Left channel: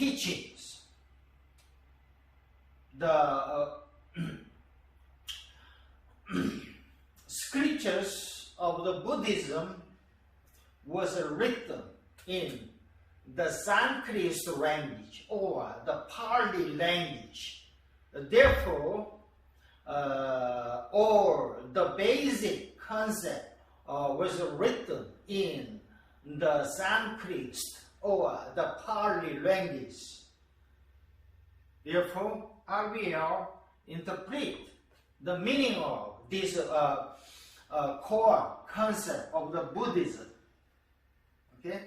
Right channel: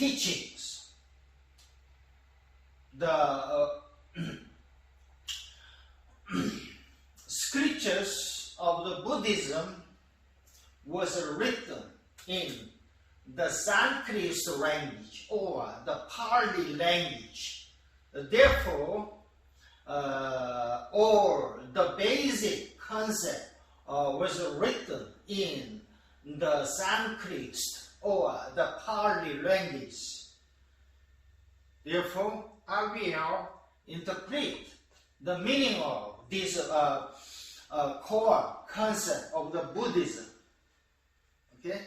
teachings. The scriptures of the Buddhism was written in the Sanskrit language or the Pali language. Therefore, all the basic concept was written in the Sanskrit or the Pali language. Therefore, I will interpret the meaning of this core concept of the Buddhism. Okay?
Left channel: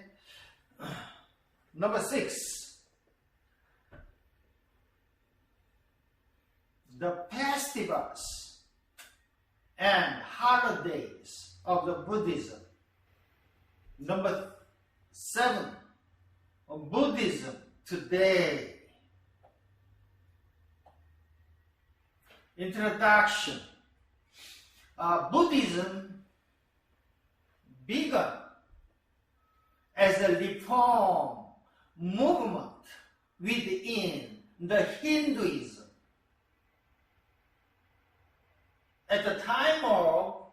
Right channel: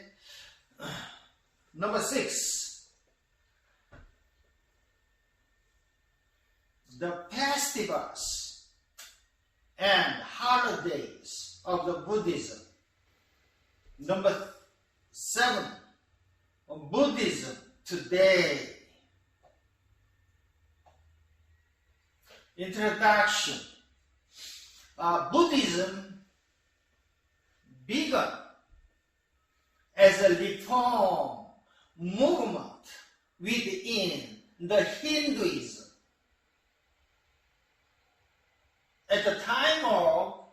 Number 6. The festivals and holidays of the Buddhism. Number 7. Buddhism today. Introduction. Buddhism began as a reform movement within the Hinduism. At the time of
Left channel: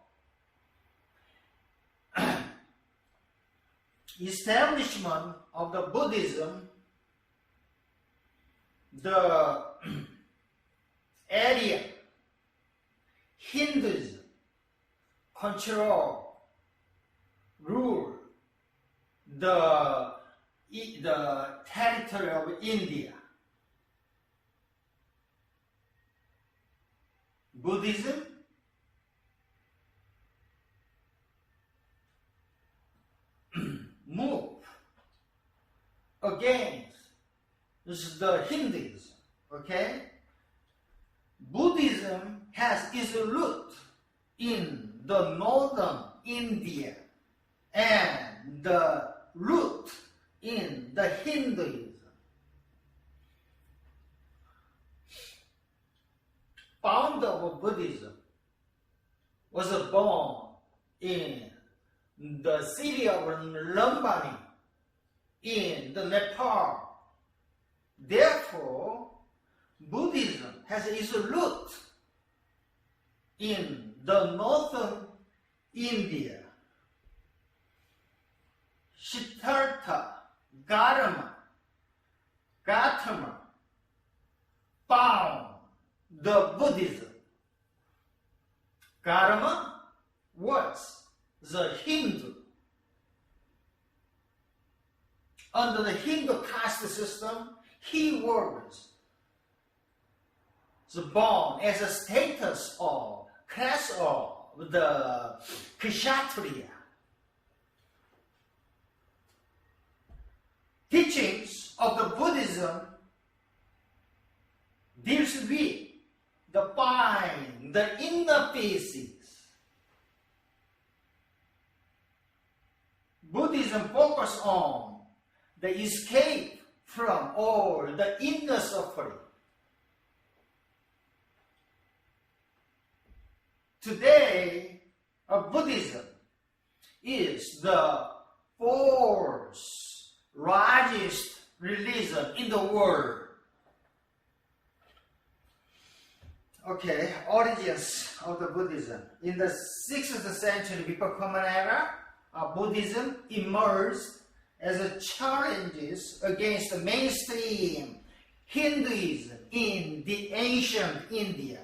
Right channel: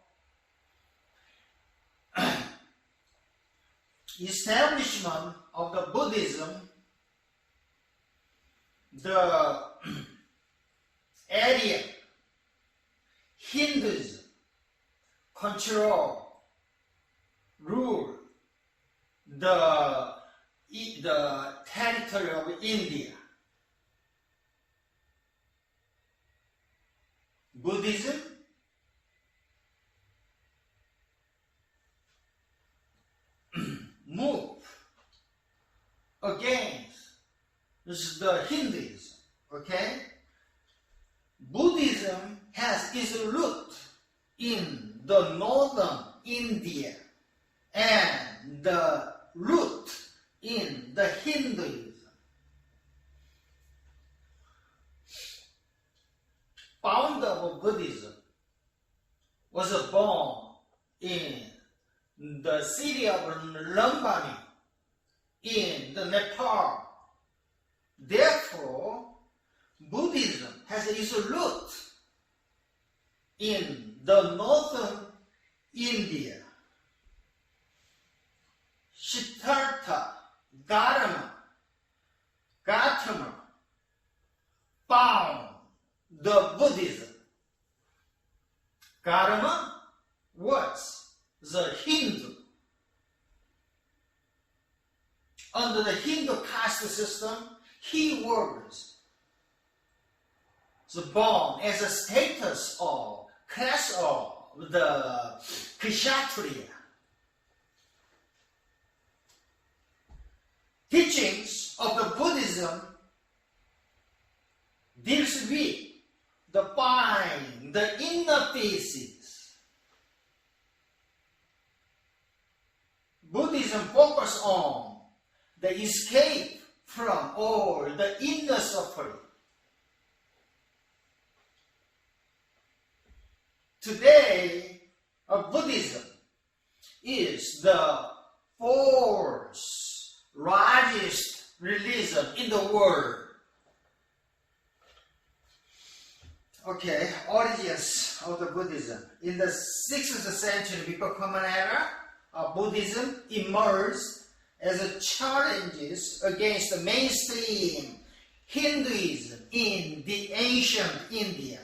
establishment of the Buddhism, the area Hinduism rule the territory of India. Buddhism move against the Hinduism. Okay? Buddhism has its root in the northern India and the root in the Hinduism. Founder of Buddhism was born in the city of Lumbini in the Nepal. Therefore, Buddhism has its root in the northern India. Siddhartha Gautama found the Buddhism. Gautama was the Hindu. Under the Hindu caste system, he was born as a status or class of the Kshatriya. Teachings of the Buddhism deals with the mind, the inner pieces. Buddhism focuses on the escape from all the inner suffering. Today, Buddhism is the fourth largest religion in the world. Okay, origins of the Buddhism. In the 6th century before Common Era, Buddhism emerged as a challenge against the mainstream Hinduism in the ancient India.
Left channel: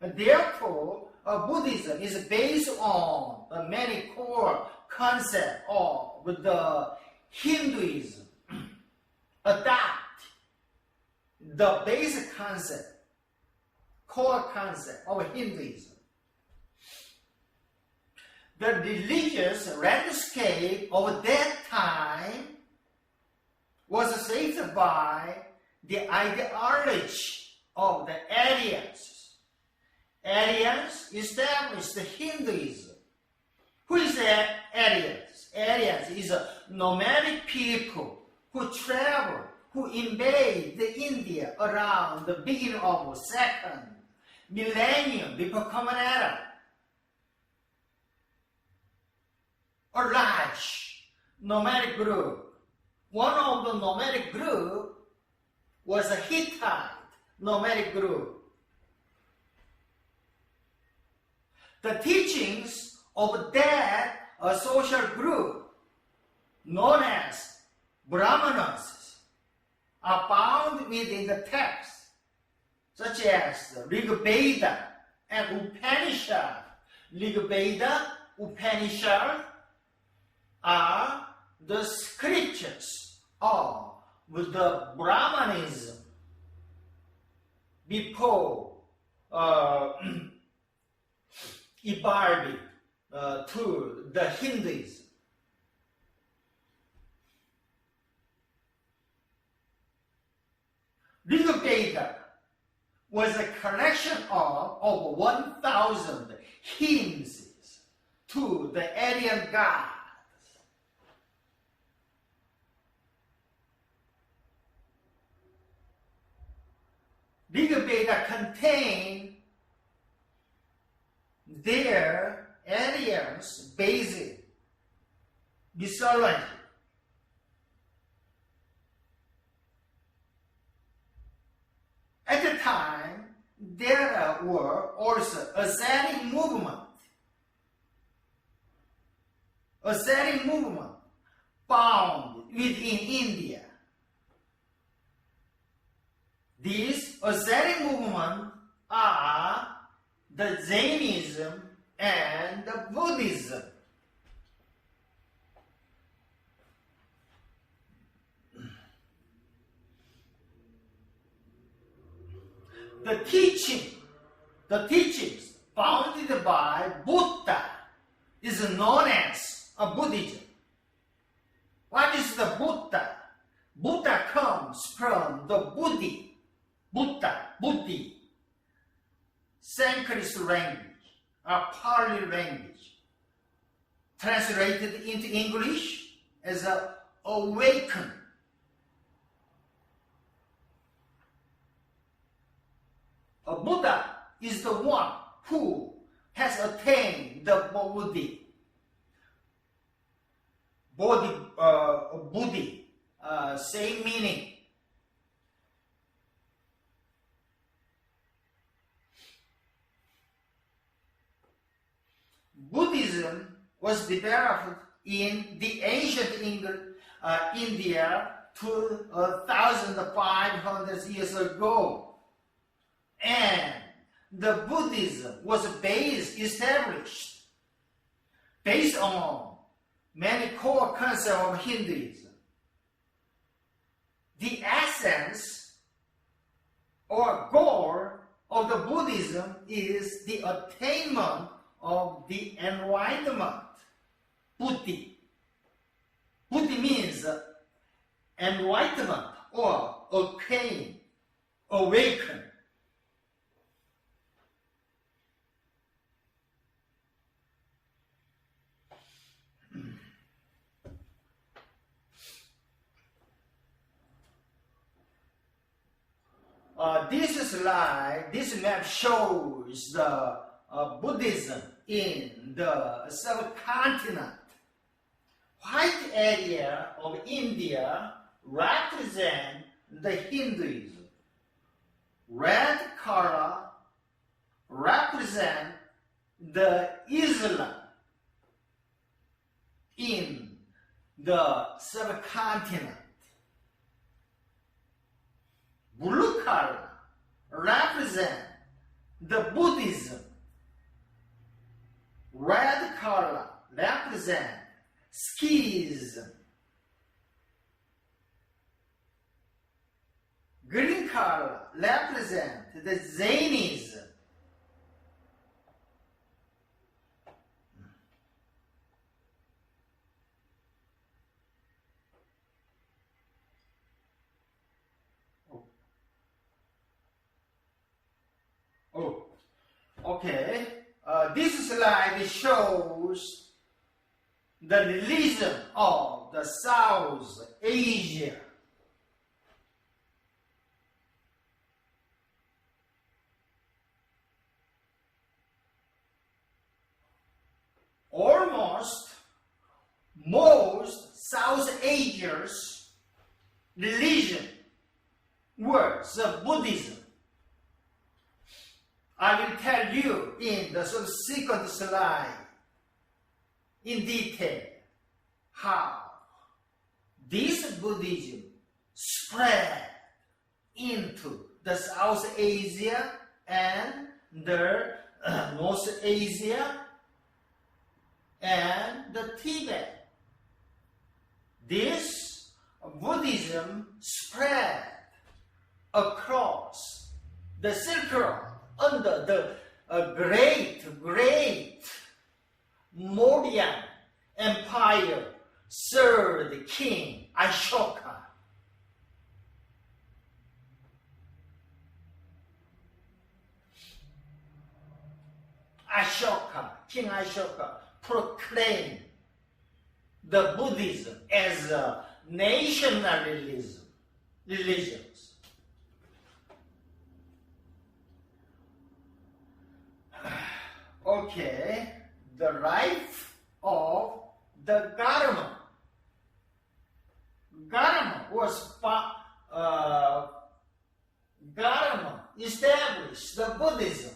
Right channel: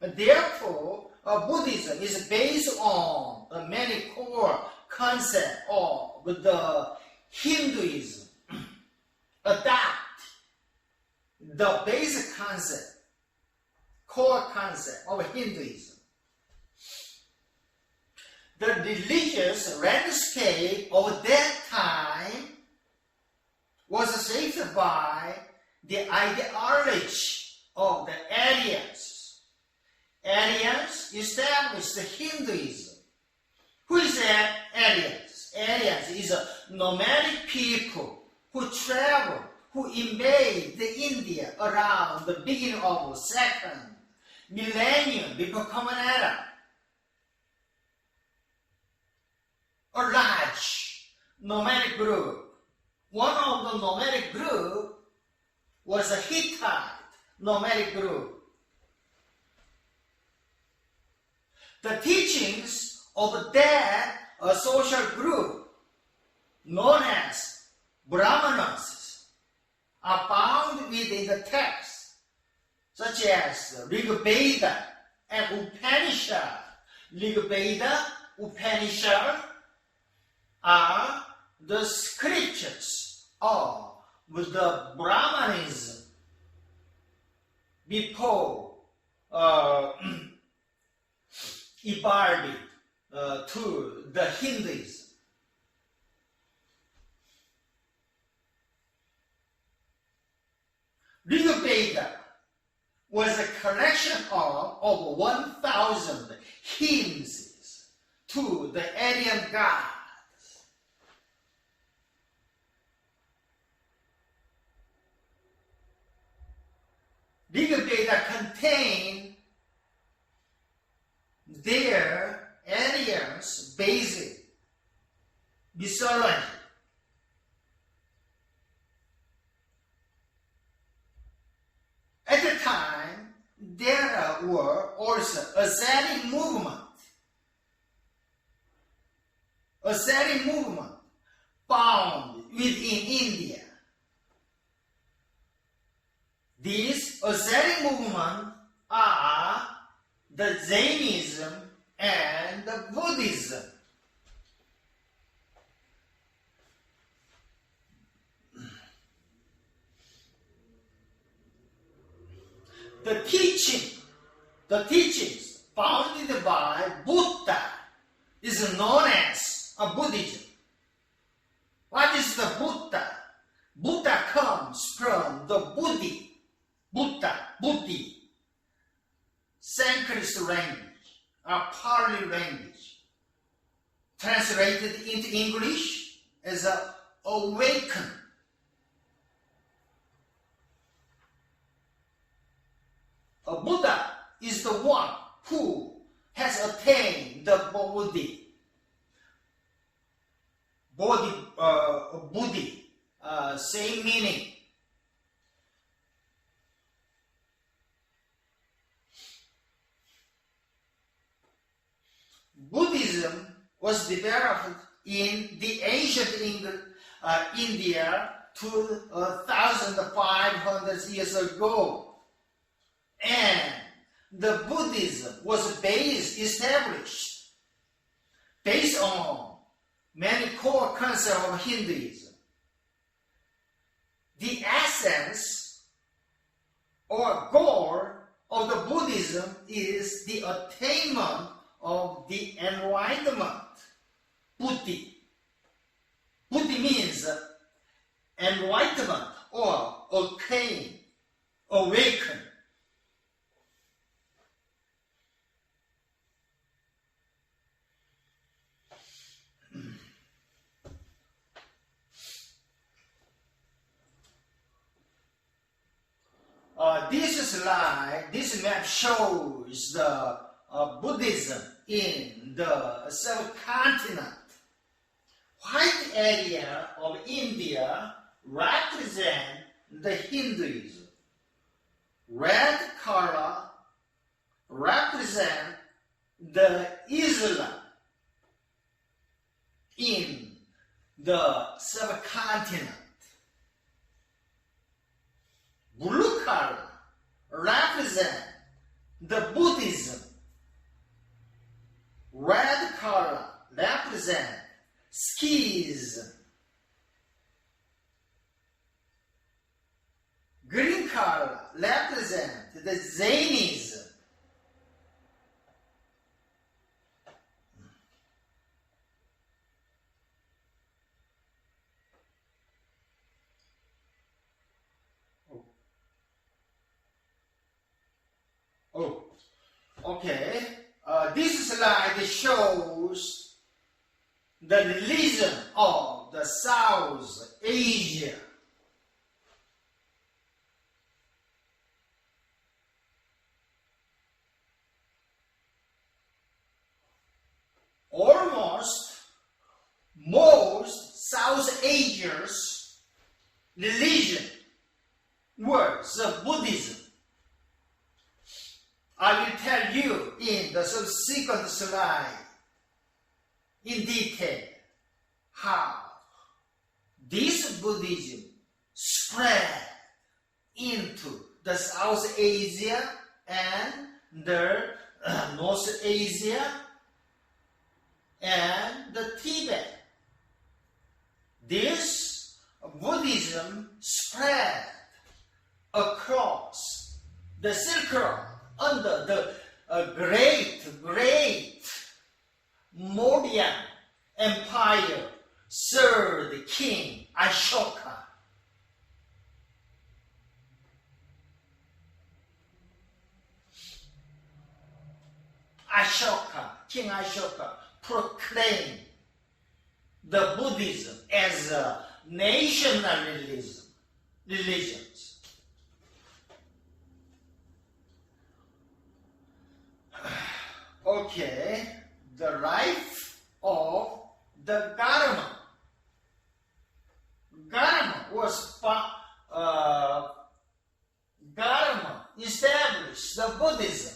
Therefore, Buddhism is based on many core concepts of the Hinduism. Adapt the basic concept, core concept of Hinduism. The religious landscape of that time was shaped by the ideology of the Aryans. Aryans established Hinduism. Who is Aryans? Aryans is a nomadic people who travel, who invade the India around the beginning of 2nd millennium before Common Era. A large nomadic group. One of the nomadic group was a Hittite nomadic group. The teachings of that social group, known as Brahmanas, are found within the text, such as Rig Veda and Upanishad. Rig Veda, Upanishad are the scriptures of the Brahmanism before evolving to the Hinduism. Rig Veda was a collection of over 1,000 hymns to the Aryan gods. Rig Veda contain their Aryan's basic mythology. At the time, there were also ascetic movement found within India. These ascetic movements are the Jainism and the Buddhism. The teachings founded by Buddha is known as Buddhism. What is the Buddha? Buddha comes from the Buddhi, Sanskrit language, or Pali language, translated into English as awaken. A Buddha is the one who has attained the Bodhi, same meaning. Buddhism was developed in the ancient India 2,500 years ago, and the Buddhism was established based on many core concepts of Hinduism. The essence or goal of the Buddhism is the attainment of the enlightenment. Buddhi. Buddhi means enlightenment or awaken. This map shows the Buddhism in the subcontinent. White area of India represent the Hinduism. Red color represent the Islam in the subcontinent. Blue color represent the Buddhism. Red color represent Sikhism. Green color represent the Jainism. Okay. This slide shows the religion of the South Asia. Almost most South Asia's religion words of Buddhism. I will tell you in the subsequent slide in detail how this Buddhism spread into the South Asia and the North Asia and the Tibet. This Buddhism spread across the Silk Road under the great Mauryan Empire, third king Ashoka. King Ashoka proclaimed the Buddhism as a national religion. Okay, the life of the Dharma. Dharma was Dharma established the Buddhism.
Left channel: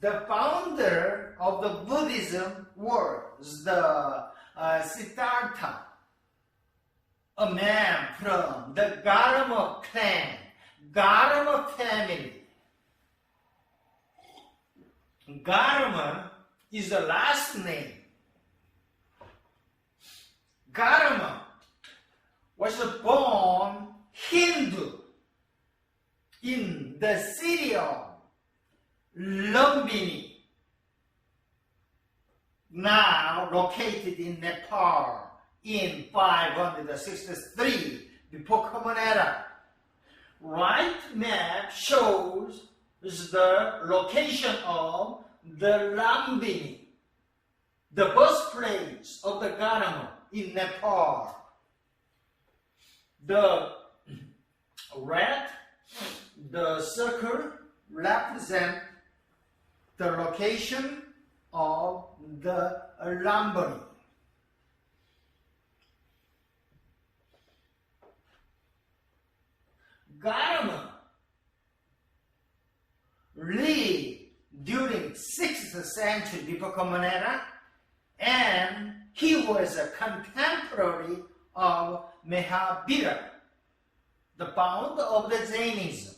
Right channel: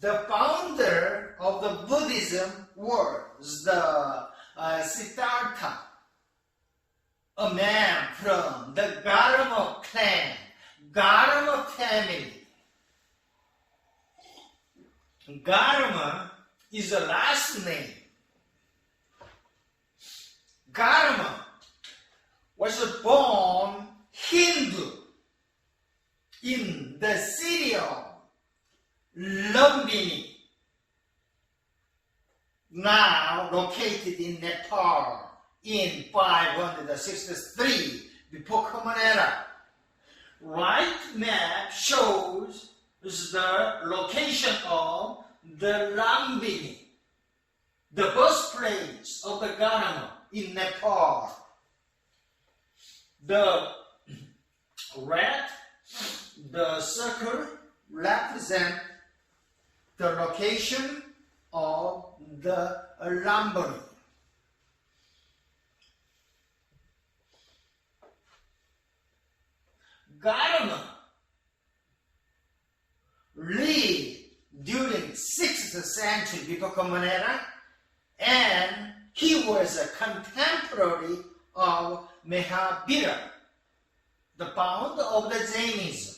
The founder of the Buddhism was the Siddhartha, a man from the Dharma clan, Dharma family. Dharma is the last name. Dharma was born Hindu in the city of Lumbini, now located in Nepal in 563 before Common Era. Right map shows the location of the Lumbini, the birthplace of the Dharma in Nepal. The red, the circle represent the location of the Lumbini. Dharma lived during 6th century before Common Era, and he was a contemporary of Mahavira, the founder of the Jainism.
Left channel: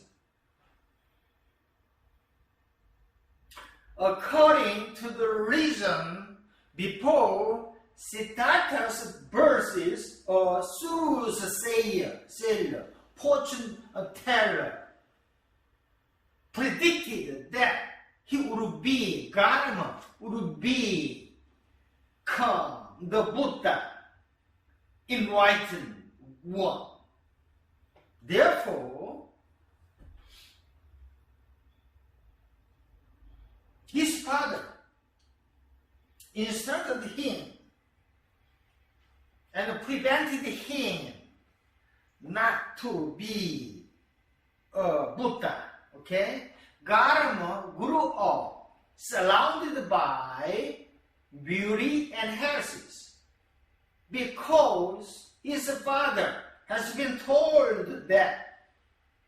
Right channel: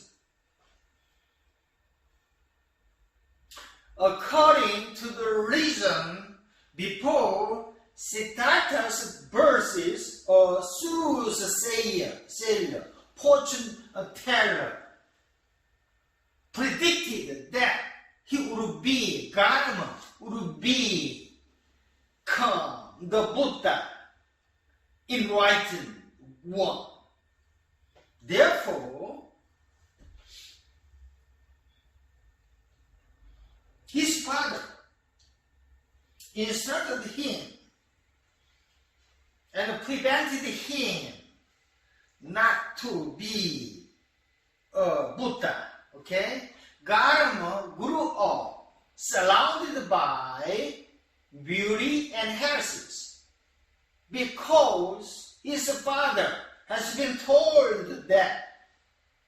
According to the reason, before Siddhartha's birth, a soothsayer, fortune teller, predicted that he would be Dharma, would become the Buddha, enlightened one. Therefore, his father instructed him and prevented him not to be a Buddha. Okay? Dharma grew up surrounded by beauty and health because his father has been told that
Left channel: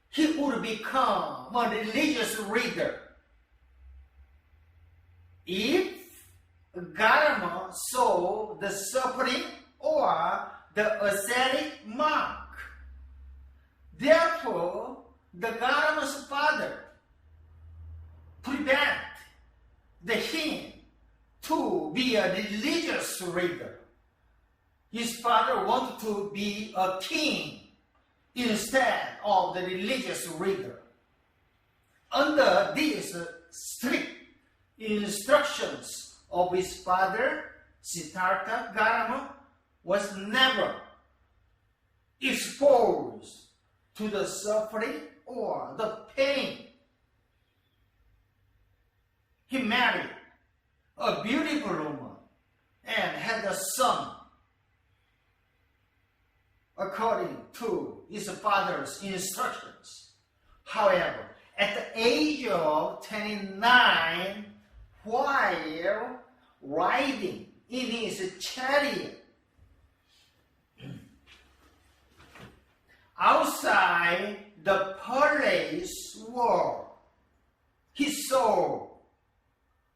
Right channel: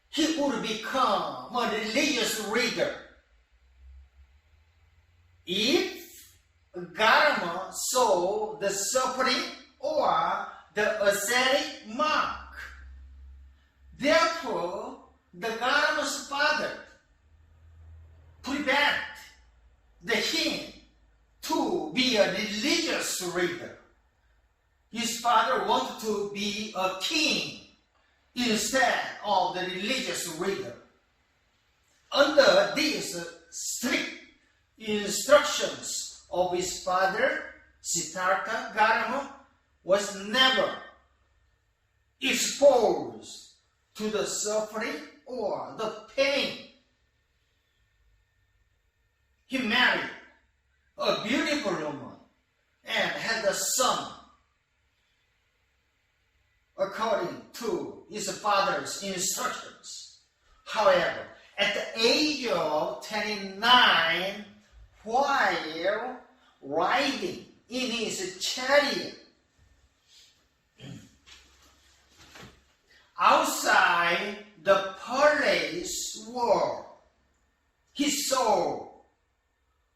he would become a religious leader. If Dharma saw the suffering or the ascetic monk, therefore the Dharma's father prevent him to be a religious leader. His father wanted to be a king instead of the religious leader. Under these strict instructions of his father, Siddhartha, Dharma was never exposed to the suffering or the pain. He married a beautiful woman and had a son according to his father's instructions. However, at the age of 29, while riding in his chariot, outside the palace world, he saw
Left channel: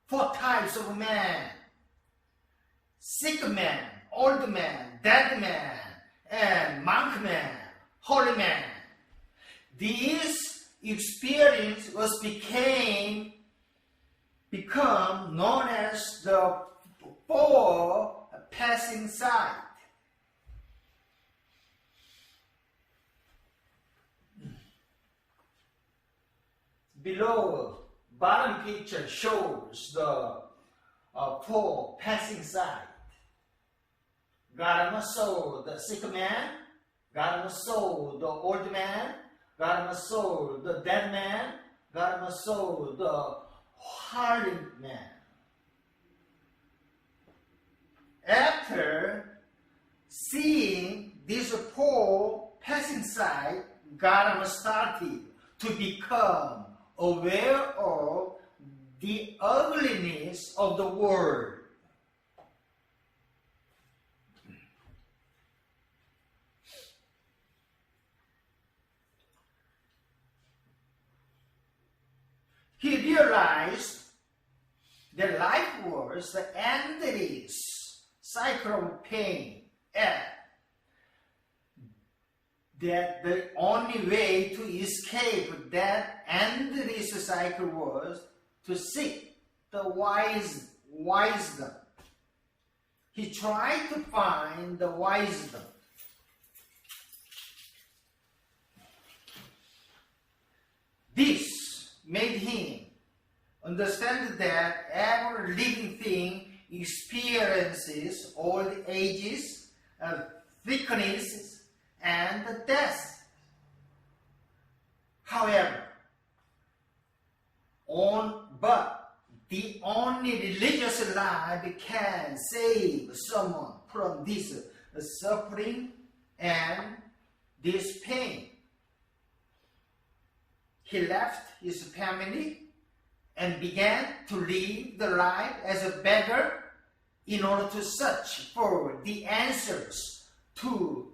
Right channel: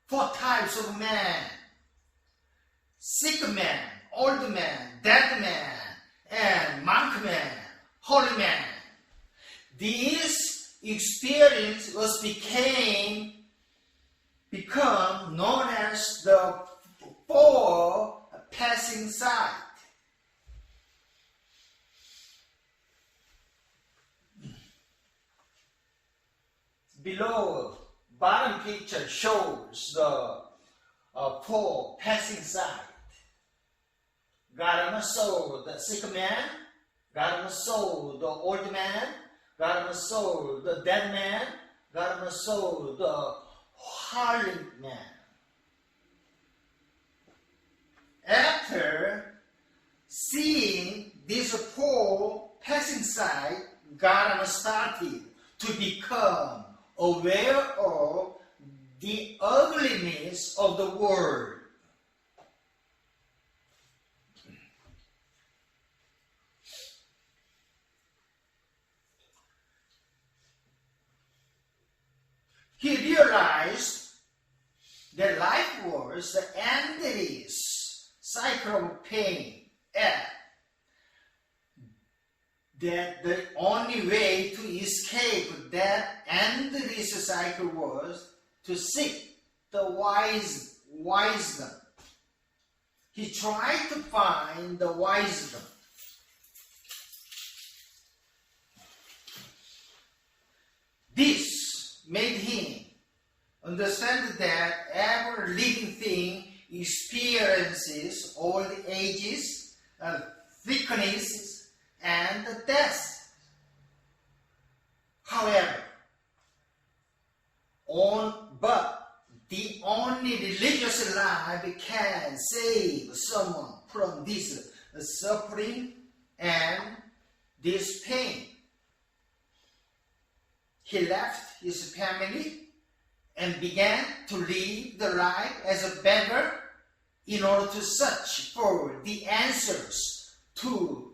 4 types of men: sick man, old man, dead man, and monk man, holy man. This experience was become known as the 4 passing sight. Below, bottom picture shows the 4 passing sight. Garma saw the sick man, Garma saw the old man, Garma saw the dead man, Garma saw the holy man. After seeing these 4 passing sight, Garma started to become aware of the ugliness of the world. He realized that life was the endless cycle of pain, and that the only way to escape that endless cycle was to seek the wisdom. He tried to find the wisdom. This made him understand that every living thing experiences all the ages, thicknesses, and death. However, but the only religious life can save someone from this suffering and this pain. He left his family and began to live the life as a beggar in order to search for the answers to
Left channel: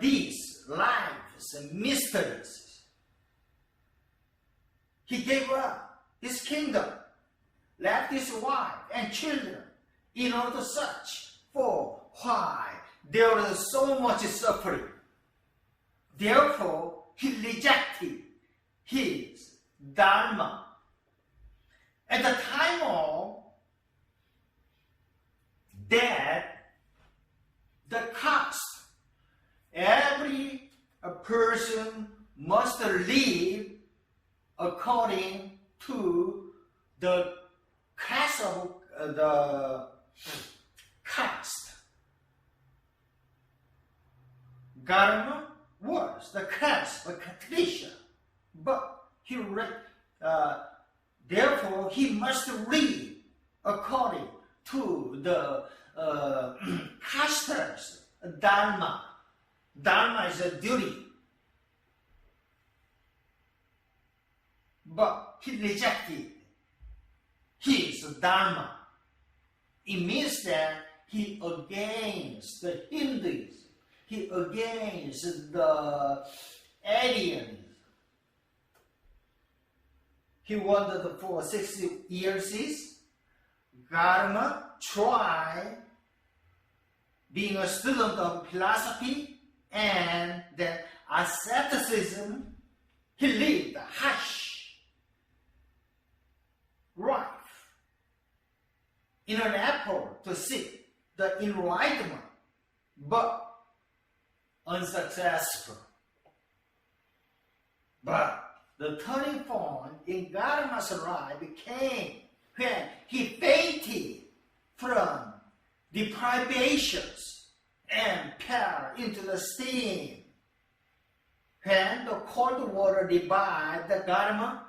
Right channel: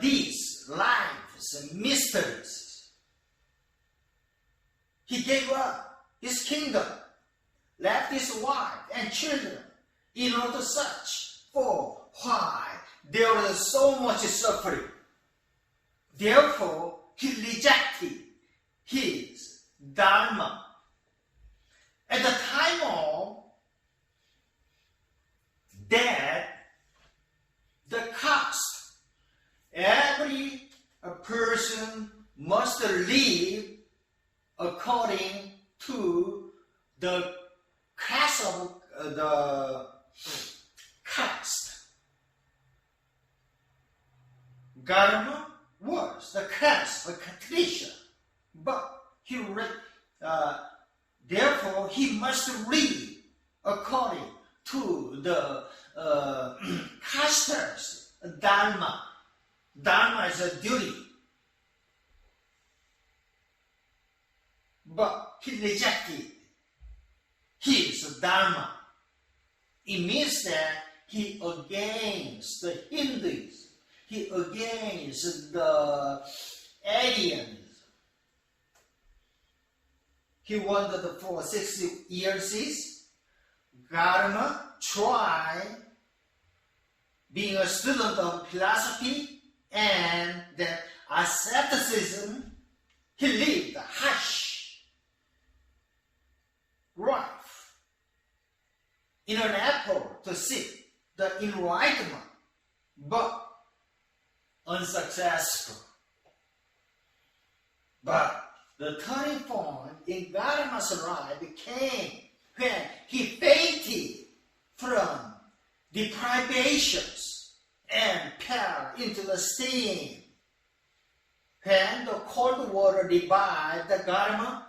these life's mysteries. He gave up his kingdom, left his wife and children in order to search for why there was so much suffering. Therefore, he rejected his Dharma. At the time of death, the caste, every person must live according to the caste of the caste. Garma was the caste of Kshatriya, but therefore he must live according to the caste's Dharma. Dharma is a duty. But he rejected his Dharma. It means that he against the Hindus, he against the aliens. He wandered for 60 years. Garma tried being a student of philosophy and then asceticism. He lived a harsh life in an effort to seek the enlightenment, but unsuccessful. But the turning point in Garma's life came when he fainted from deprivations and fell into the steam. When the cold water revived the Garma,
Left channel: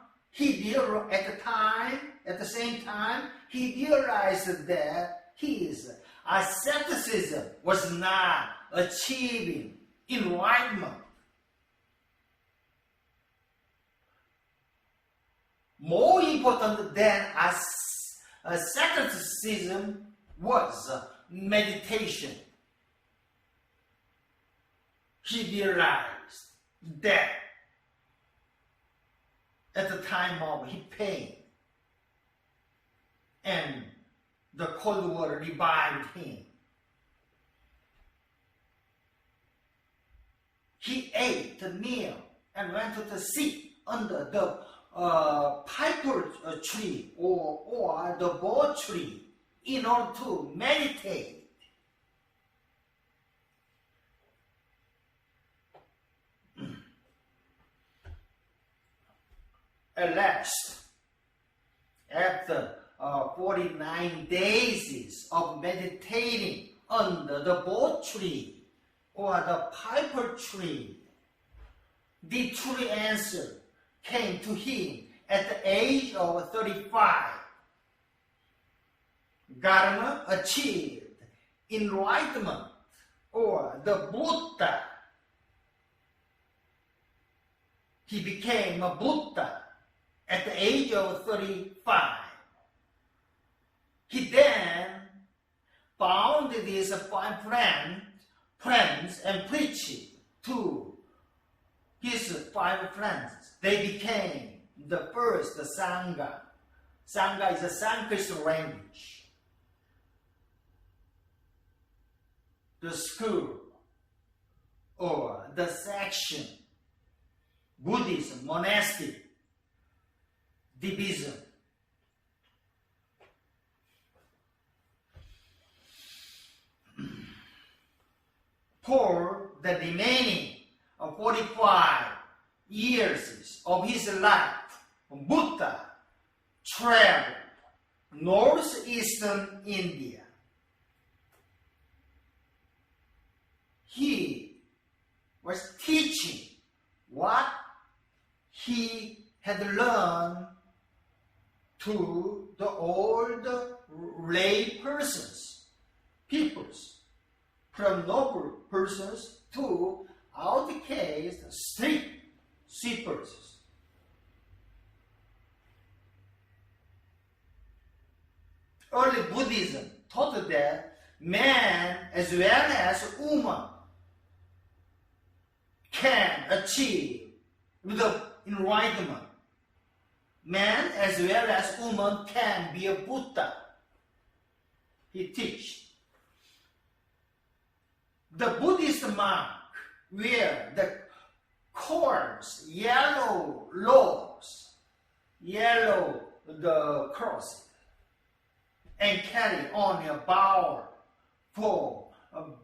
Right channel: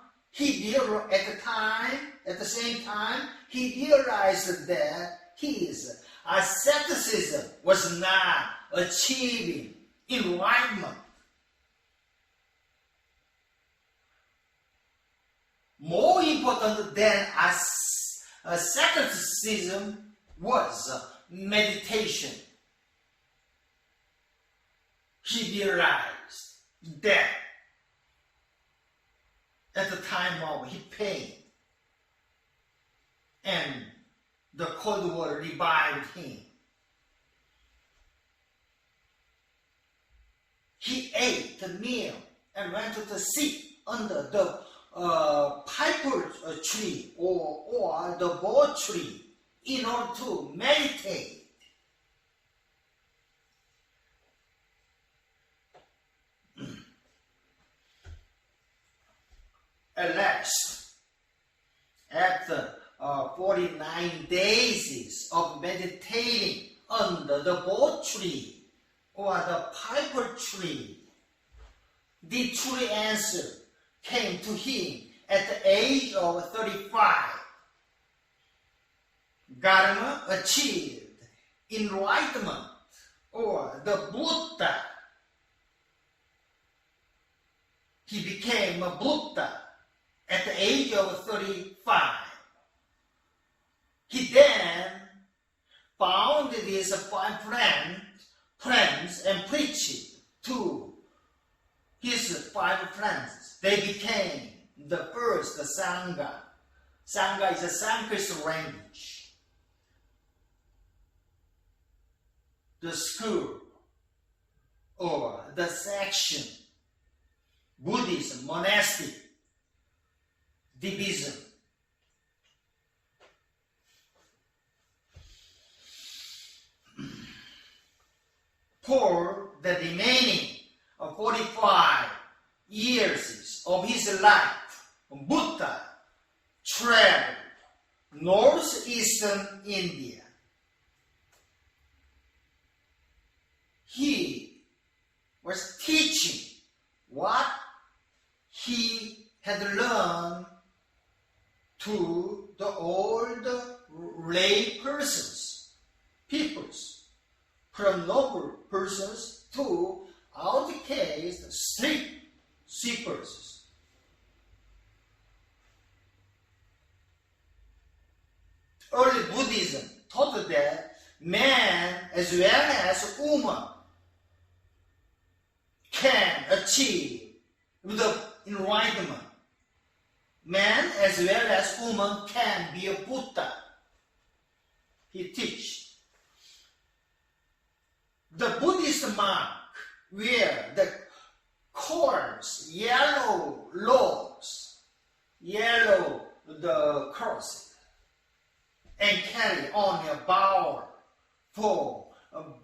at the same time, he realized that his asceticism was not achieving enlightenment. More important than asceticism was meditation. He realized dead at the time of his pain, and the cold water revived him. He ate the meal and went to sit under the piper tree or the bo tree in order to meditate. At last, after 49 days of meditating under the bo tree or the piper tree, the true answer came to him at the age of 35. Dharma achieved enlightenment or the Buddha. He became a Buddha at the age of 35. He then found his 5 friends and preached to his 5 friends. They became the first Sangha. Sangha is a Sanskrit language. The school or the section, Buddhism, monastic, division. For the remaining 45 years of his life, Buddha traveled northeastern India. He was teaching what he had learned to the old lay persons, peoples, from noble persons to outcast street sweepers. Early Buddhism taught that man as well as woman can achieve the enlightenment. Man as well as woman can be a Buddha. He teaches. The Buddhist monk wear the cords, yellow robes, yellow the cross, and carry on a bowl for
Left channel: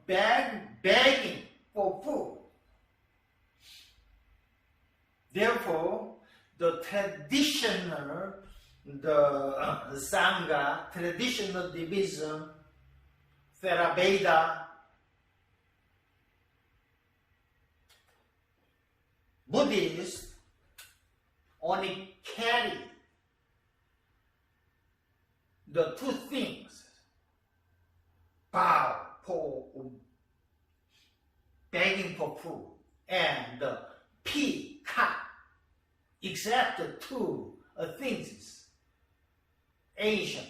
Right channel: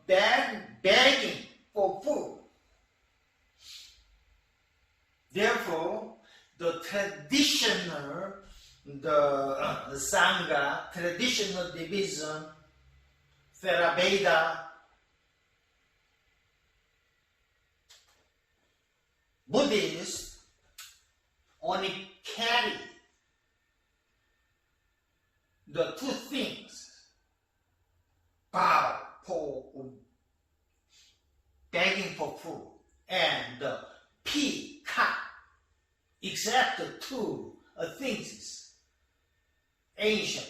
begging for food. Therefore, the traditional, the Sangha, traditional division, Theravada, Buddhists only carry the 2 things, bow for begging for food and pee, cut, except the 2 things. Ancient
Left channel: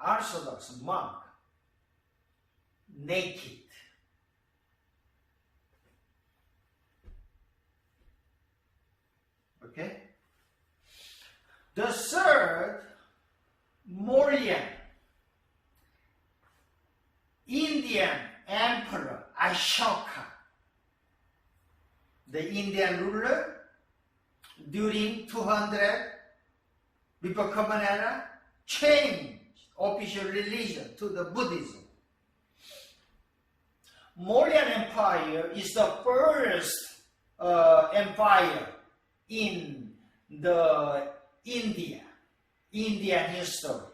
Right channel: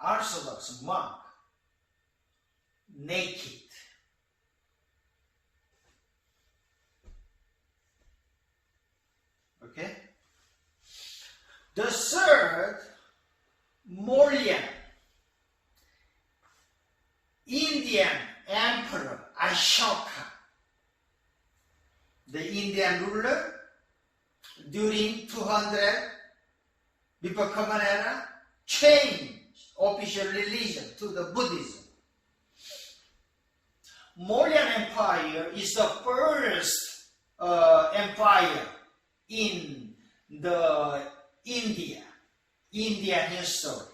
Orthodox monk, naked. Okay? The third, Mauryan, Indian Emperor Ashoka, the Indian ruler during 200 before Common Era, changed official religion to the Buddhism. Mauryan Empire is the first empire in the Indian history.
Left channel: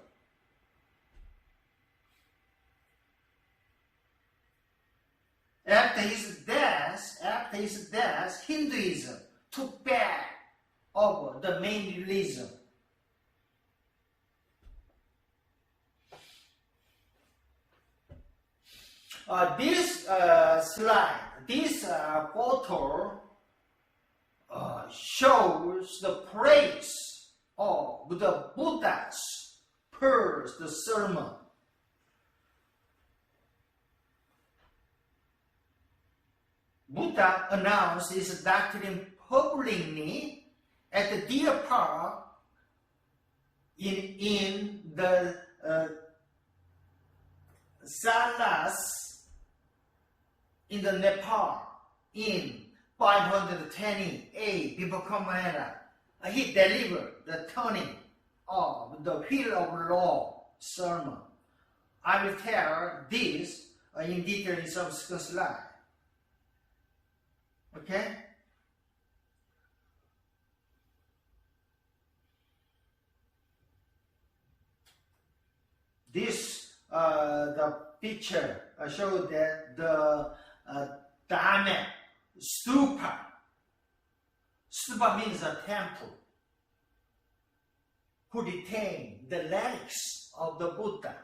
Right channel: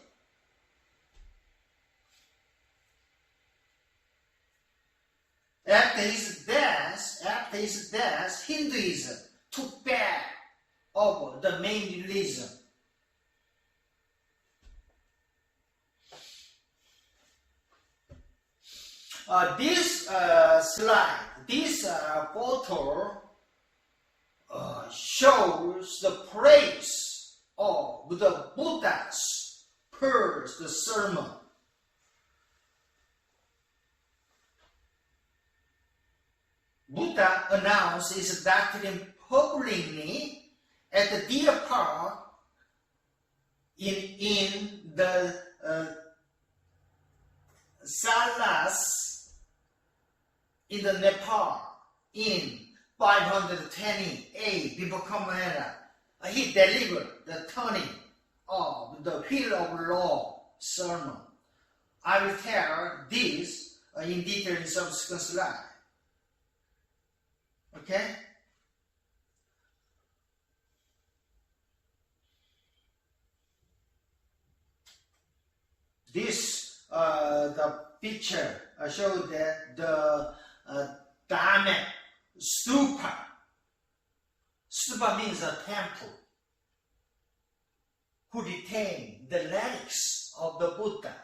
After his death, Hinduism took back over the main religion. This slide, this photo shows the praise of the Buddha's first sermon. Buddha announced his doctrine publicly at the deer park in the Salas in the Nepal in 520 before Common Era. He delivered the turning of the wheel of law sermon. I will tell this in detail in subsequent slide. Okay? This the picture shows that the Dharma stupa. Stupa means a temple who retain the relics of the Buddha.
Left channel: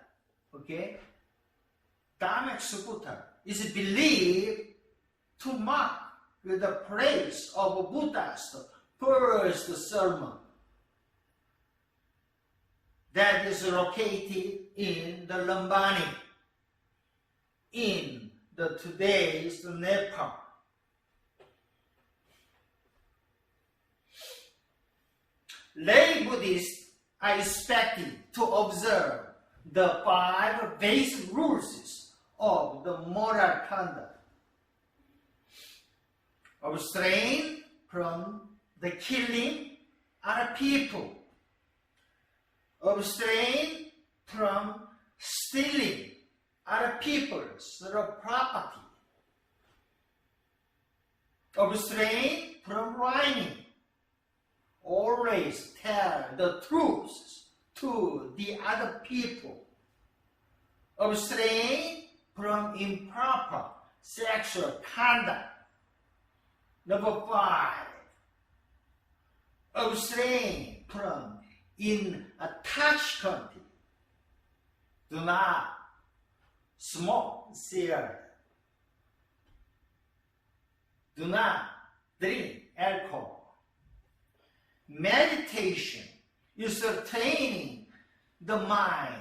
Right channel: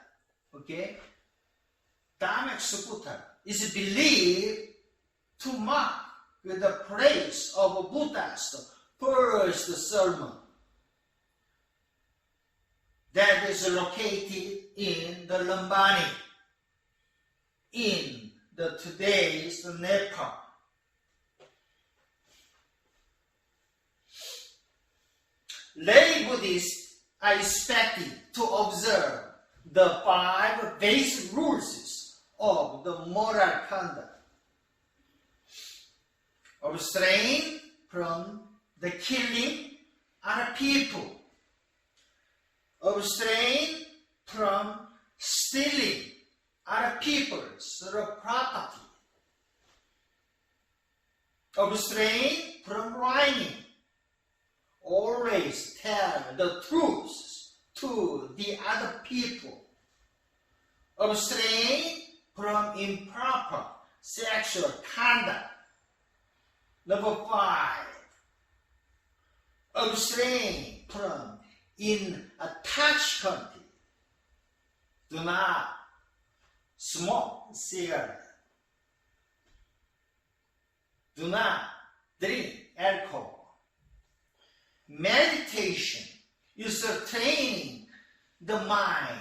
Okay? Dharma stupa is believed to mark the place of Buddha's first sermon that is located in the Lumbini, in the today's Nepal. Lay Buddhists are expected to observe the 5 basic rules of the moral conduct. Abstain from the killing other people. Abstain from stealing other people's property. Abstain from lying. Always tell the truth to the other people. Abstain from improper sexual conduct. Number 5, abstain from intoxicant. Do not smoke cigarette. Do not drink alcohol. Meditation is training the mind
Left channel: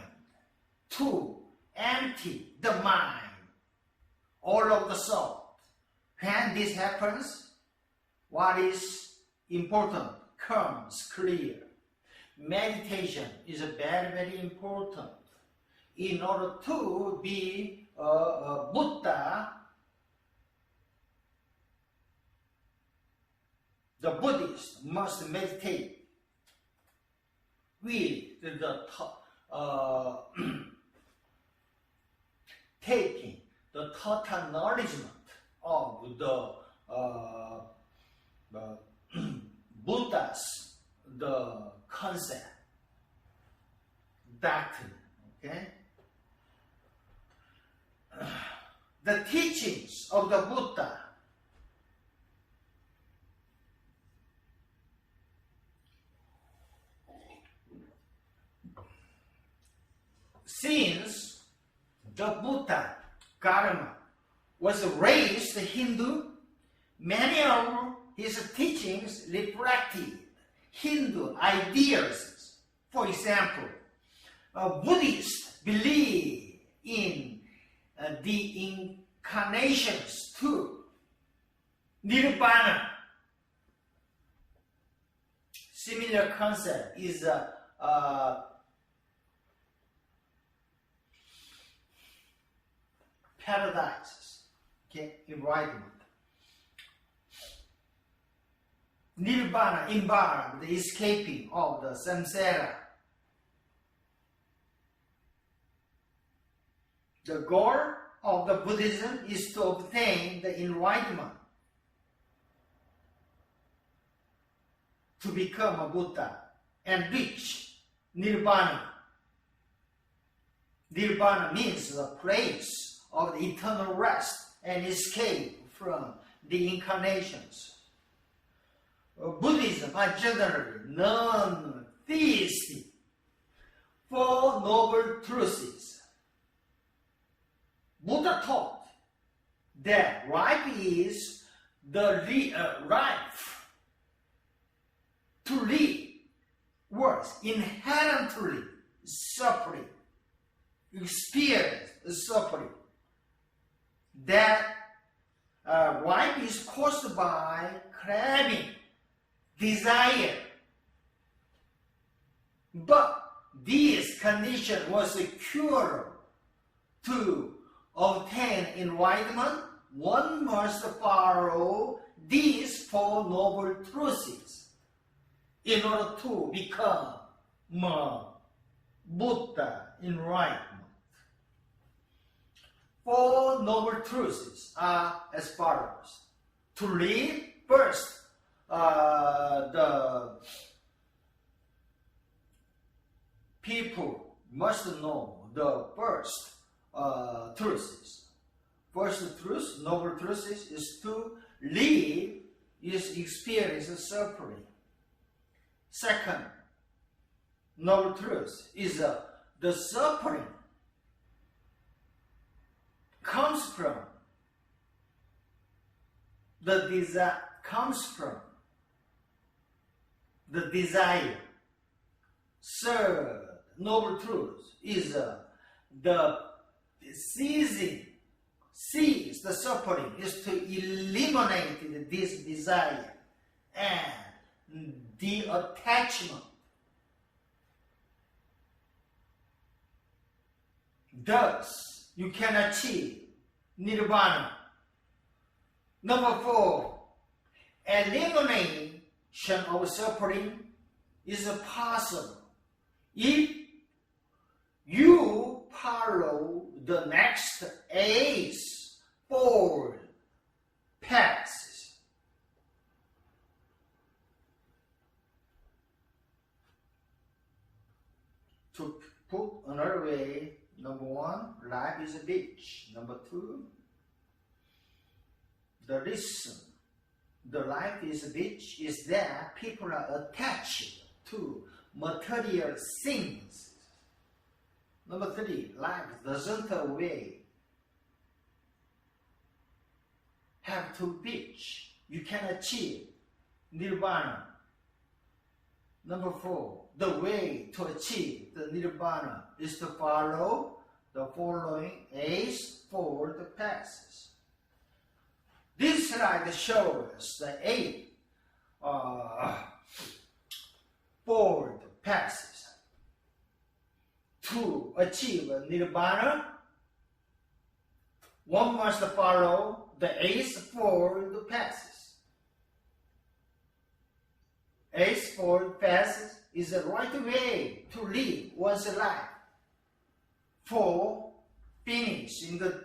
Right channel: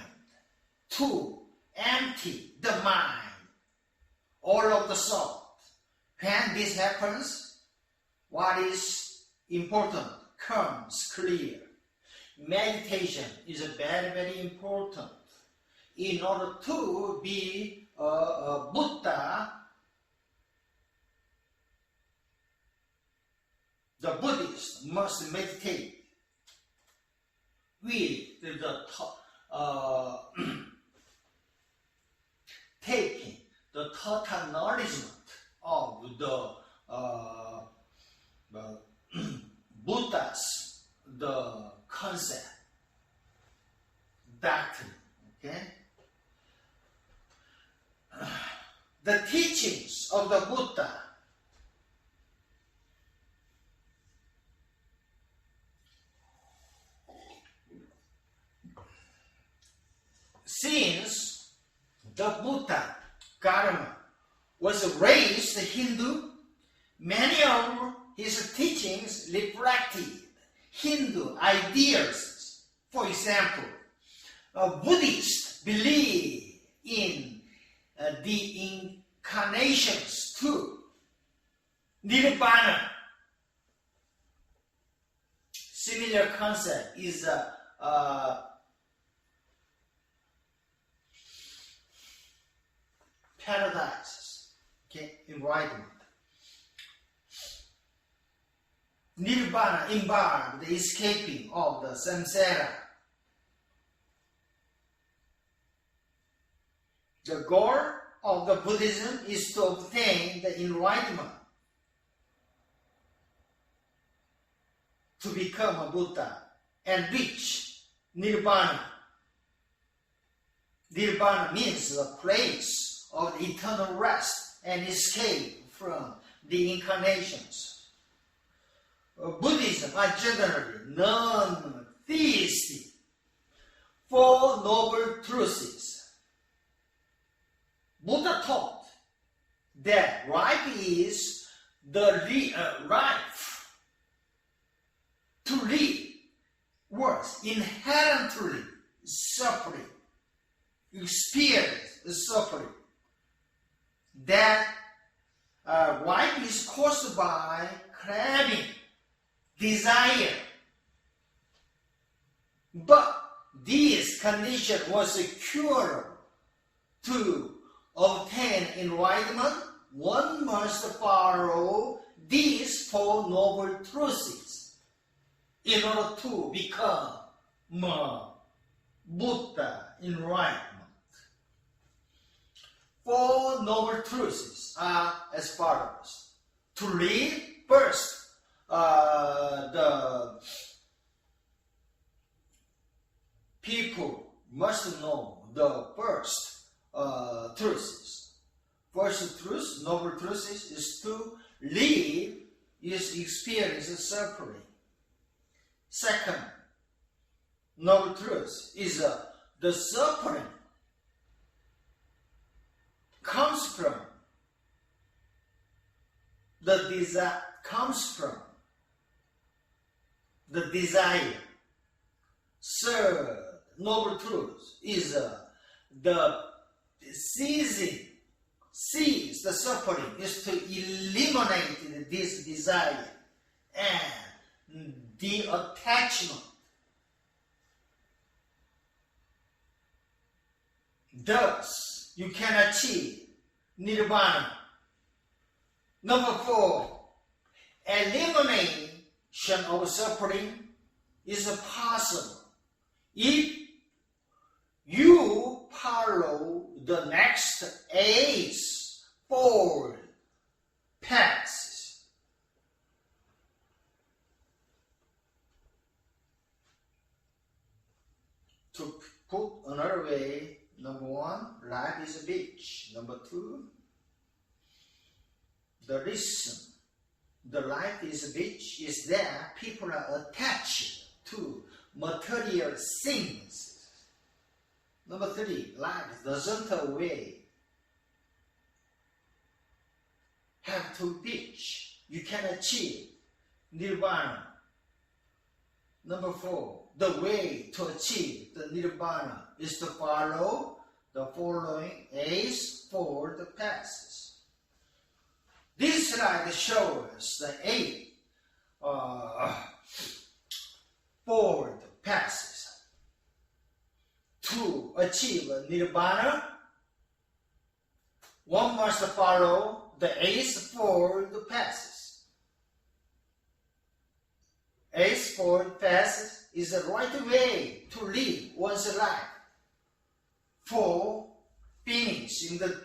to empty the mind, all of the thought. When this happens, what is important comes clear. Meditation is very, very important. In order to be a Buddha, the Buddhist must meditate with the taking the total acknowledgement of the Buddha's the concept, doctrine. Okay, the teachings of the Buddha since the Buddha Dharma was raised Hindu, many of his teachings reflected Hindu ideas. For example, Buddhists believe in the incarnations too. Nirvana. Similar concept is paradise, okay, enlightenment. Nirvana involves the escaping of the samsara. The goal of the Buddhism is to obtain the enlightenment, to become a Buddha and reach Nirvana. Nirvana means the place of the eternal rest and escape from the incarnations. Buddhism are generally non-theistic. 4 noble truths. Buddha taught that life is the life to live was inherently suffering, experience suffering. That Life is caused by craving, desire. But this condition was curable. To obtain enlightenment, one must follow these four noble truths in order to become Buddha enlightenment. Four noble truths are as follows. To live first, the people must know the first truths. First truth, noble truth is to live is experience suffering. Second noble truth is the suffering comes from the desire. Third noble truth is the seize the suffering is to eliminate this desire and the attachment. Thus, you can achieve nirvana. Number 4, elimination of suffering is possible if you follow the next eightfold paths. To put another way, number 1, life is a beach. Number 2, the reason the life is a beach is that people are attached to material things. Number 3, life doesn't always have to beach. You can achieve nirvana. Number 4, the way to achieve the nirvana is to follow the following eightfold paths. This slide shows the eightfold paths. To achieve nirvana, one must follow the eightfold paths. Eightfold paths is the right way to live one's life for finishing the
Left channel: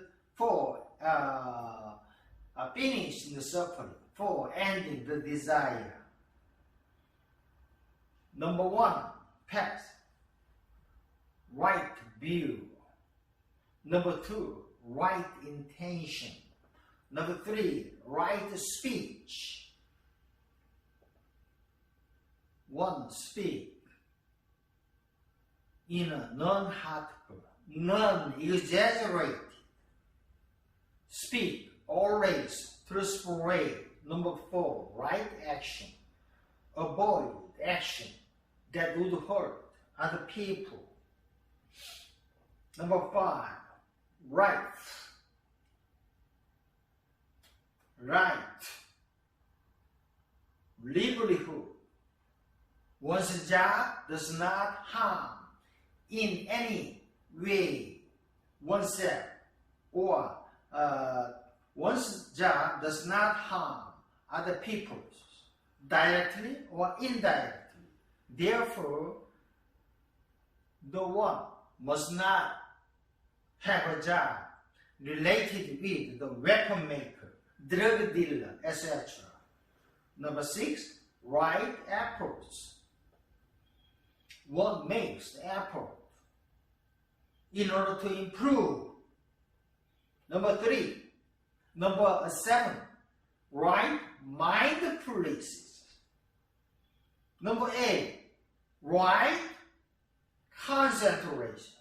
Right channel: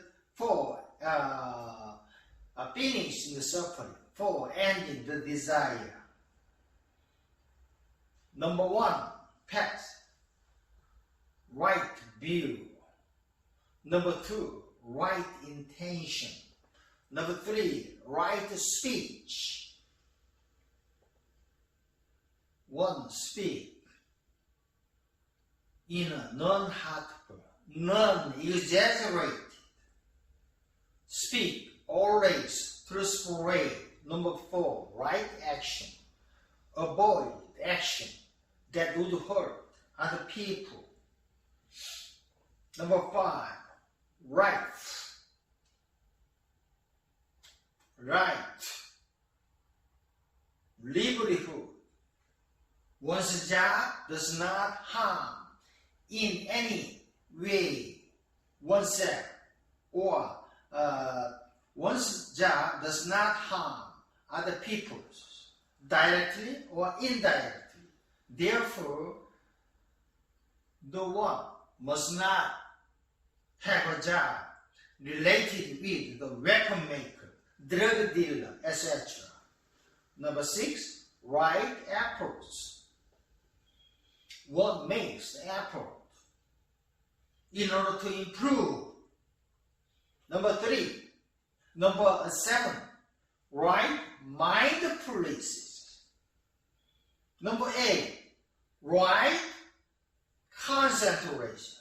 suffering, for ending the desire. Number 1, path. Right view. Number 2, right intention. Number 3, right speech. 1, speak in a non-hurtful, non-exaggerated. Speak always truthfully. Number 4, right action. Avoid action that would hurt other people. Number 5, right livelihood. One's job does not harm in any way oneself, or one's job does not harm other people directly or indirectly. Therefore, the one must not have a job related with the weapon maker, drug dealer, etc. Number 6, right approach. One makes the effort in order to improve. Number 7, right mindfulness. Number 8, right concentration.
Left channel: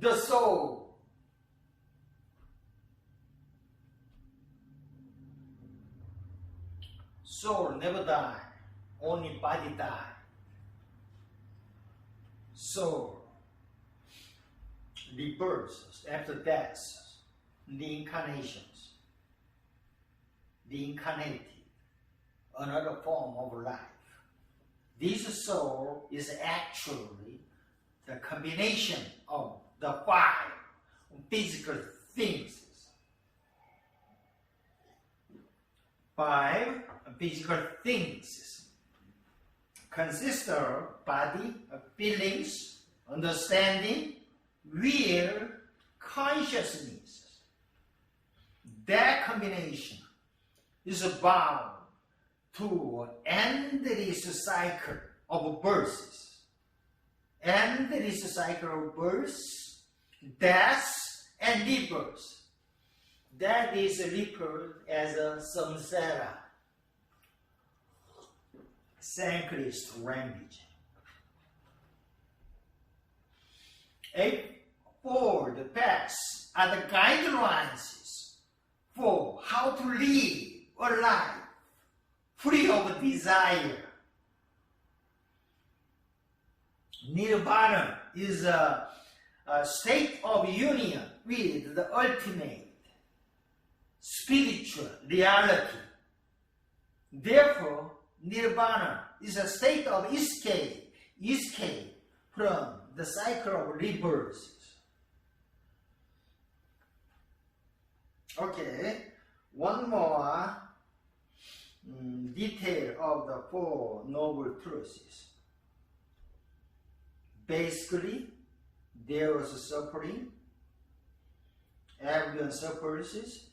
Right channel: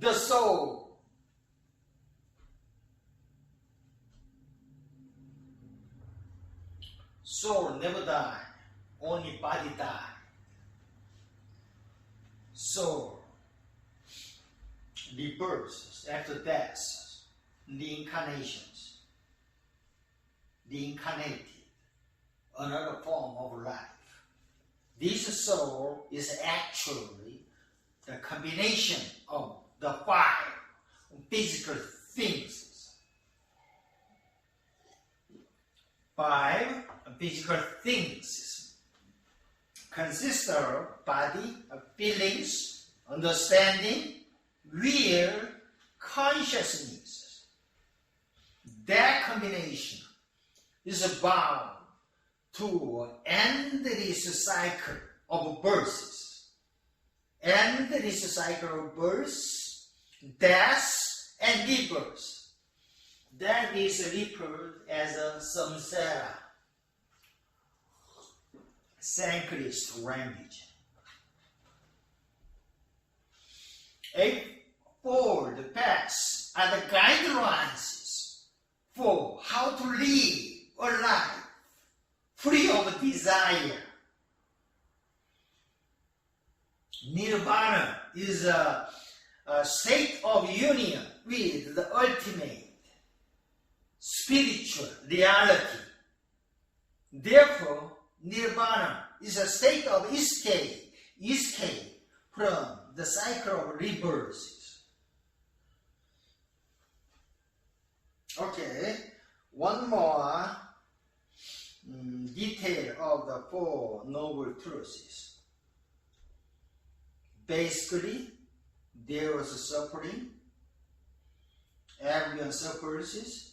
The soul Soul never die, only body die. Soul rebirths after death, reincarnations, reincarnated, another form of life. This soul is actually the combination of the five physical things. Five physical things consist of body, feelings, understanding, will, consciousness. That combination is bound to an endless cycle of births. Endless cycle of births, death, and rebirth. That is referred as a samsara, Sanskrit language. Eightfold paths are the guidelines for how to live a life free of desire. Nirvana is a state of union with the ultimate spiritual reality. Therefore, Nirvana is a state of escape from the cycle of rebirths. Okay, one more detail of the Four Noble Truths. Basically, there was suffering. Everyone suffers.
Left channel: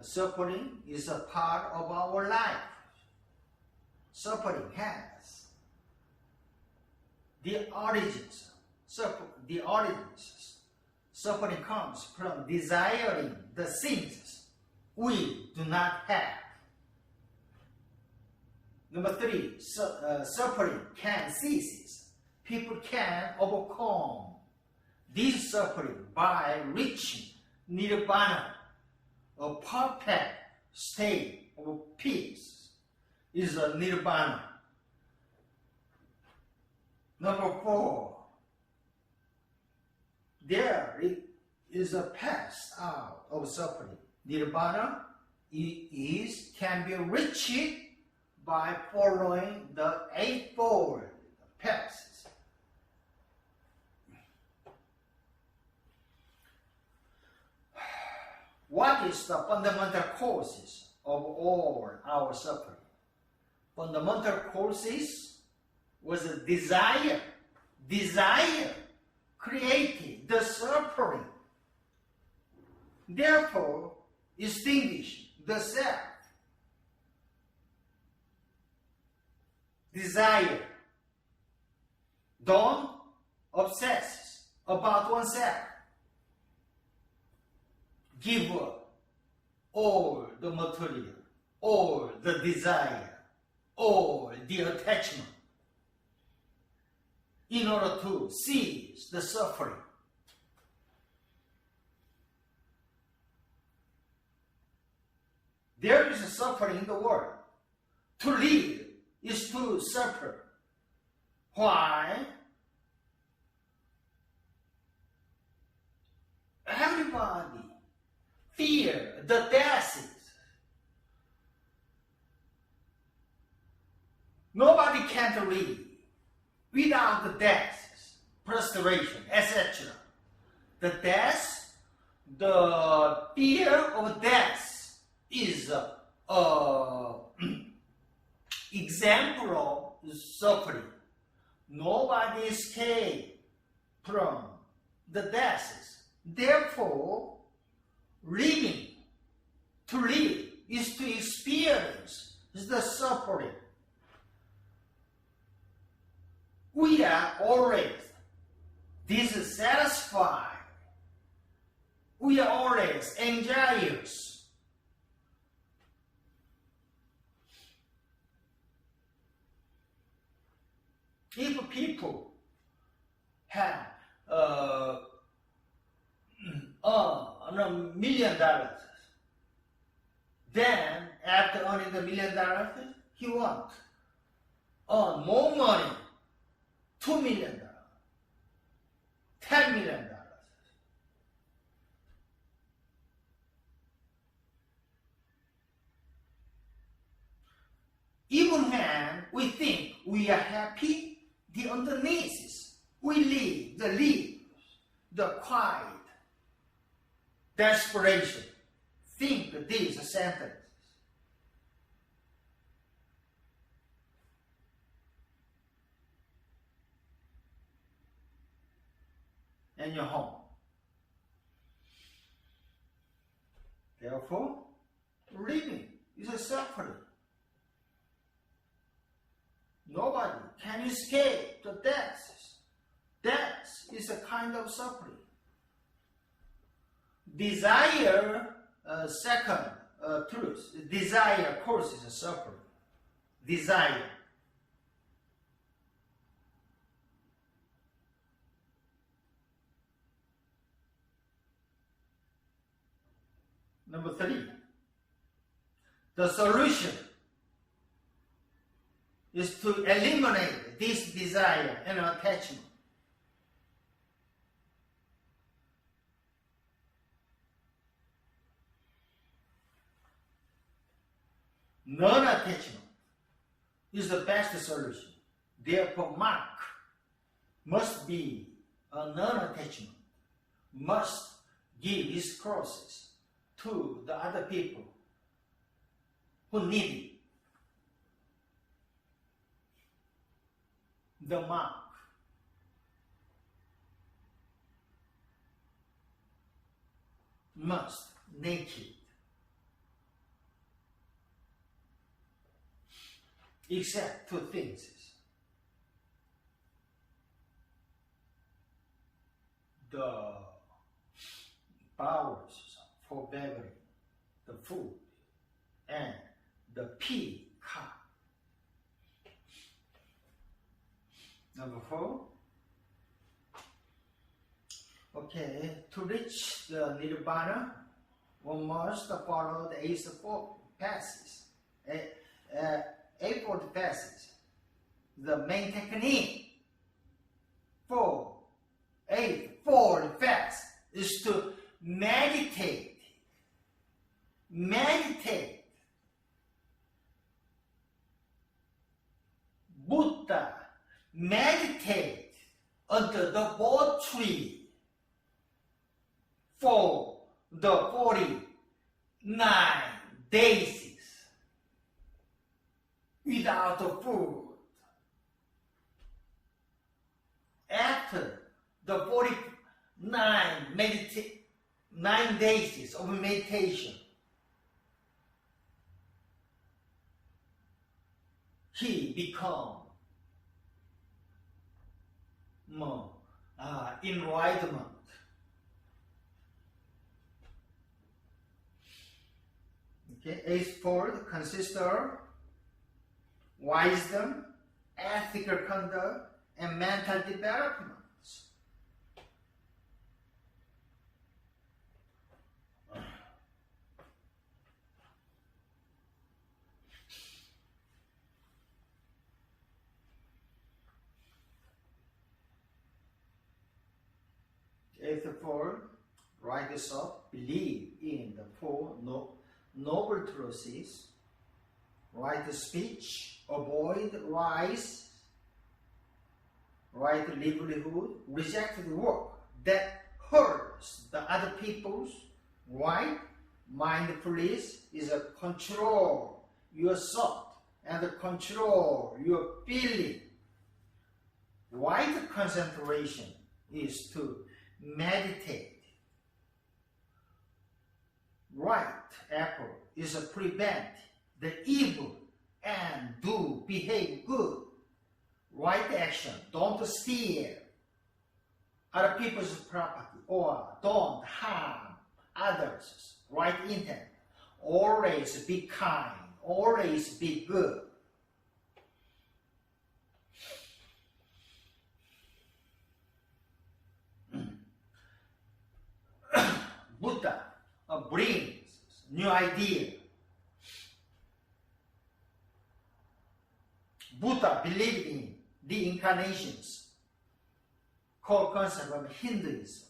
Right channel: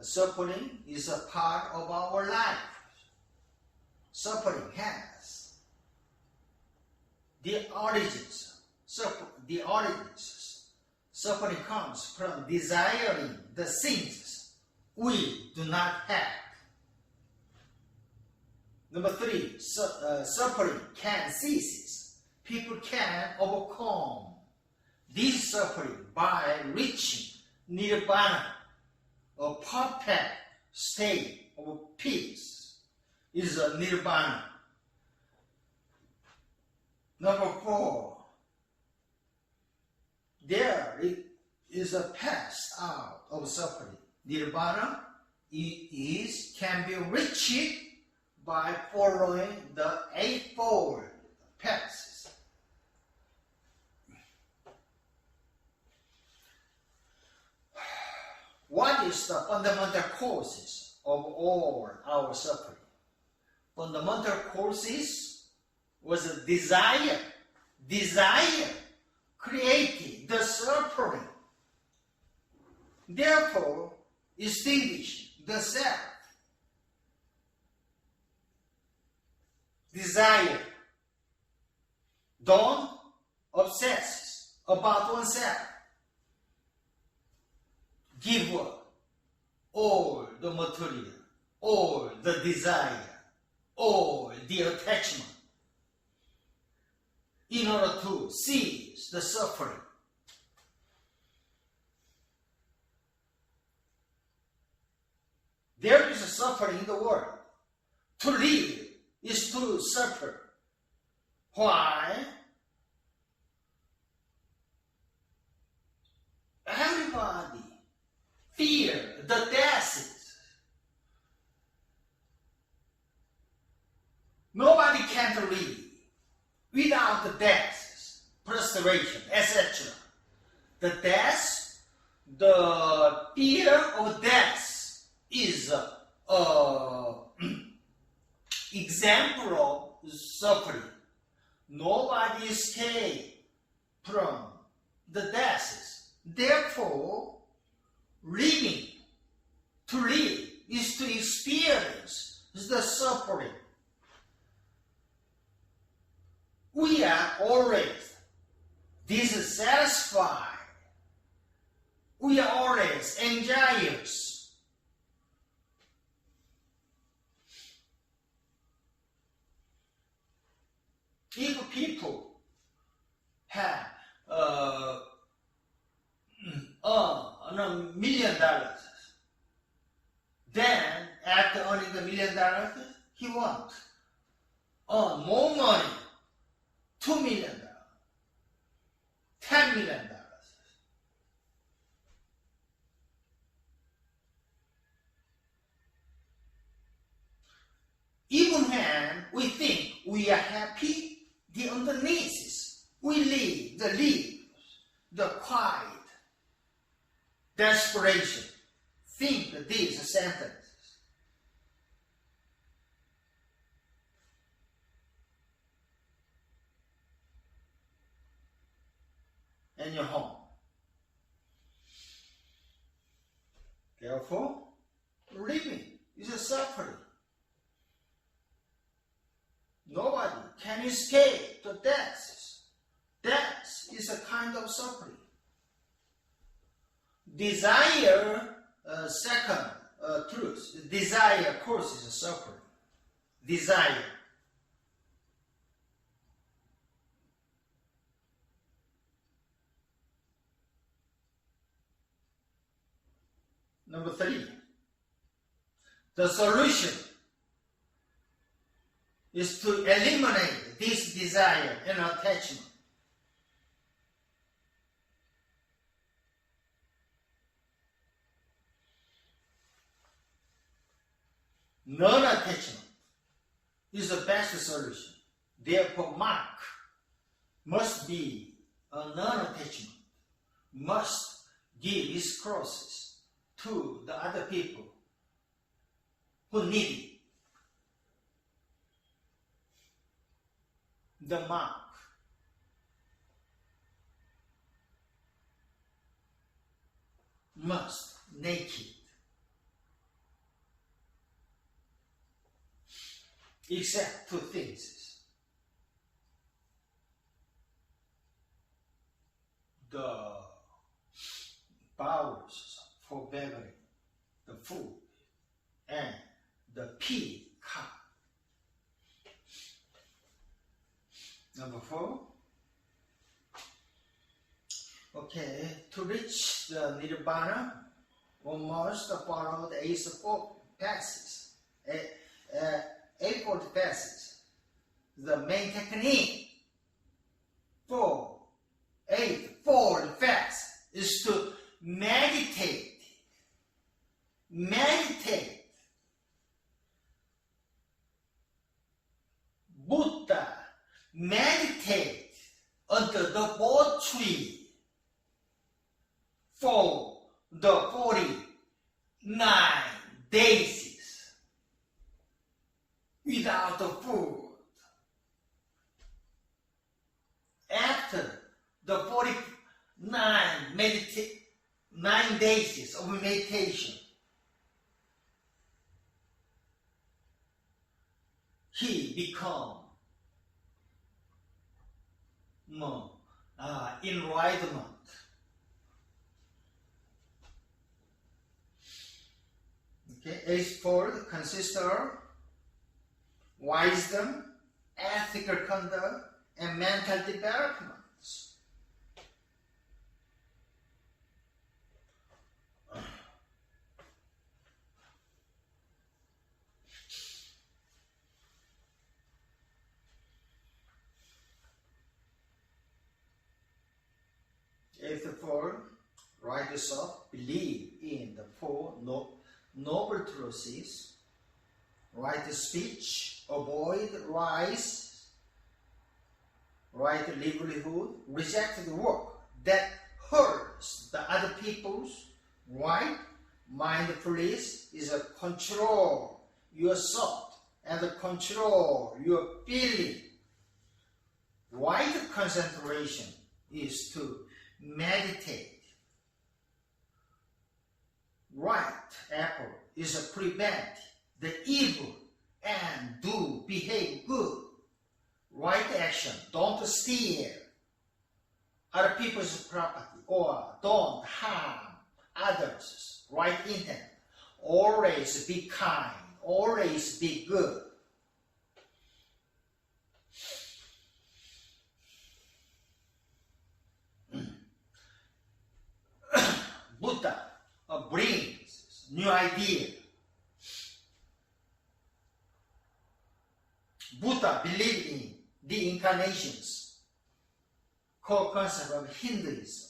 Suffering is a part of our life. Suffering has the origins. Suffering comes from desiring the things we do not have. Number three, suffering can cease. People can overcome this suffering by reaching nirvana, a perfect state of peace is a nirvana. Number four, there is a path out of suffering. Nirvana can be reached by following the eightfold paths. What is the fundamental causes of all our suffering? Fundamental causes was a desire. Desire created the suffering. Therefore, extinguish the self. Desire. Don't obsess about oneself. Give up all the material, all the desire, all the attachment in order to cease the suffering. There is a suffering in the world. To live is to suffer. Why? Everybody fear the death. Nobody can live without the death, frustration, etc. The death, the fear of death is example of suffering. Nobody escapes from the death. Therefore, to live is to experience the suffering. We are always dissatisfied. We are always anxious. If people have $1 million, then after earning the $1 million, he want earn more money, $2 million, $10 million. Even when we think we are happy, the underneath is we live the quiet desperation. Think these sentences. In your home. Therefore, living is a suffering. Nobody can escape the death. Death is a kind of suffering. Desire, second truth. Desire, of course, is a suffering. Desire. Number 3, the solution is to eliminate this desire and attachment. Non-attachment is the best solution. Therefore, Mark must be a non-attachment, must give his crosses to the other people who need it. The monk must naked, except 2 things. The powers for begging, the food, and the pea cup. Number 4. Okay, to reach the nirvana, one must follow the eightfold passes. Eightfold passes. The main technique for eightfold fast is to meditate. Meditate. Buddha meditate under the boat tree for the 49 days without the food. After the 49 days of meditation, he become enlightenment. Okay, eightfold consists of wisdom, ethical conduct, and mental development. Eightfold writers of believe in the 4 noble truths: right speech, avoid lies, right livelihood, reject the work that hurts the other people's, right mindfulness is a control your thought and control your feeling. Right concentration is to meditate. Right effort is to prevent the evil and do behave good. Right action, don't steal other people's property or don't harm others. Right intent, always be kind, always be good. Buddha brings new idea. Buddha believed in the incarnations, core concept of Hinduism.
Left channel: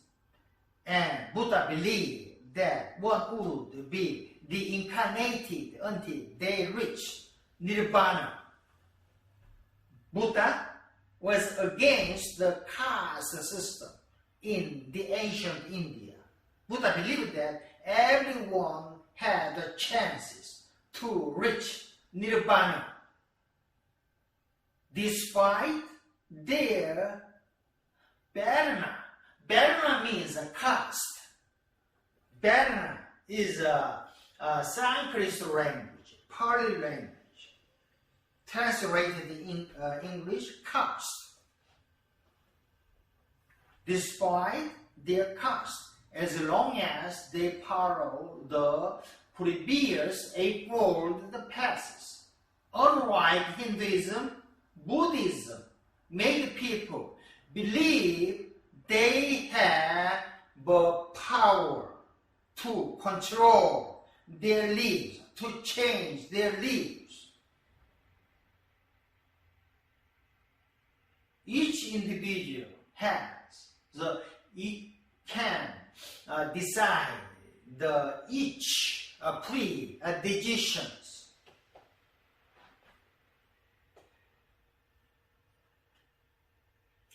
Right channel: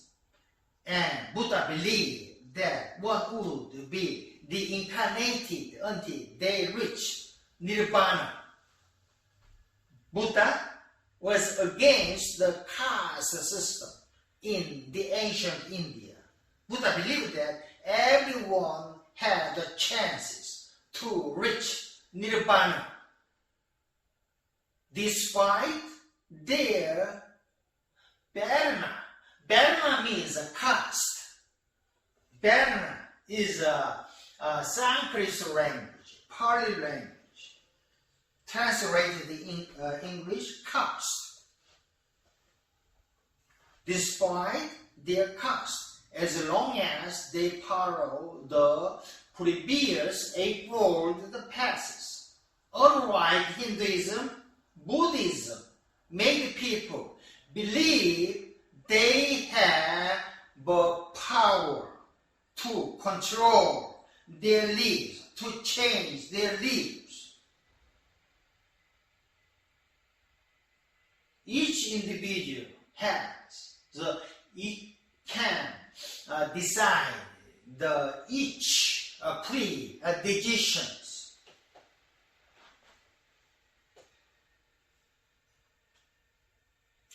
And Buddha believed that one would be reincarnated until they reach nirvana. Buddha was against the caste system in the ancient India. Buddha believed that everyone had the chances to reach nirvana despite their Varna. Varna means a caste. Varna is a Sanskrit language, Pali language. Translated in English, caste. Despite their caste, as long as they follow the previous eightfold paths. Unlike Hinduism, Buddhism made people believe they have the power to control their lives, to change their lives. Each individual can decide each free decisions.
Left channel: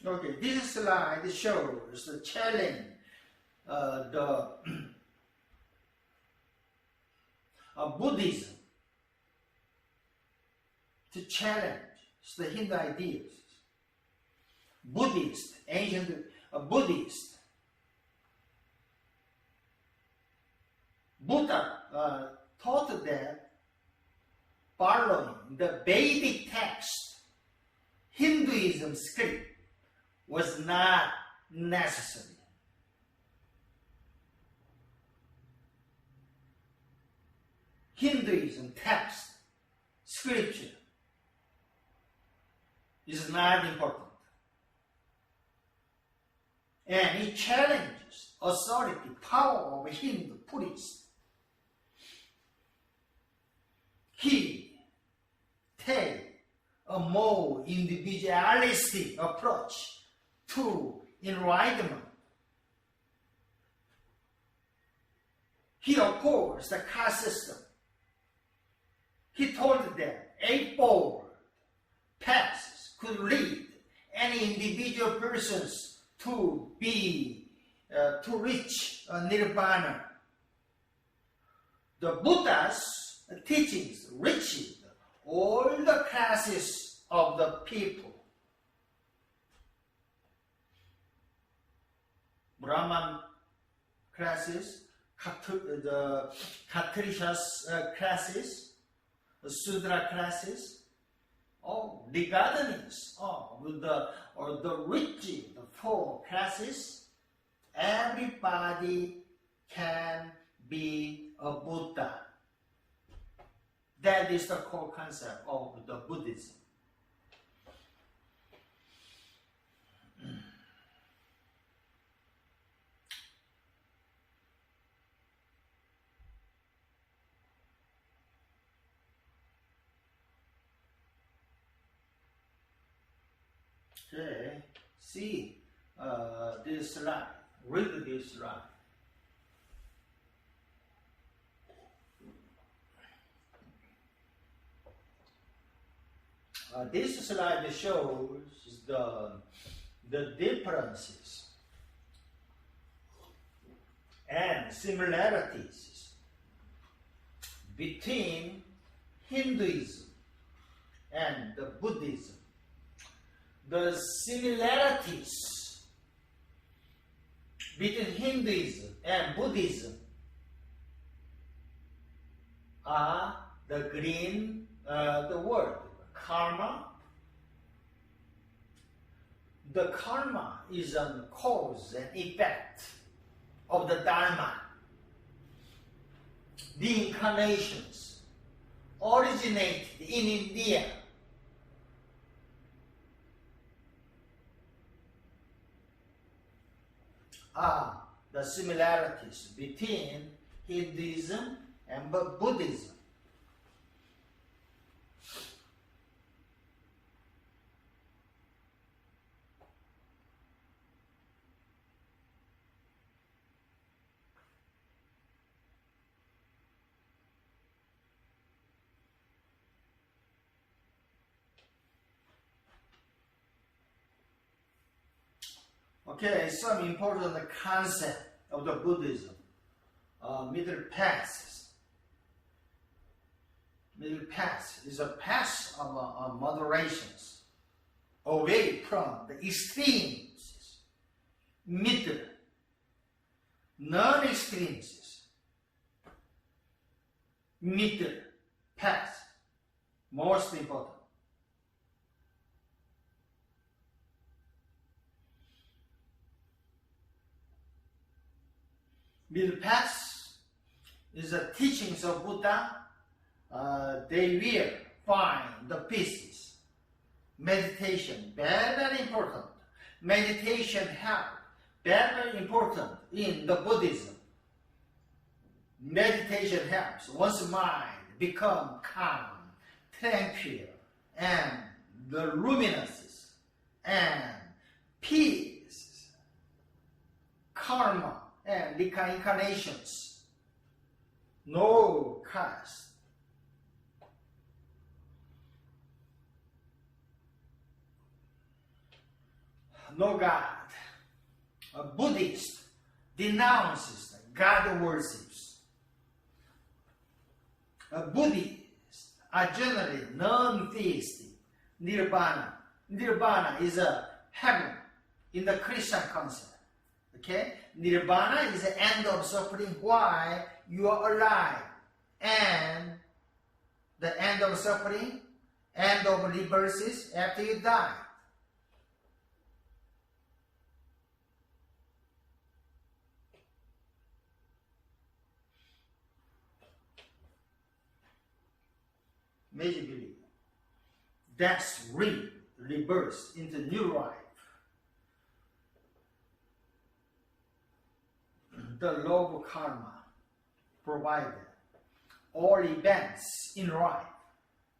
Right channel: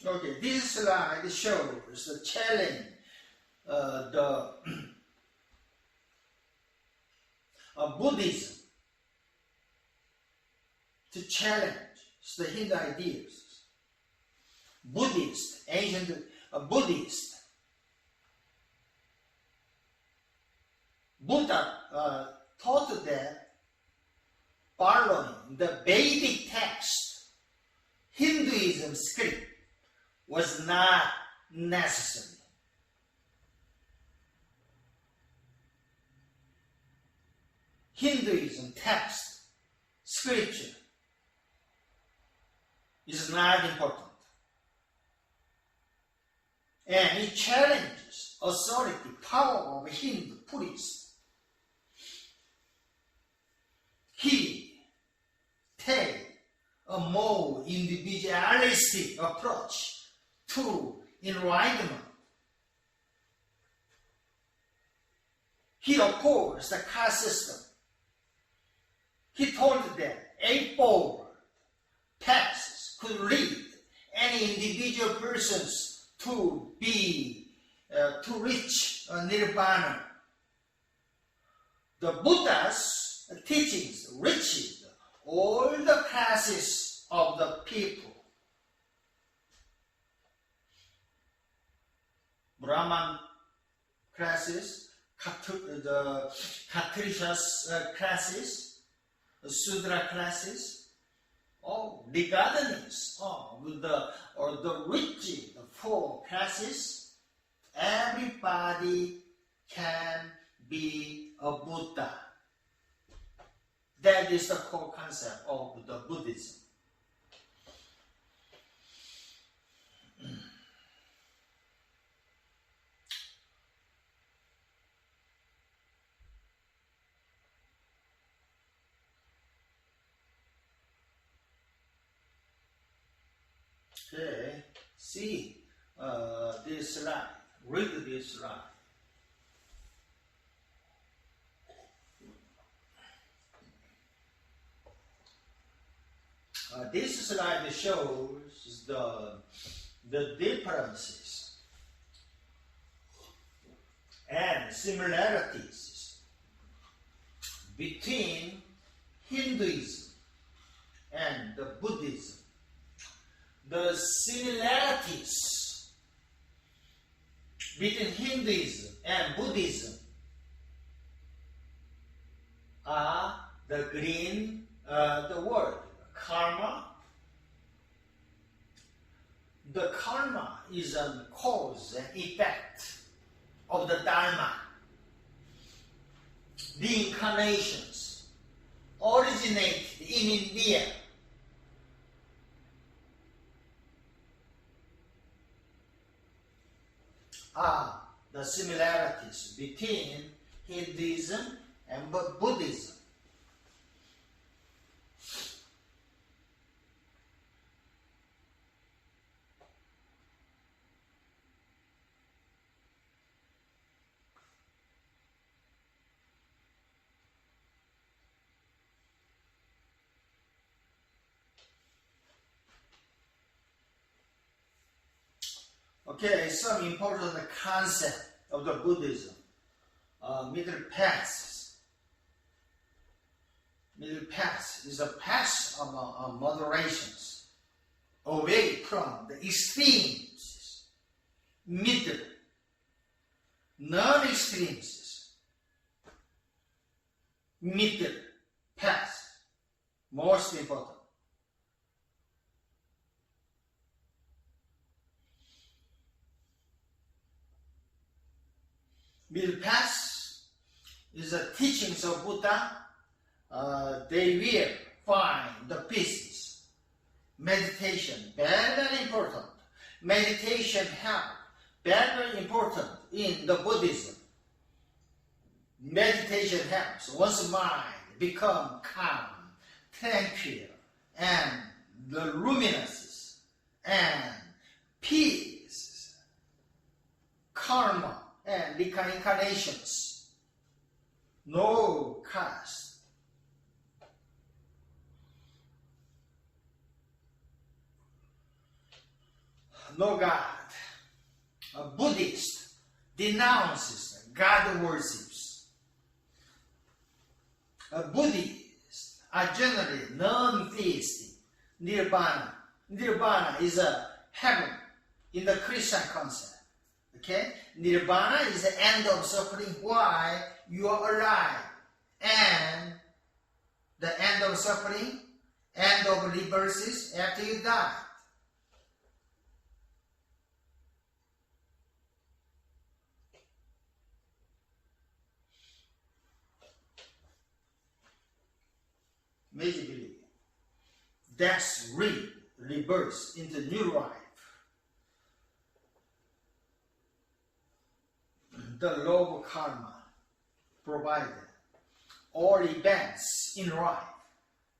Okay, this slide shows the challenge, Buddhism to challenge the Hindu ideas. Ancient Buddhist. Buddha taught that following the Vedic text, Hinduism script was not necessary. Hinduism text, scripture, is not important. And it challenges authority, power of Hindu priests. He takes a more individualistic approach to enlightenment. He opposed the caste system. He told that eightfold paths could lead any individual persons to reach nirvana. The Buddha's teachings reached all the classes of the people. Brahman classes, the Kshatriyas classes, the Sudra classes, regardless of the rich, the four classes, everybody can be a Buddha. That is the core concept of the Buddhism. Okay, see this slide. Read this slide. This slide shows the differences and similarities between Hinduism and the Buddhism. The similarities between Hinduism and Buddhism are the green, the word karma. The karma is a cause and effect of the Dharma. The incarnations originated in India. Are the similarities between Hinduism and Buddhism. Okay, some important concept of the Buddhism. Middle path. Middle path is a path of moderations, away from the extremes. Middle, non-extremes. Middle path, most important. Middle path is the teachings of Buddha. They will find the pieces. Meditation, very, very important. Meditation help, very, very important in the Buddhism. Meditation helps one's mind become calm, tranquil, and the luminous, and peace, karma, and reincarnations. No caste. No God. A Buddhist denounces God worships. A Buddhist are generally non-theistic. Nirvana. Nirvana is a heaven in the Christian concept. Okay? Nirvana is the end of suffering while you are alive. And the end of suffering, end of rebirths after you die. Major belief. Death, rebirth into new life. The law of karma provided all events in life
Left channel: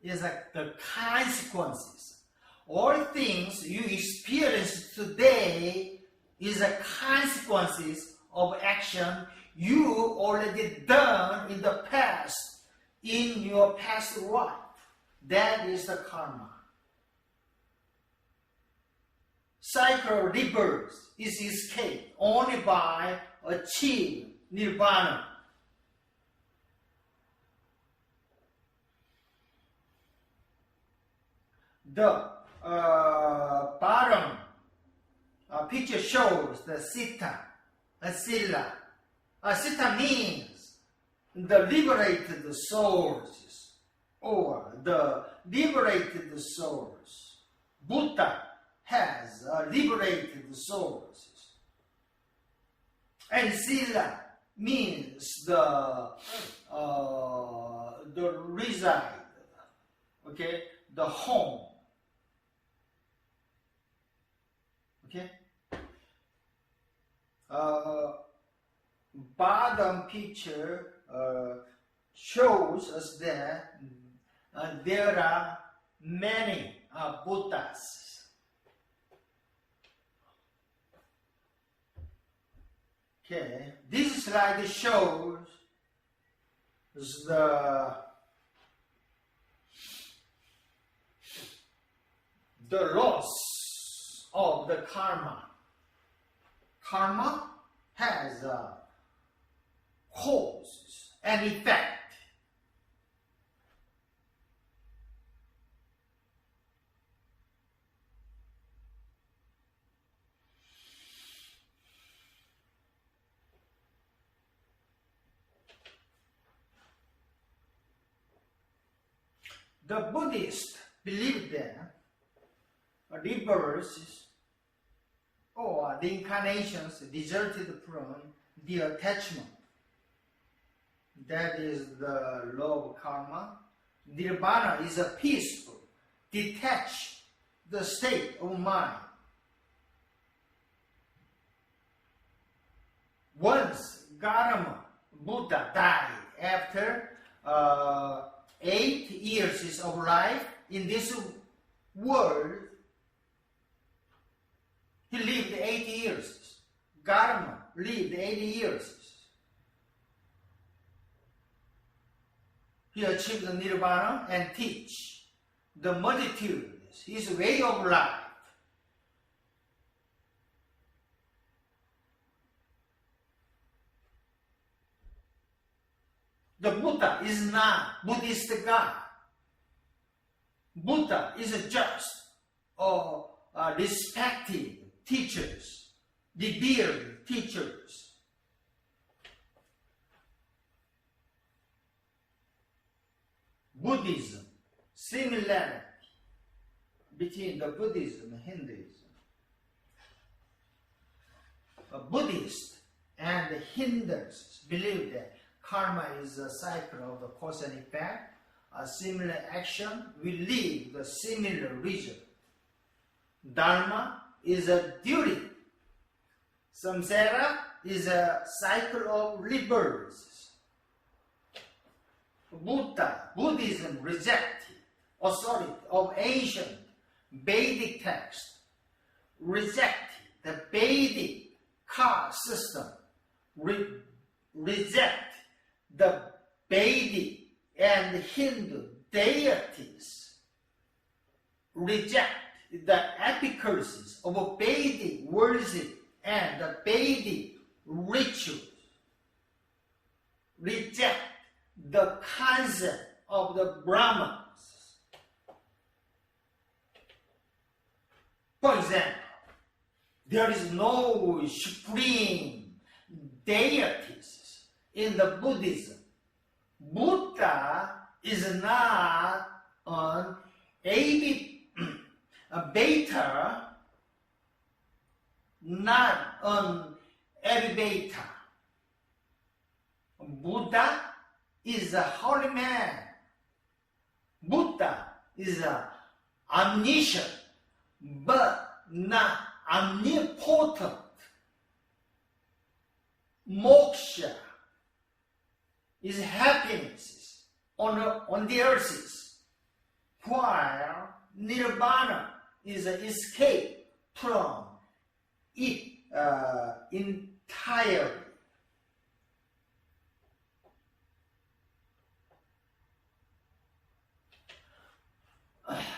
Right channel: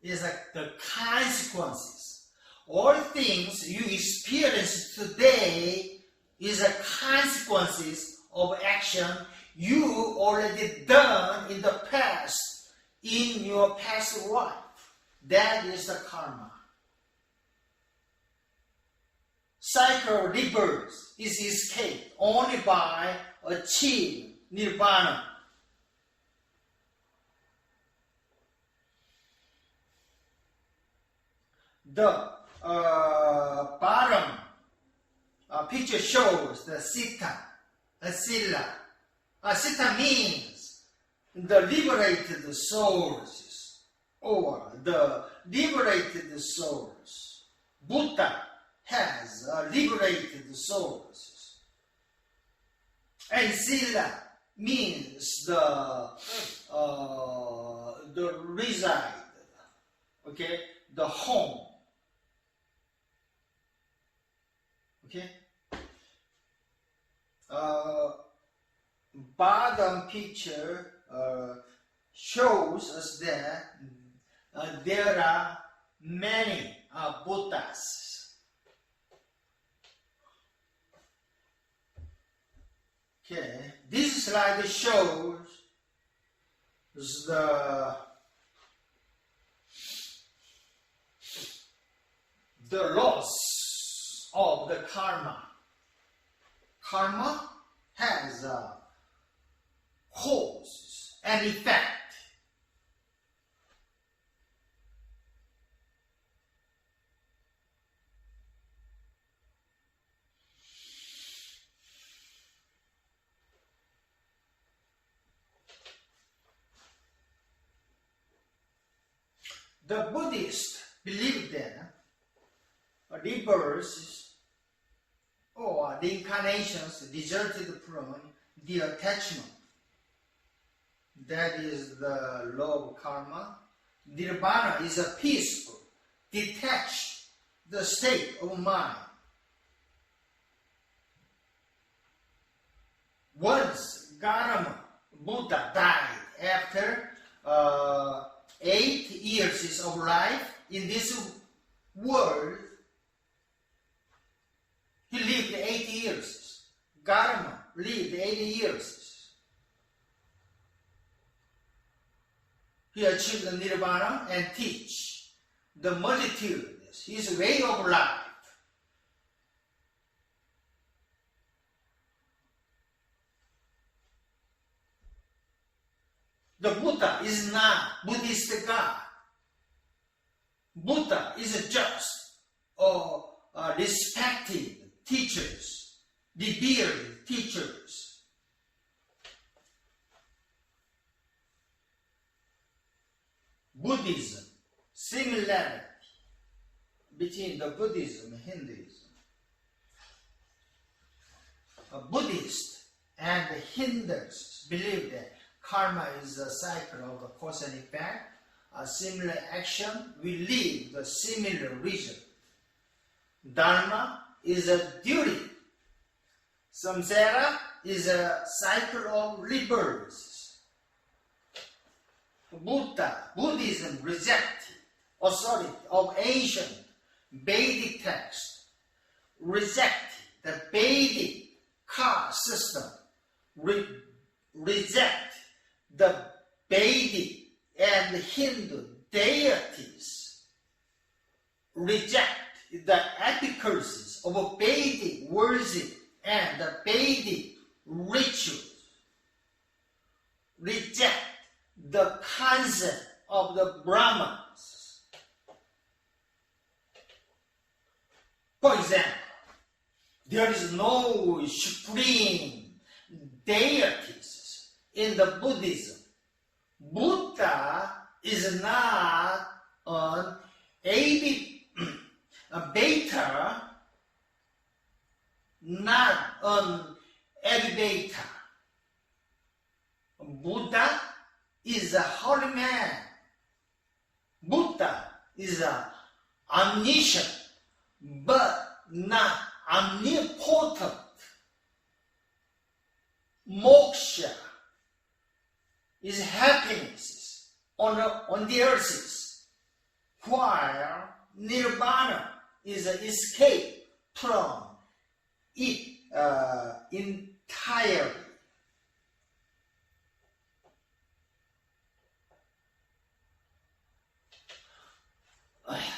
is like the consequences. All things you experience today is a consequences of action you already done in the past, in your past life. That is the karma. Cycle of rebirth is escaped only by achieving nirvana. The bottom picture shows the Sita, Sila. Sita means the liberated souls, or the liberated souls. Buddha has liberated souls. And Sila means the reside, okay, the home. Okay. Bottom picture shows us that there are many Buddhas. Okay, this slide shows the loss of the karma. Karma has a cause and effect. The Buddhists believe that rebirths or reincarnations resulted from the attachment. That is the law of karma. Nirvana is a peaceful, detached the state of mind. Once Gautama Buddha died after 8 years of life in this world, he lived 80 years. Gautama lived 80 years. He achieved the nirvana and teach the multitude his way of life. The Buddha is not Buddhist God. Buddha is just respected teachers, revered teachers. Buddhism, similarity between the Buddhism and Hinduism. Buddhists and Hindus believe that karma is a cycle of the cause and effect. A similar action will lead to a similar result. Dharma is a duty. Samsara is a cycle of rebirths. Buddhism rejected authority of ancient Vedic text, rejected the Vedic caste system, reject the Vedic and Hindu deities, reject the efficacies of Vedic worship and the Vedic rituals, reject the concept of the Brahmans. For example, there is no supreme deities in the Buddhism. Buddha is not an beta, not an elevator. Buddha is a holy man. Buddha is omniscient, but not omnipotent. Moksha is happiness on the earth, while nirvana is an escape from it entirely.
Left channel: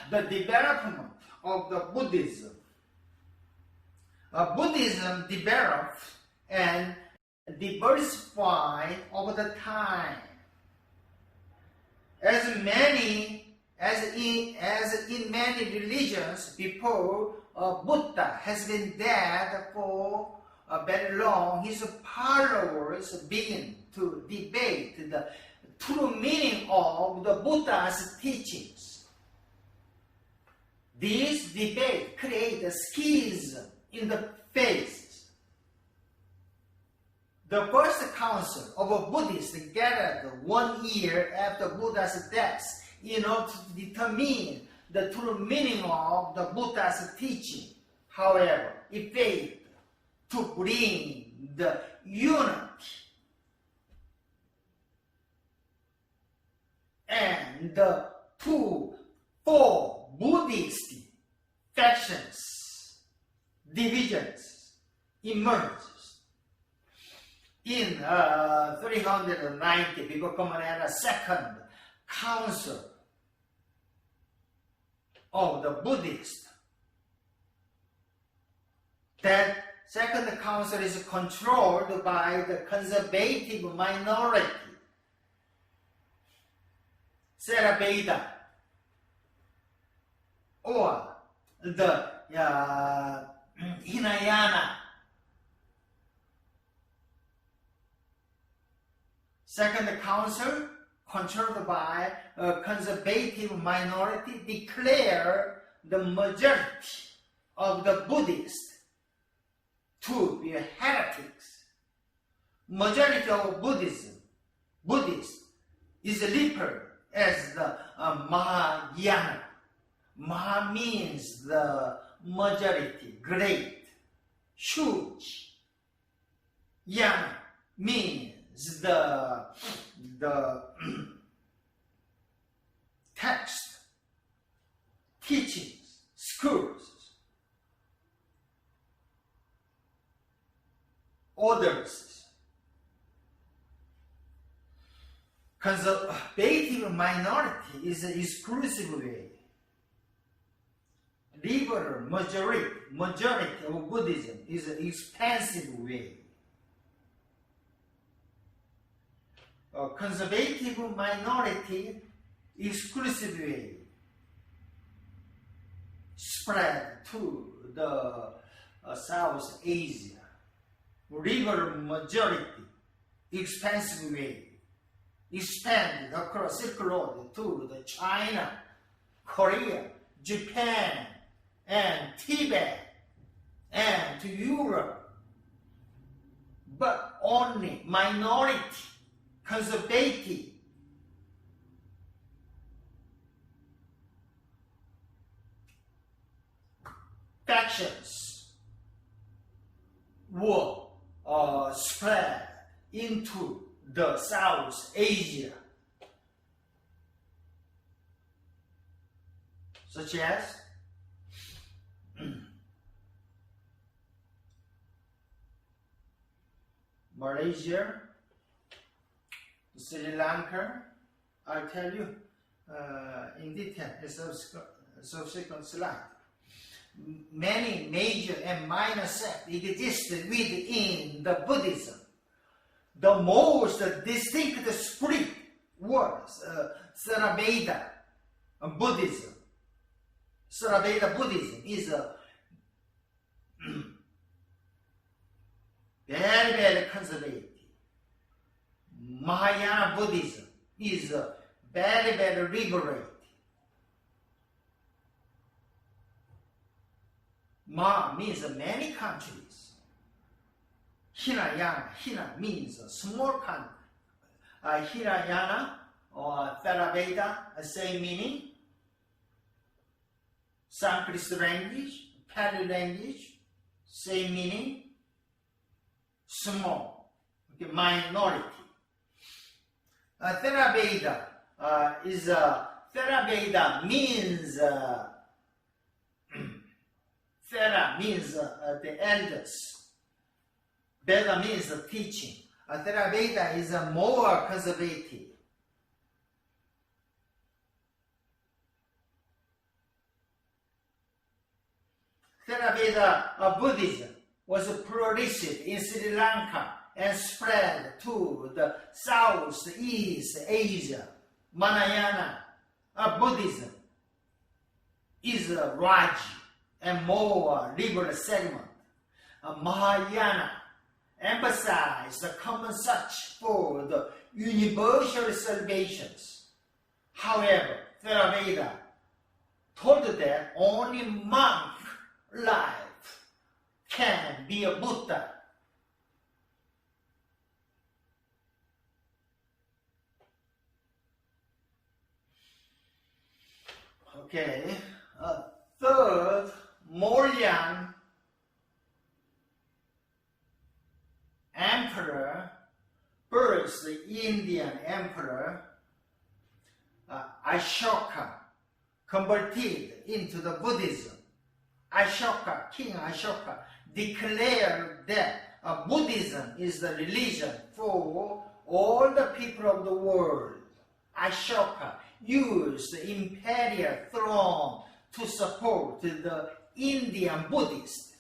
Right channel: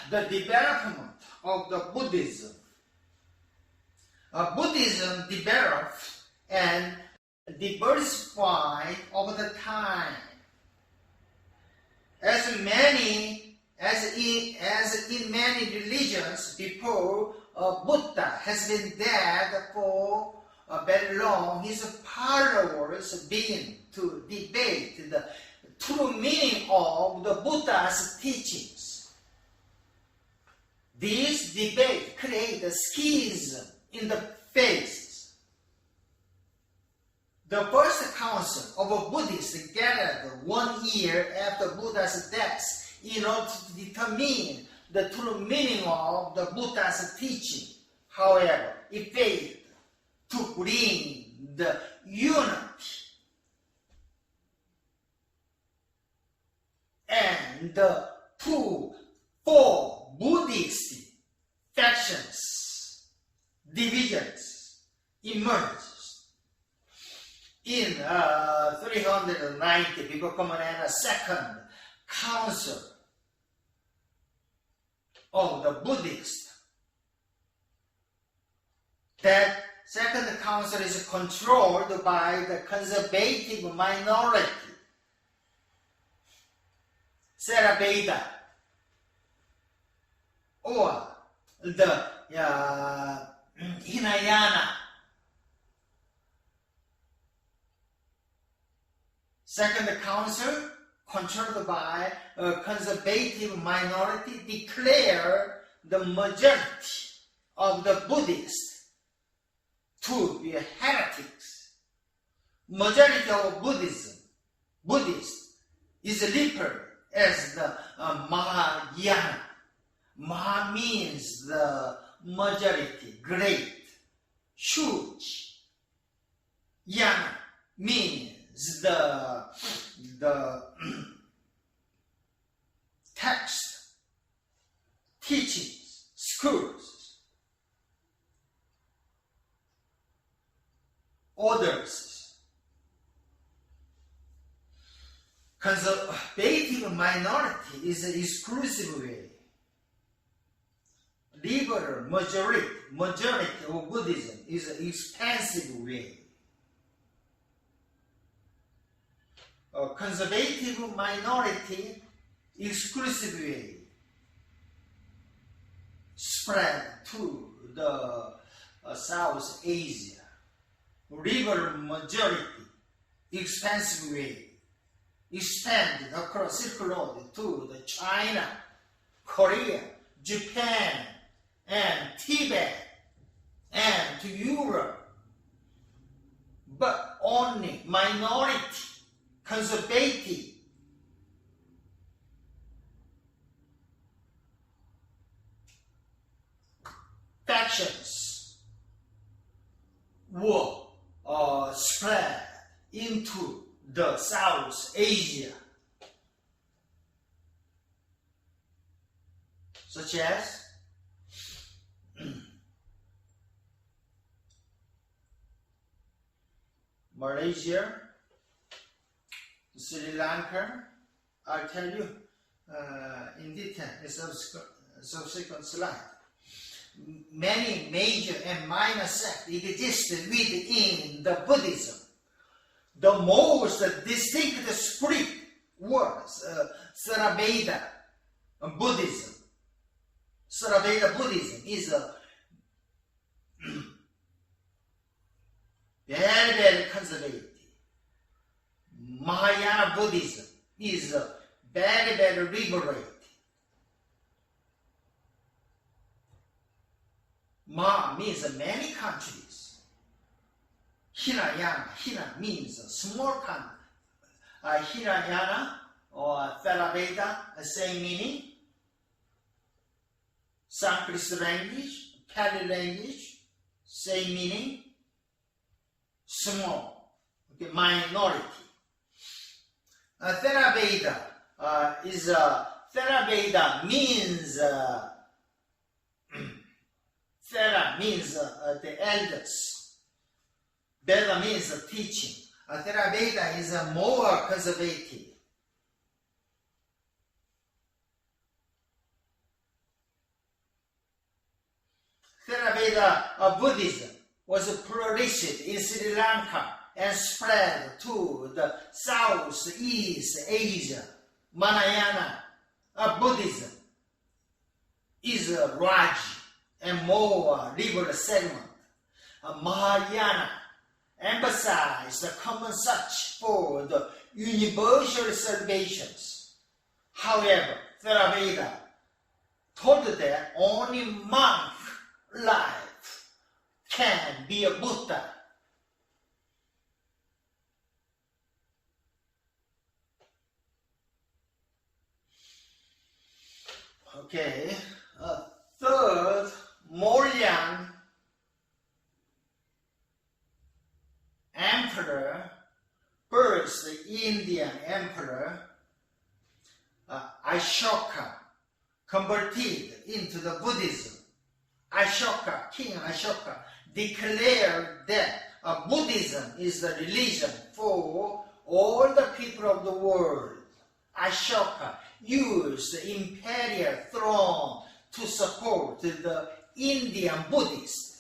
The development of the Buddhism. Buddhism developed and diversified over the time. As in many religions before, Buddha has been dead for very long. His followers began to debate the true meaning of the Buddha's teachings. This debate created a schism in the faith. The first council of Buddhists gathered 1 year after Buddha's death in order to determine the true meaning of the Buddha's teaching. However, it failed to bring the unity and the four Buddhist factions, divisions emerged. In 390, before Common Era, second council of the Buddhists. That second council is controlled by the conservative minority, Theravada, or the Hinayana. Second council, controlled by a conservative minority, declared the majority of the Buddhists to be heretics. Majority of Buddhists is referred as the Mahayana. Maha means the majority, great, huge. Yana means the text, teachings, schools, orders. Conservative minority is an exclusive way. Liberal majority of Buddhism is an expansive way. conservative minority exclusive way spread to the South Asia. Liberal majority expansive way expanded across Silk Road to the China, Korea, Japan, and Tibet, and to Europe. But only minority, conservative, factions were spread into the South Asia, such as Malaysia, Sri Lanka. I'll tell you in detail in subsequent slide. Many major and minor sects existed within the Buddhism. The most distinct spirit was Theravada Buddhism. Theravada Buddhism is a very, very conservative. Mahayana Buddhism is very, very liberated. Ma means many countries. Hinayana, Hina means a small country. Hinayana or Theravada, same meaning. Sanskrit language, Pali language, same meaning. Small, okay, minority. Theravada Theravada means Thera means the elders. Veda means teaching. Theravada is more conservative. Theravada Buddhism was flourished in Sri Lanka and spread to the Southeast Asia. Mahayana Buddhism is a large and more liberal segment. Mahayana emphasized the common search for the universal salvations. However, Theravada told that only monk life can be a Buddha. Okay, third, Mauryan emperor, first Indian emperor, Ashoka, converted into the Buddhism. Ashoka, King Ashoka, declared that Buddhism is the religion for all the people of the world. Ashoka used the imperial throne to support the Indian Buddhists.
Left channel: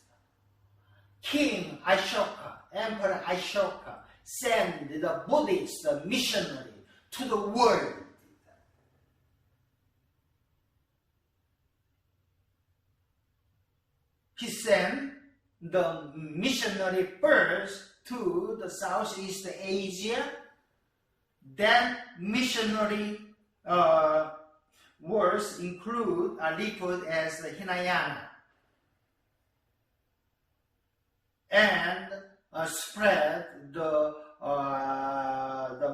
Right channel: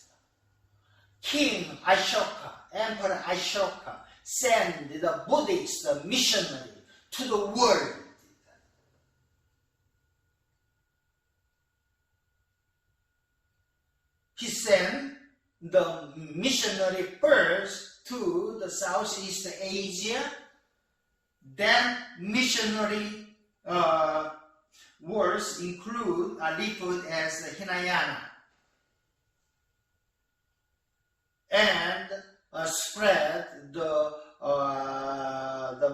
King Ashoka, Emperor Ashoka, sent the Buddhist missionary to the world. He sent the missionary first to the Southeast Asia, then missionary words include referred as the Hinayana, and spread the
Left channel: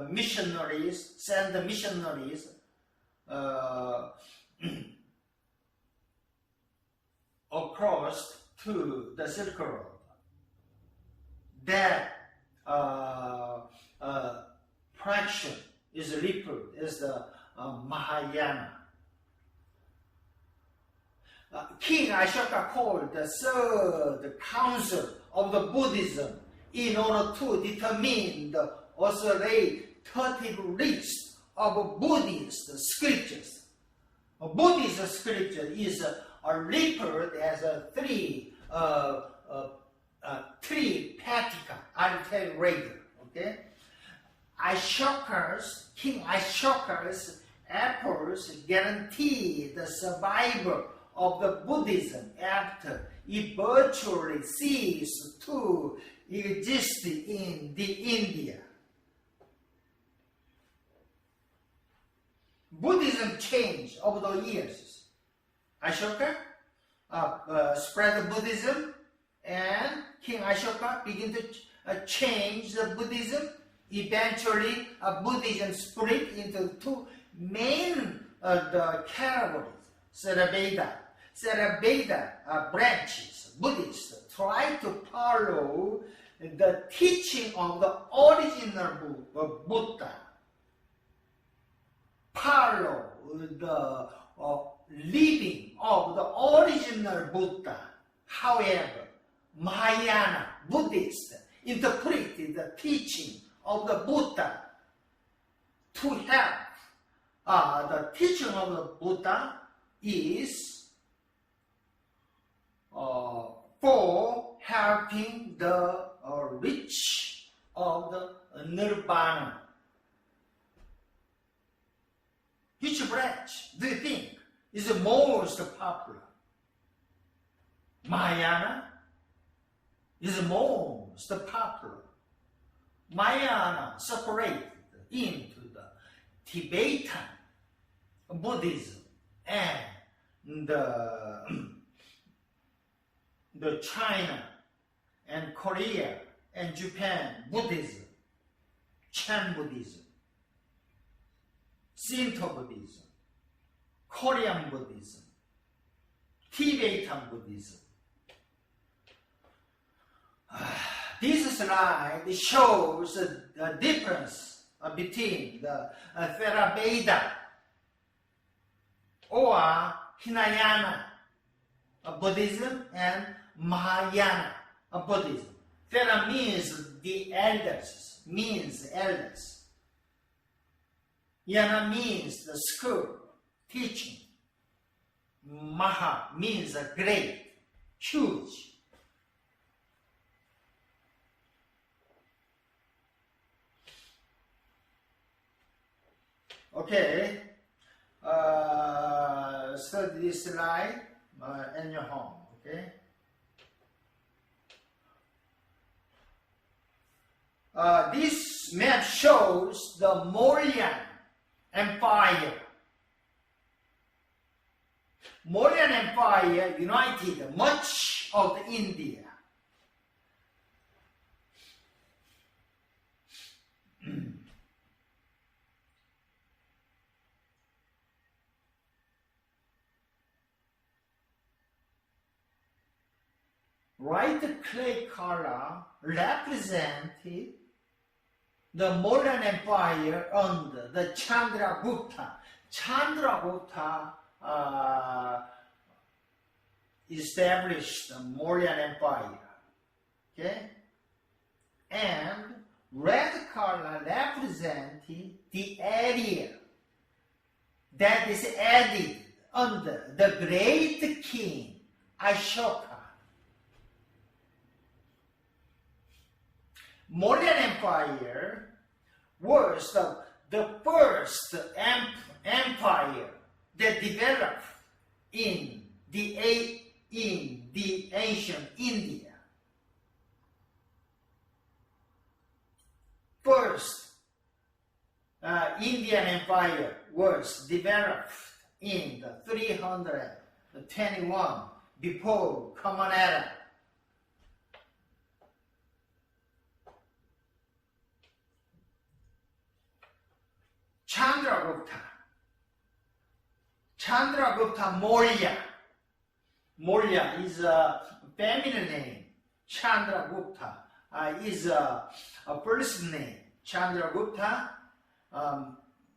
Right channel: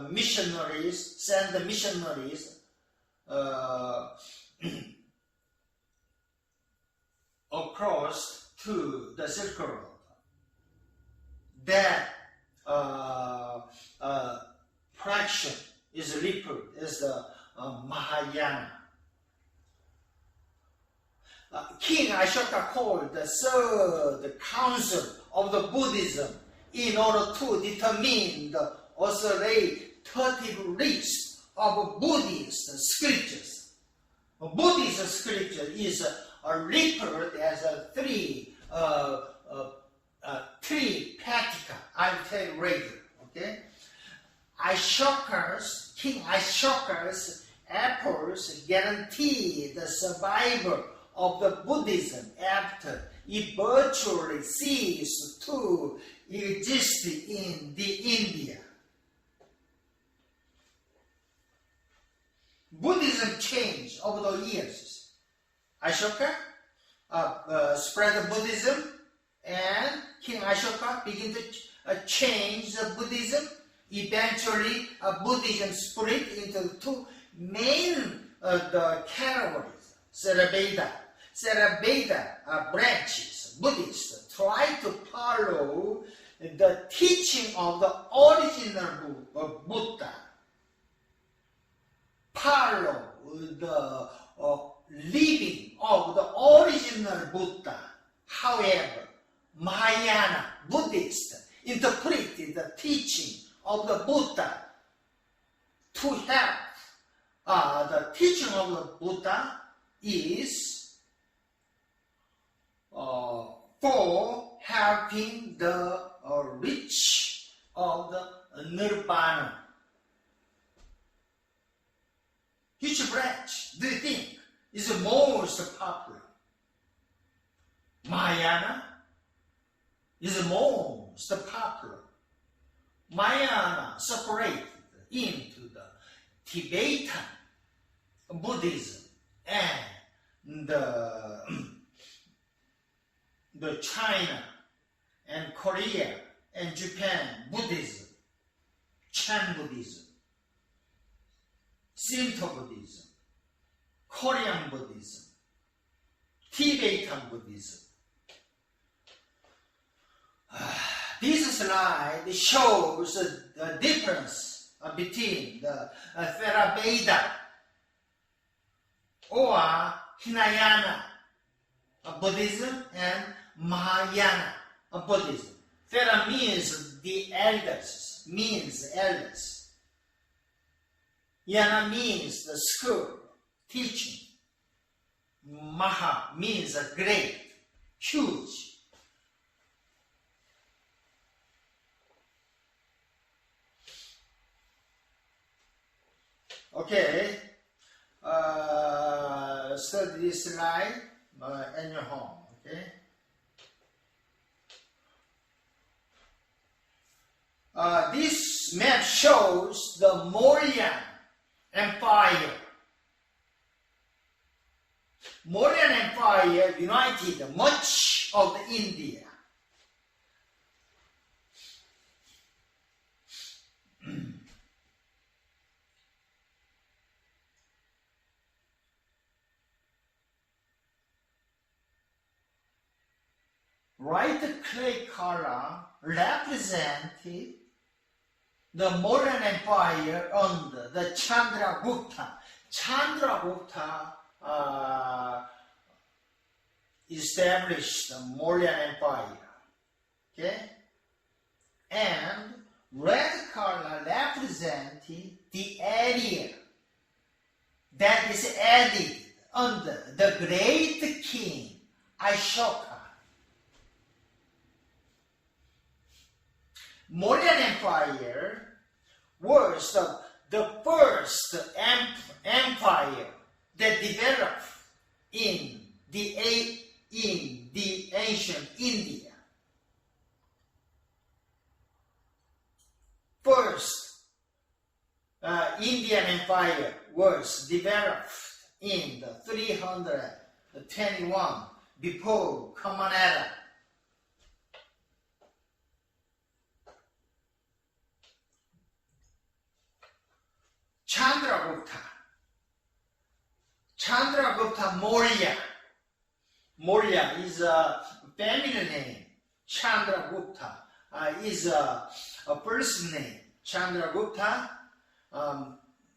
missionaries, send the missionaries across to the Silk Road. That fraction is referred as the Mahayana. King Ashoka called the third council of the Buddhism in order to determine the authoritative list of Buddhist scriptures. Buddhist scripture is referred as three Patika. I'll tell you later. Okay. King Ashoka's efforts guaranteed the survival of the Buddhism after it virtually ceased to exist in the India. Buddhism changed over the years. Ashoka spread Buddhism, and King Ashoka began to change the Buddhism. Eventually, Buddhism split into two main categories. Theravada branches, Buddhists try to follow the teaching of the original Buddha, follow the living of the original Buddha. However, Mahayana Buddhists interpreted the teaching of the Buddha to help. The teaching of the Buddha is for helping the reach of the Nirvana. Which branch do you think is the most popular? Mahayana is the most popular. Mahayana separated into the Tibetan Buddhism and the China and Korea and Japan Buddhism, Chan Buddhism, Shinto Buddhism, Korean Buddhism, Tibetan Buddhism. This slide shows the difference between the Theravada or Hinayana Buddhism and Mahayana Buddhism. Thera means the elders, Yana means the school, teaching. Maha means great, huge. Okay, study this slide in your home, okay? This map shows the Mauryan Empire. Mauryan Empire united much of the India. Bright clay color represented the Mauryan Empire under the Chandragupta. Chandragupta established the Mauryan Empire. Okay? And red color represented the area that is added under the great king Ashoka. Mauryan Empire was the first empire that developed in the ancient India. First, Indian Empire was developed in the 321 before Common Era. Chandragupta Maurya. Maurya is a feminine name. Chandragupta is a first name. Chandragupta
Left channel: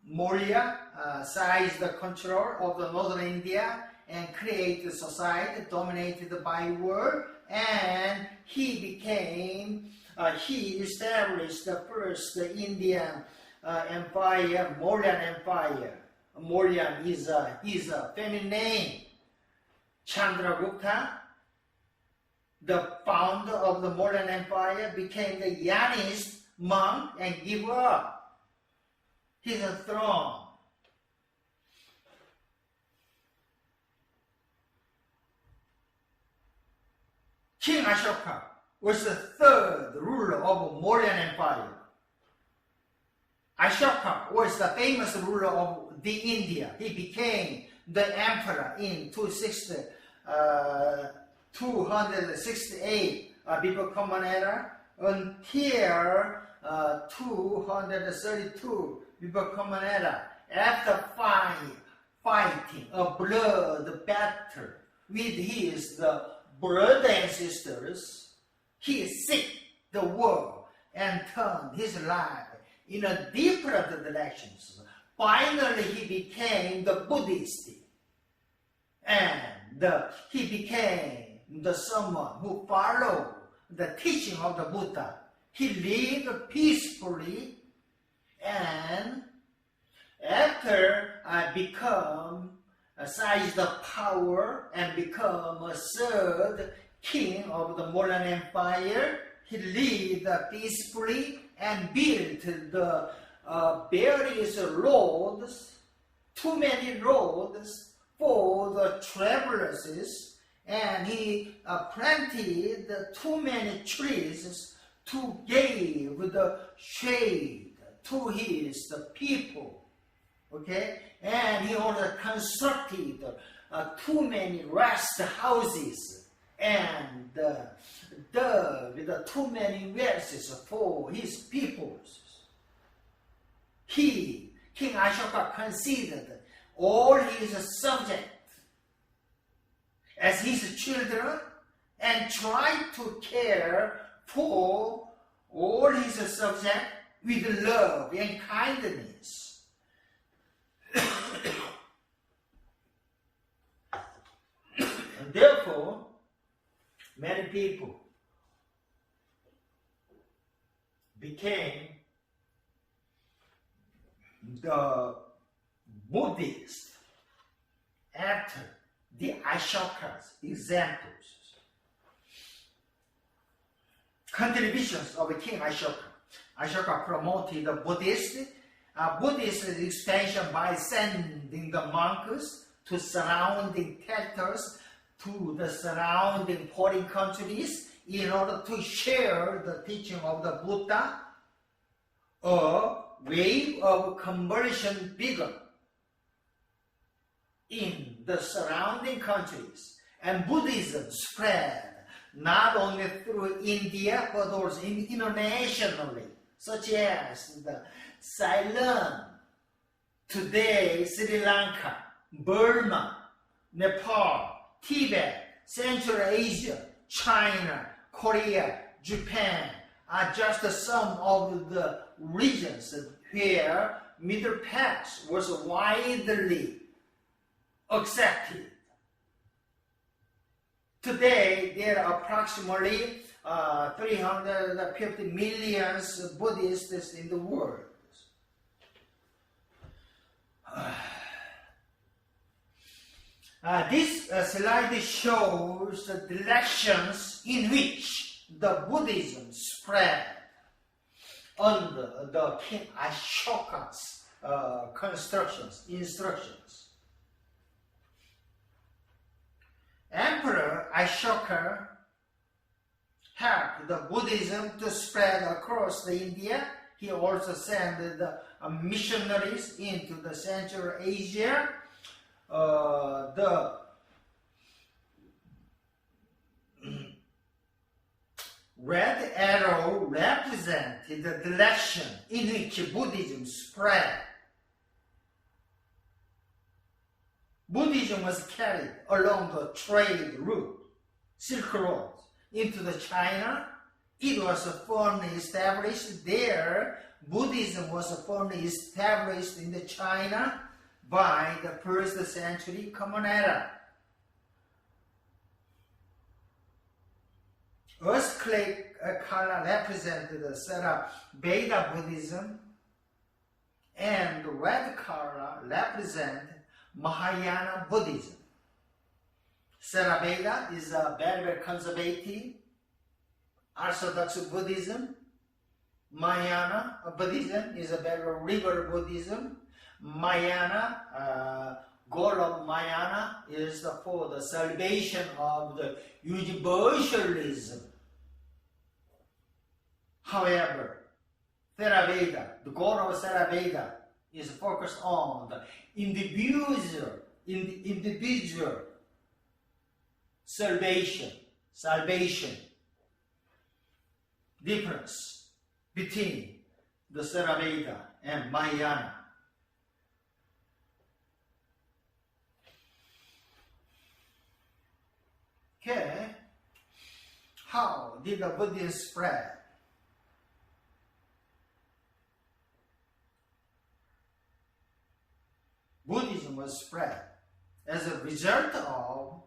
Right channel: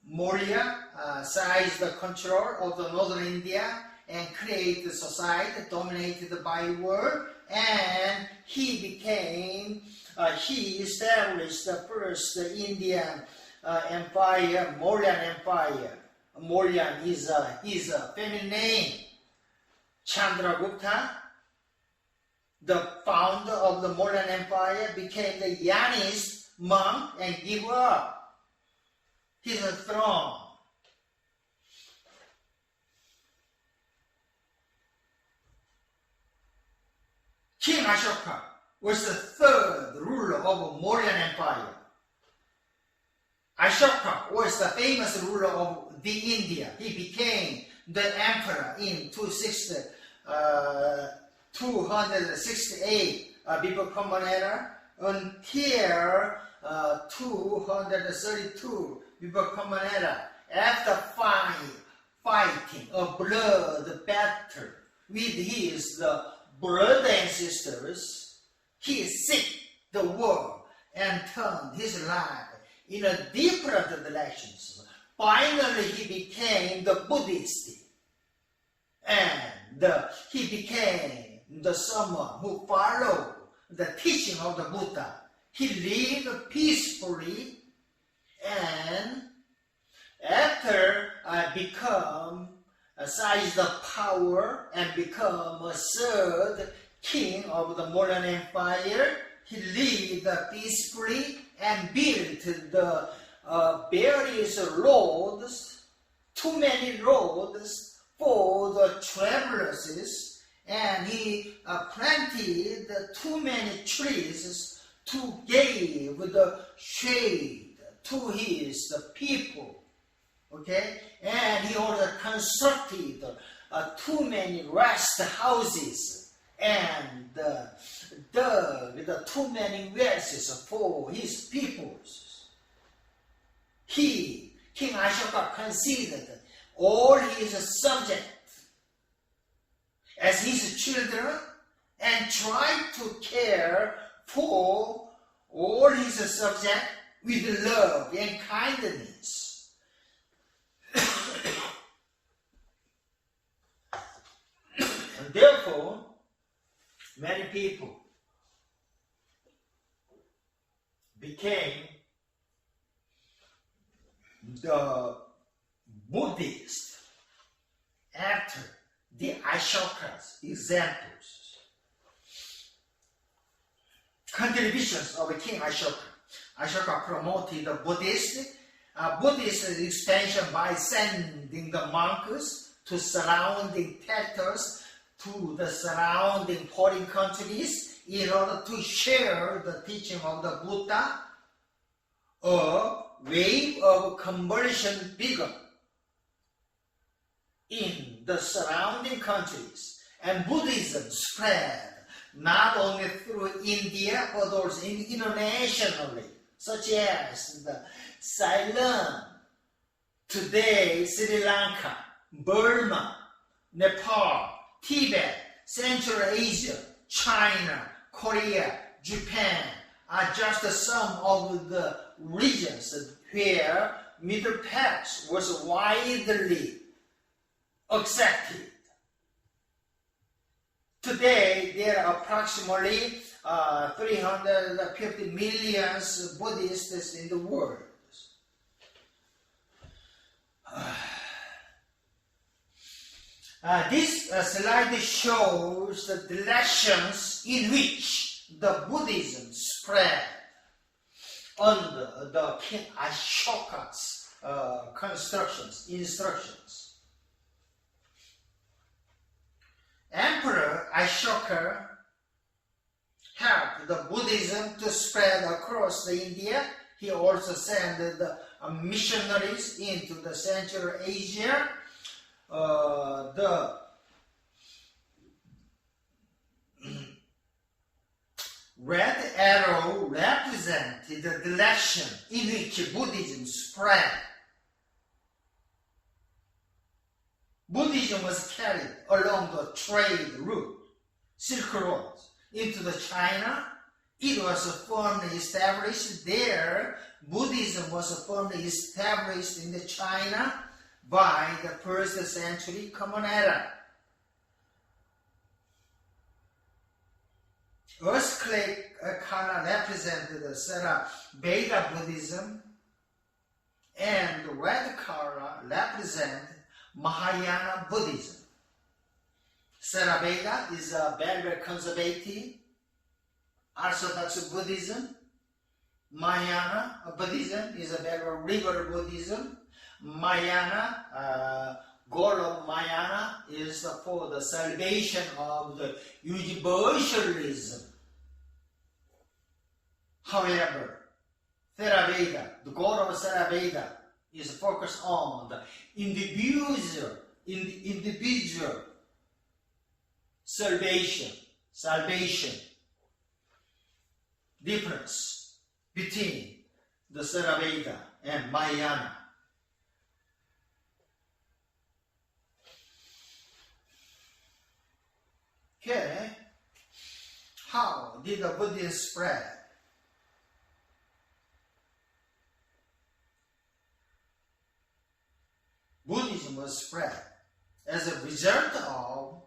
Maurya seized the control of the northern India and created a society dominated by war, and he established the first Indian empire, Mauryan Empire. Mauryan is a feminine name. Chandragupta, the founder of the Mauryan Empire, became the Yanist monk and gave up his throne. King Ashoka was the third ruler of Mauryan Empire. Ashoka was the famous ruler of the India. He became the emperor in 268 before Common Era until 232 before Common Era. After fighting a blood battle with his brothers and sisters, he seeked the world and turned his life in a different directions. Finally, he became the Buddhist, and he became the someone who followed the teaching of the Buddha. He lived peacefully, and after become seized the power and become a third king of the Mauryan Empire, he lived peacefully and built the various roads, too many roads for the travelers, and he planted too many trees to give the shade to his people. Okay, and he also constructed too many rest houses and dug too many wells for his peoples. He, King Ashoka, considered all his subjects as his children and tried to care for all his subjects with love and kindness. And therefore, many people became the Buddhist after the Ashoka's examples. Contributions of King Ashoka. Ashoka promoted the Buddhist expansion by sending the monks to surrounding territories, to the surrounding foreign countries, in order to share the teaching of the Buddha. A wave of conversion began in the surrounding countries, and Buddhism spread not only through India but also internationally, such as the Ceylon, today Sri Lanka, Burma, Nepal, Tibet, Central Asia, China, Korea, Japan are just some of the regions where Middle Path was widely accepted. Today, there are approximately 350 million Buddhists in the world. This slide shows the directions in which the Buddhism spread under the King Ashoka's instructions. Emperor Ashoka helped the Buddhism to spread across the India. He also sent the missionaries into the Central Asia. The red arrow represented the direction in which Buddhism spread. Buddhism was carried along the trade route, Silk Road, into the China. It was firmly established there. Buddhism was firmly established in the China by the 1st century Common Era. Earthquake color represented the Theravada Buddhism, and the red color represents Mahayana Buddhism. Theravada is a very, very conservative Orthodox Buddhism, Mahayana Buddhism is a very rigorous Buddhism. Mahayana, goal of Mahayana is for the salvation of the universalism. However, Theravada, the goal of Theravada is focused on the individual salvation. Difference between the Theravada and Mahayana. Okay, how did the Buddhism spread? Buddhism was spread as a result of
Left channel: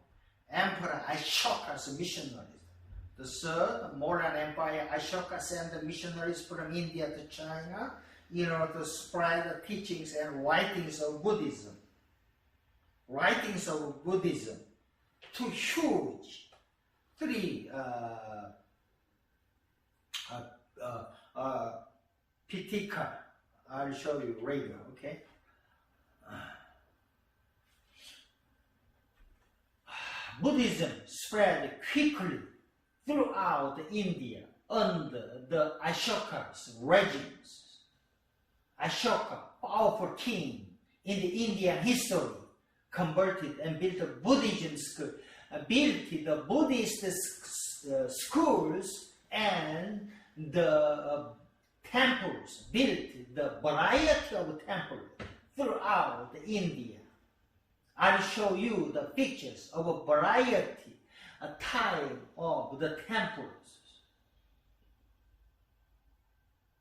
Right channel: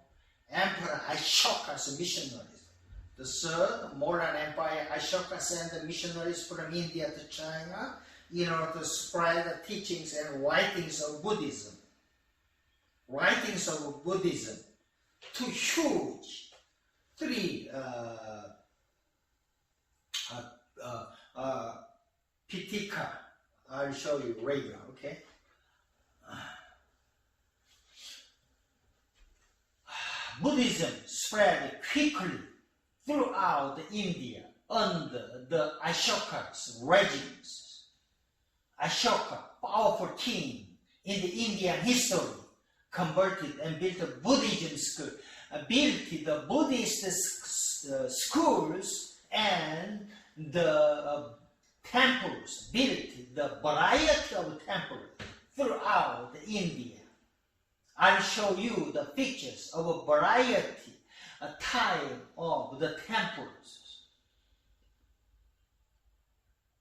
Emperor Ashoka's missionaries. The third modern empire, Ashoka sent the missionaries from India to China in order to spread the teachings and writings of Buddhism. Writings of Buddhism, two huge, three Pitaka. I'll show you later, okay? Buddhism spread quickly throughout India under the Ashoka's regimes. Ashoka, powerful king in the Indian history, converted and built a Buddhism school, built the Buddhist schools and the temples, built the variety of temples throughout India. I'll show you the pictures of a variety, a type of the temples.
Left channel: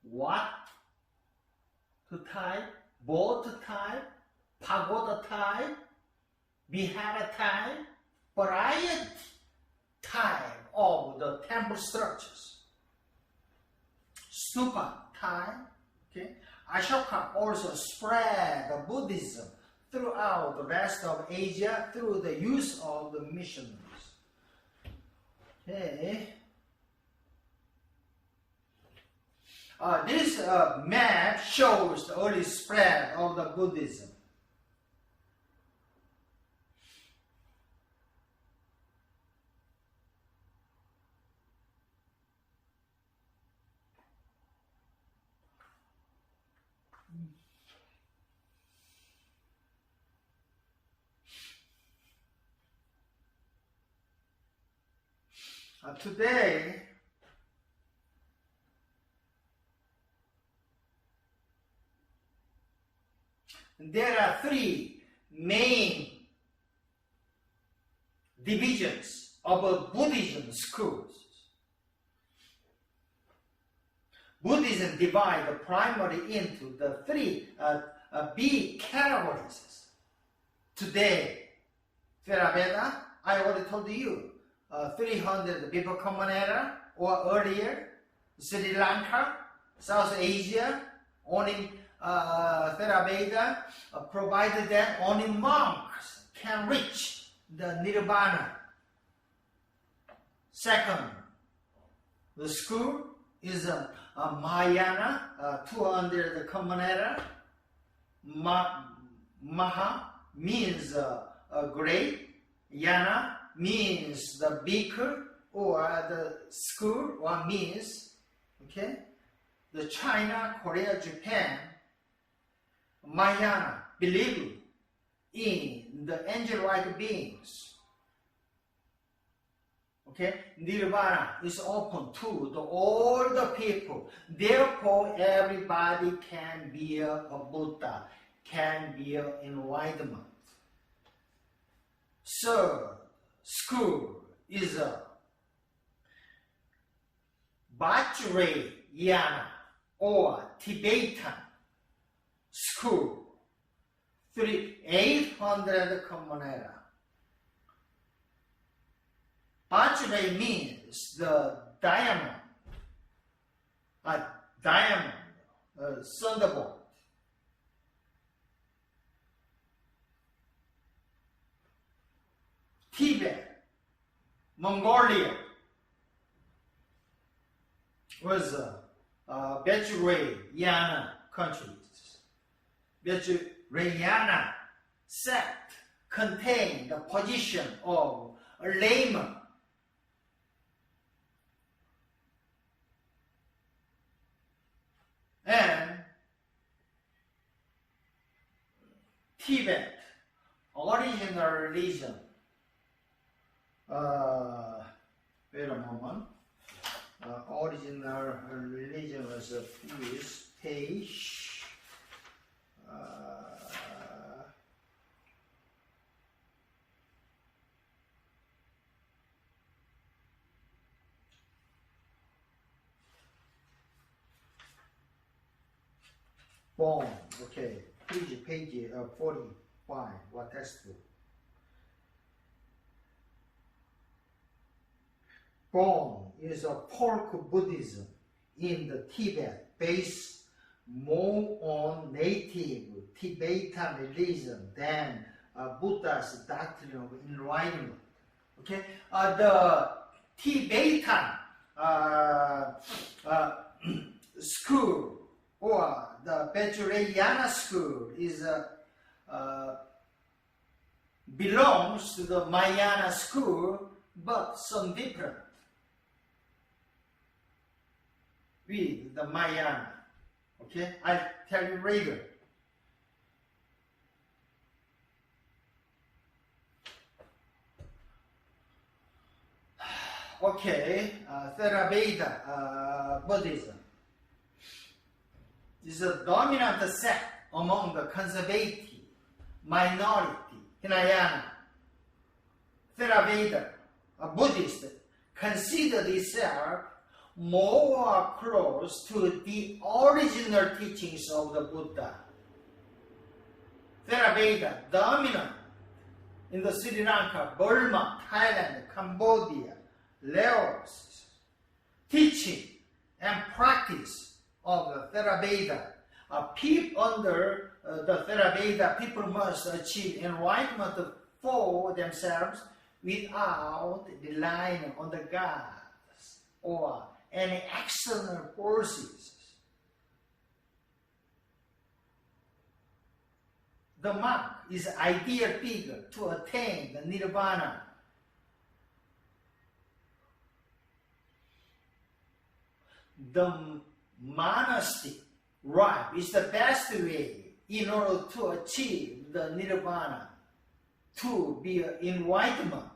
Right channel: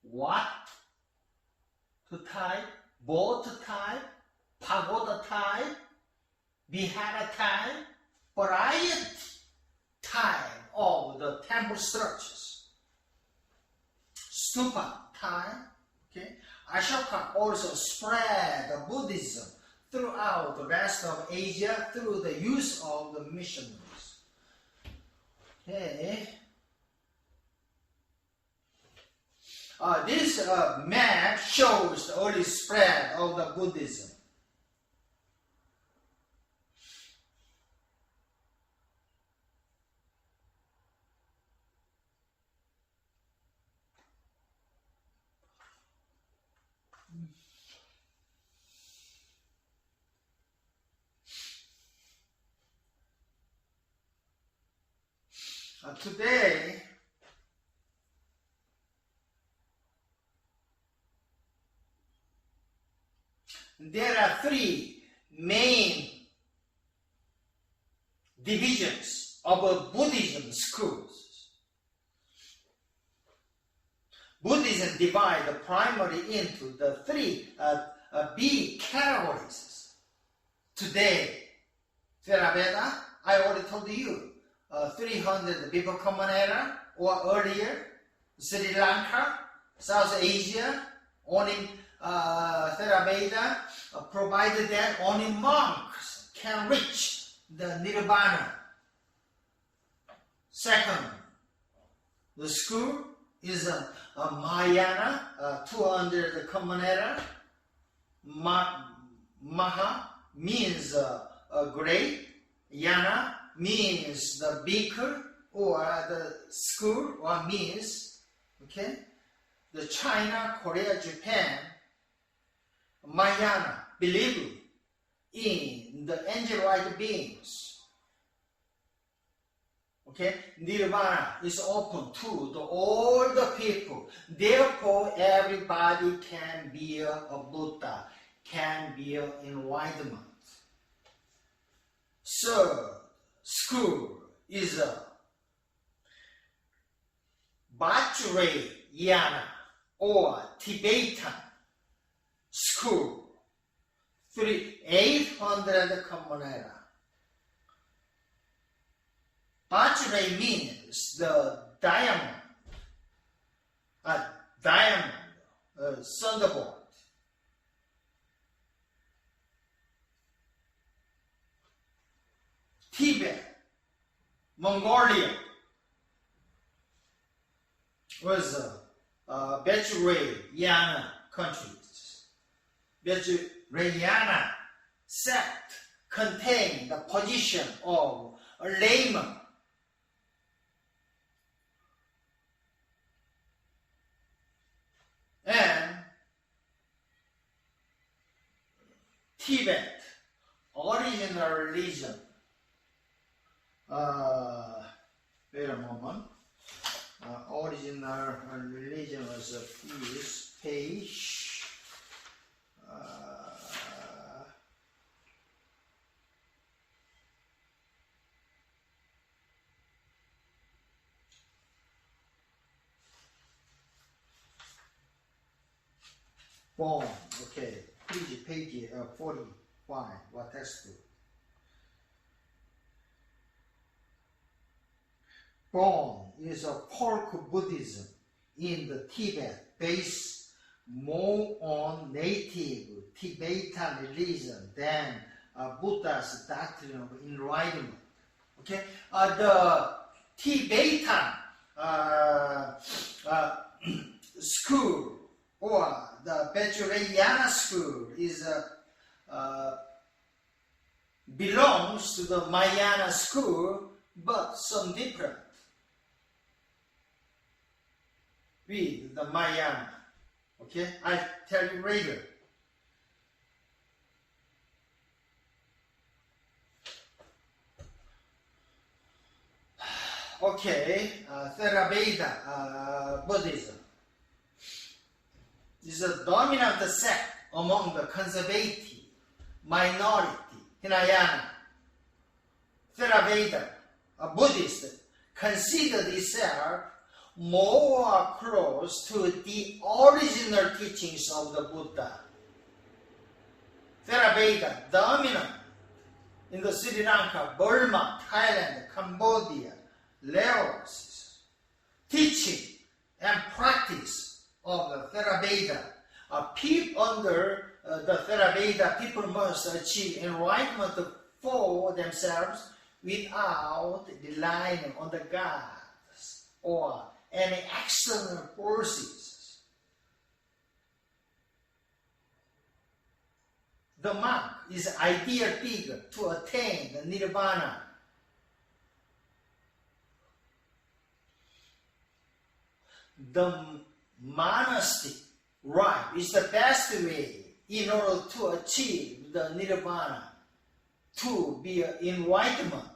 What to type? Boat type, pagoda type, vihara type, variety type of the temple structures. Stupa type. Okay. Ashoka also spread the Buddhism throughout the rest of Asia through the use of the missionaries. Okay. This map shows the early spread of the Buddhism. Today, there are three main divisions of Buddhism schools. Buddhism divides primarily into the three big categories. Today, Theravada, I already told you, 300 before Common Era or earlier, Sri Lanka, South Asia, only Theravada provided that only monks can reach the Nirvana. Second, the school is Mahayana, 200 the Common Era. Maha means great, Yana means the beaker or the school or means, okay, the China, Korea, Japan, Mahayana believe in the angel-like beings. Okay, Nirvana is open to all the people. Therefore, everybody can be a Buddha, can be an enlightenment. Third school is a Vajrayana or Tibetan school, 800 Common Era. Vajra means the diamond, thunderbolt. Tibet, Mongolia was Vajrayana countries. Vajrayana sect contain the position of a layman. And Tibet, original religion. Wait a moment. Original religion was this page. Born, okay, please page 45, what textbook? Born is a folk Buddhism in the Tibet, based more on native Tibetan religion than Buddha's doctrine of enlightenment. Okay, the Tibetan school or the Vajrayana school is belongs to the Mahayana school, but some different with the Mahayana. Okay, I'll tell you later. Okay, Theravada Buddhism is a dominant sect among the conservative minority Hinayana. Theravada, a Buddhist, considered itself more close to the original teachings of the Buddha. Theravada dominant in the Sri Lanka, Burma, Thailand, Cambodia, Laos. Teaching and practice of the Theravada. Under the Theravada, people must achieve enlightenment for themselves without relying on the gods or any external forces. The monk is an ideal figure to attain the nirvana. The monastic life is the best way in order to achieve the nirvana, to be enlightenment.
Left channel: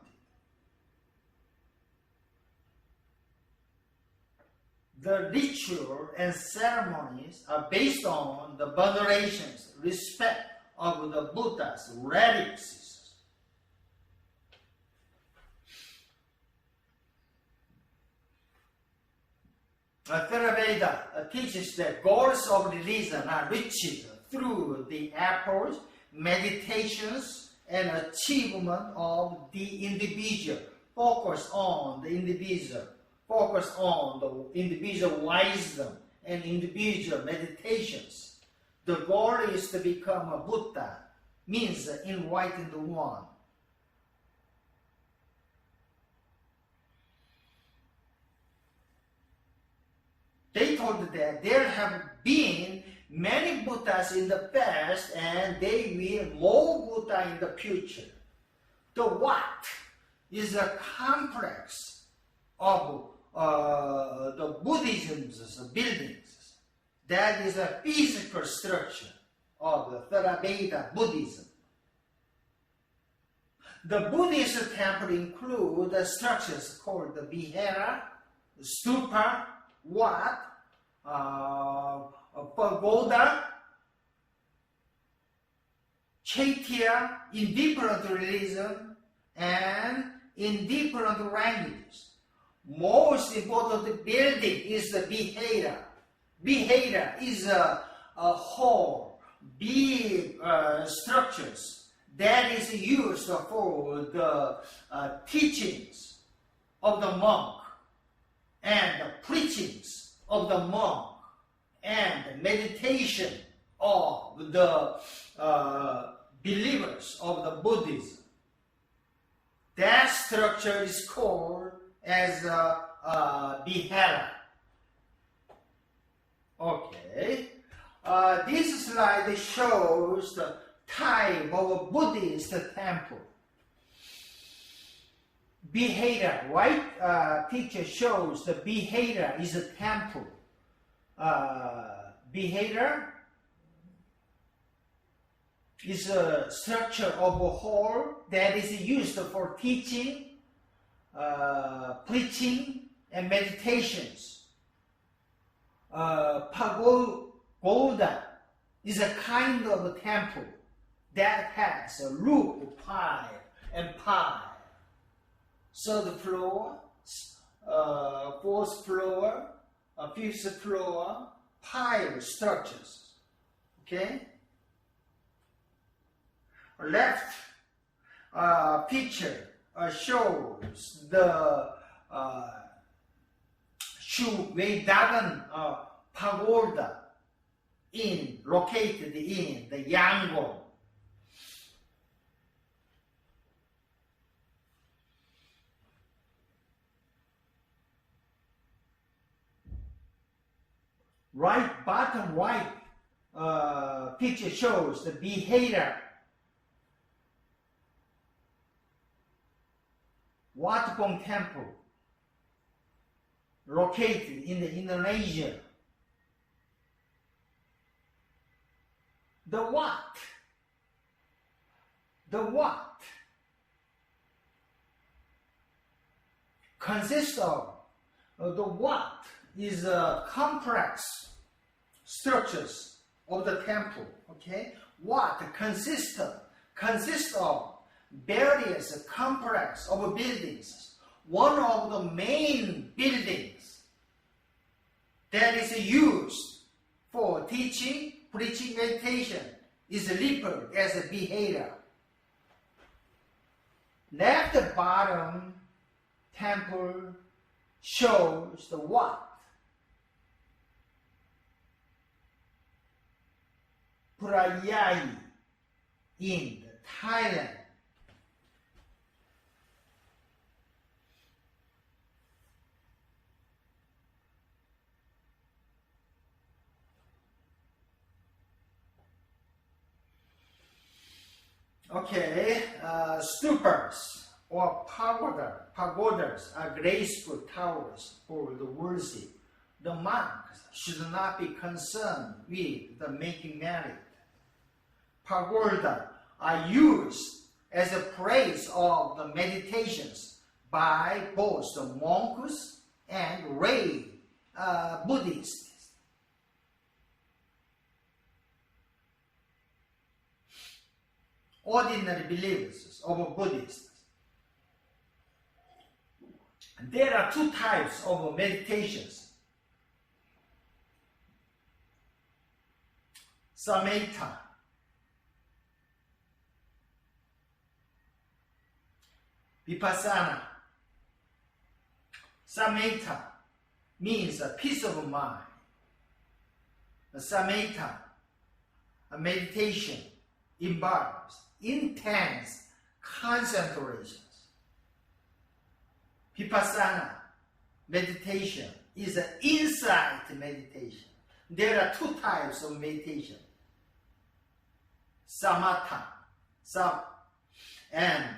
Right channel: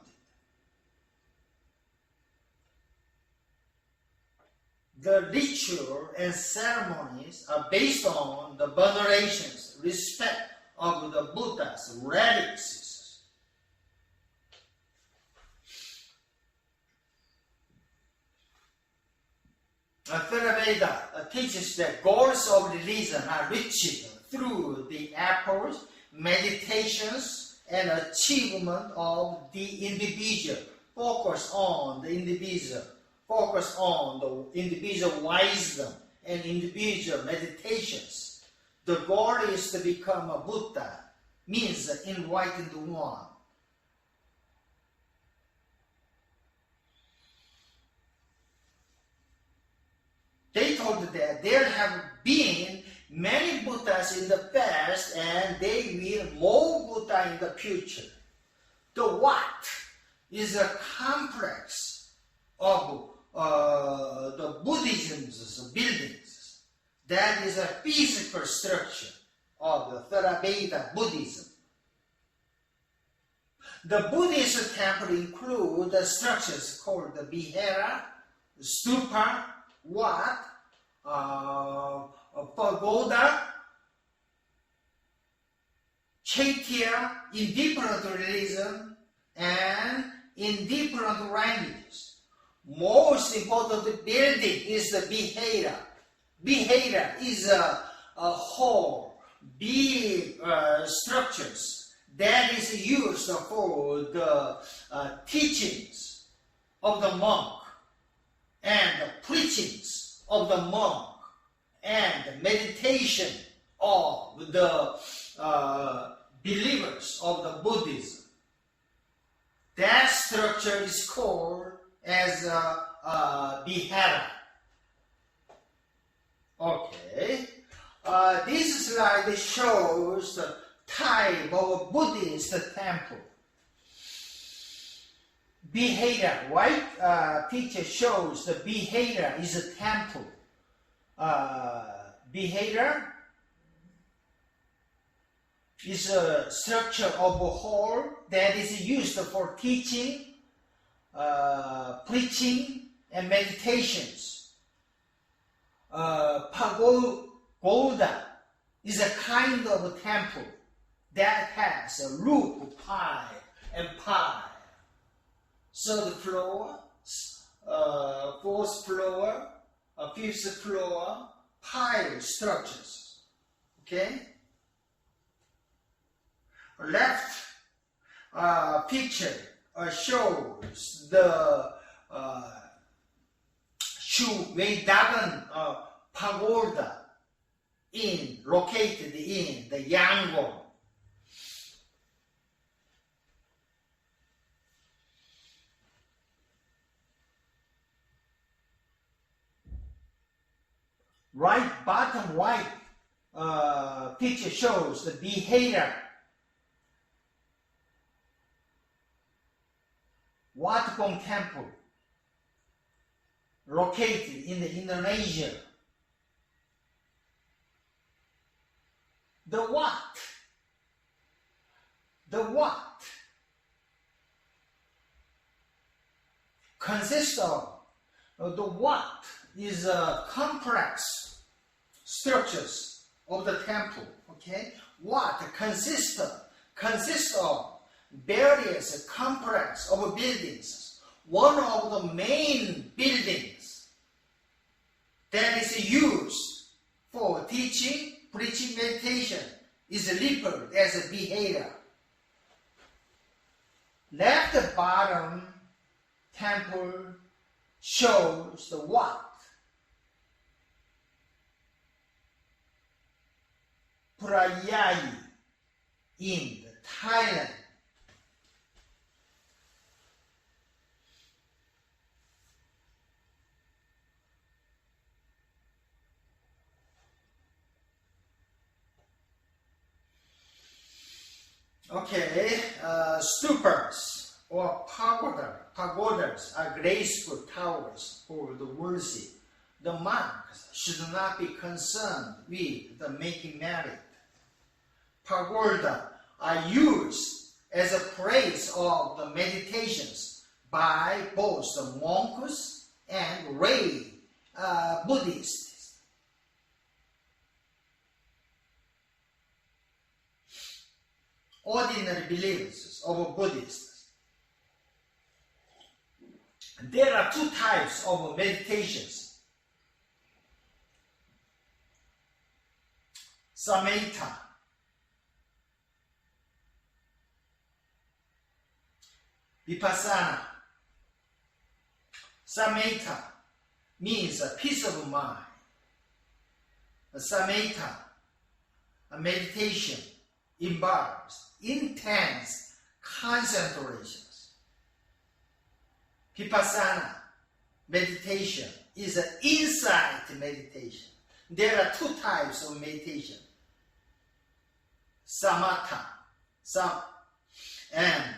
The ritual and ceremonies are based on the venerations, respect of the Buddha's relics. Theravada teaches that goals of religion are reached through the efforts, meditations, and achievement of the individual. Focus on the individual. Focus on the individual wisdom and individual meditations. The goal is to become a Buddha, means enlightened one. They told that there have been many Buddhas in the past and they will more Buddha in the future. The what is a complex of the Buddhism's buildings. That is a physical structure of the Theravada Buddhism. The Buddhist temple include the structures called the Vihara, Stupa, Wat, Pagoda, Chaitya in different religions and in different languages. Most important building is the Vihara. Vihara is a whole, big structures that is used for the teachings of the monk and the preachings of the monk and the meditation of the believers of the Buddhism. That structure is called as Vihara. Okay. This slide shows the type of Buddhist temple. Behavior, white picture shows the behavior is a temple. Behavior is a structure of a hall that is used for teaching, preaching, and meditations. Pagoda is a kind of a temple that has a roof, pile, and pile. Third floor, fourth floor, fifth floor, pile structures. Okay? Left picture shows the Shuweidagan pagoda located in the Yangon. Bottom right picture shows the behavior. Watgong Temple, located in Indonesia. The Wat consists of the Wat is complex structures of the temple. Okay, Wat consists of various complex of buildings. One of the main buildings that is used for teaching, preaching, meditation is labeled as a behavior. Left bottom temple shows the Wat. Prayai in Thailand. Okay, stupas or pagodas are graceful towers for the worship. The monks should not be concerned with the making merit. Pagoda are used as a place of the meditations by both the monks and lay Buddhists. Ordinary believers of Buddhists. There are two types of meditations. Samatha. Vipassana. Samatha means a peace of mind. Samatha, a meditation, involves intense concentrations. Vipassana meditation is an insight meditation. There are two types of meditation. Samatha and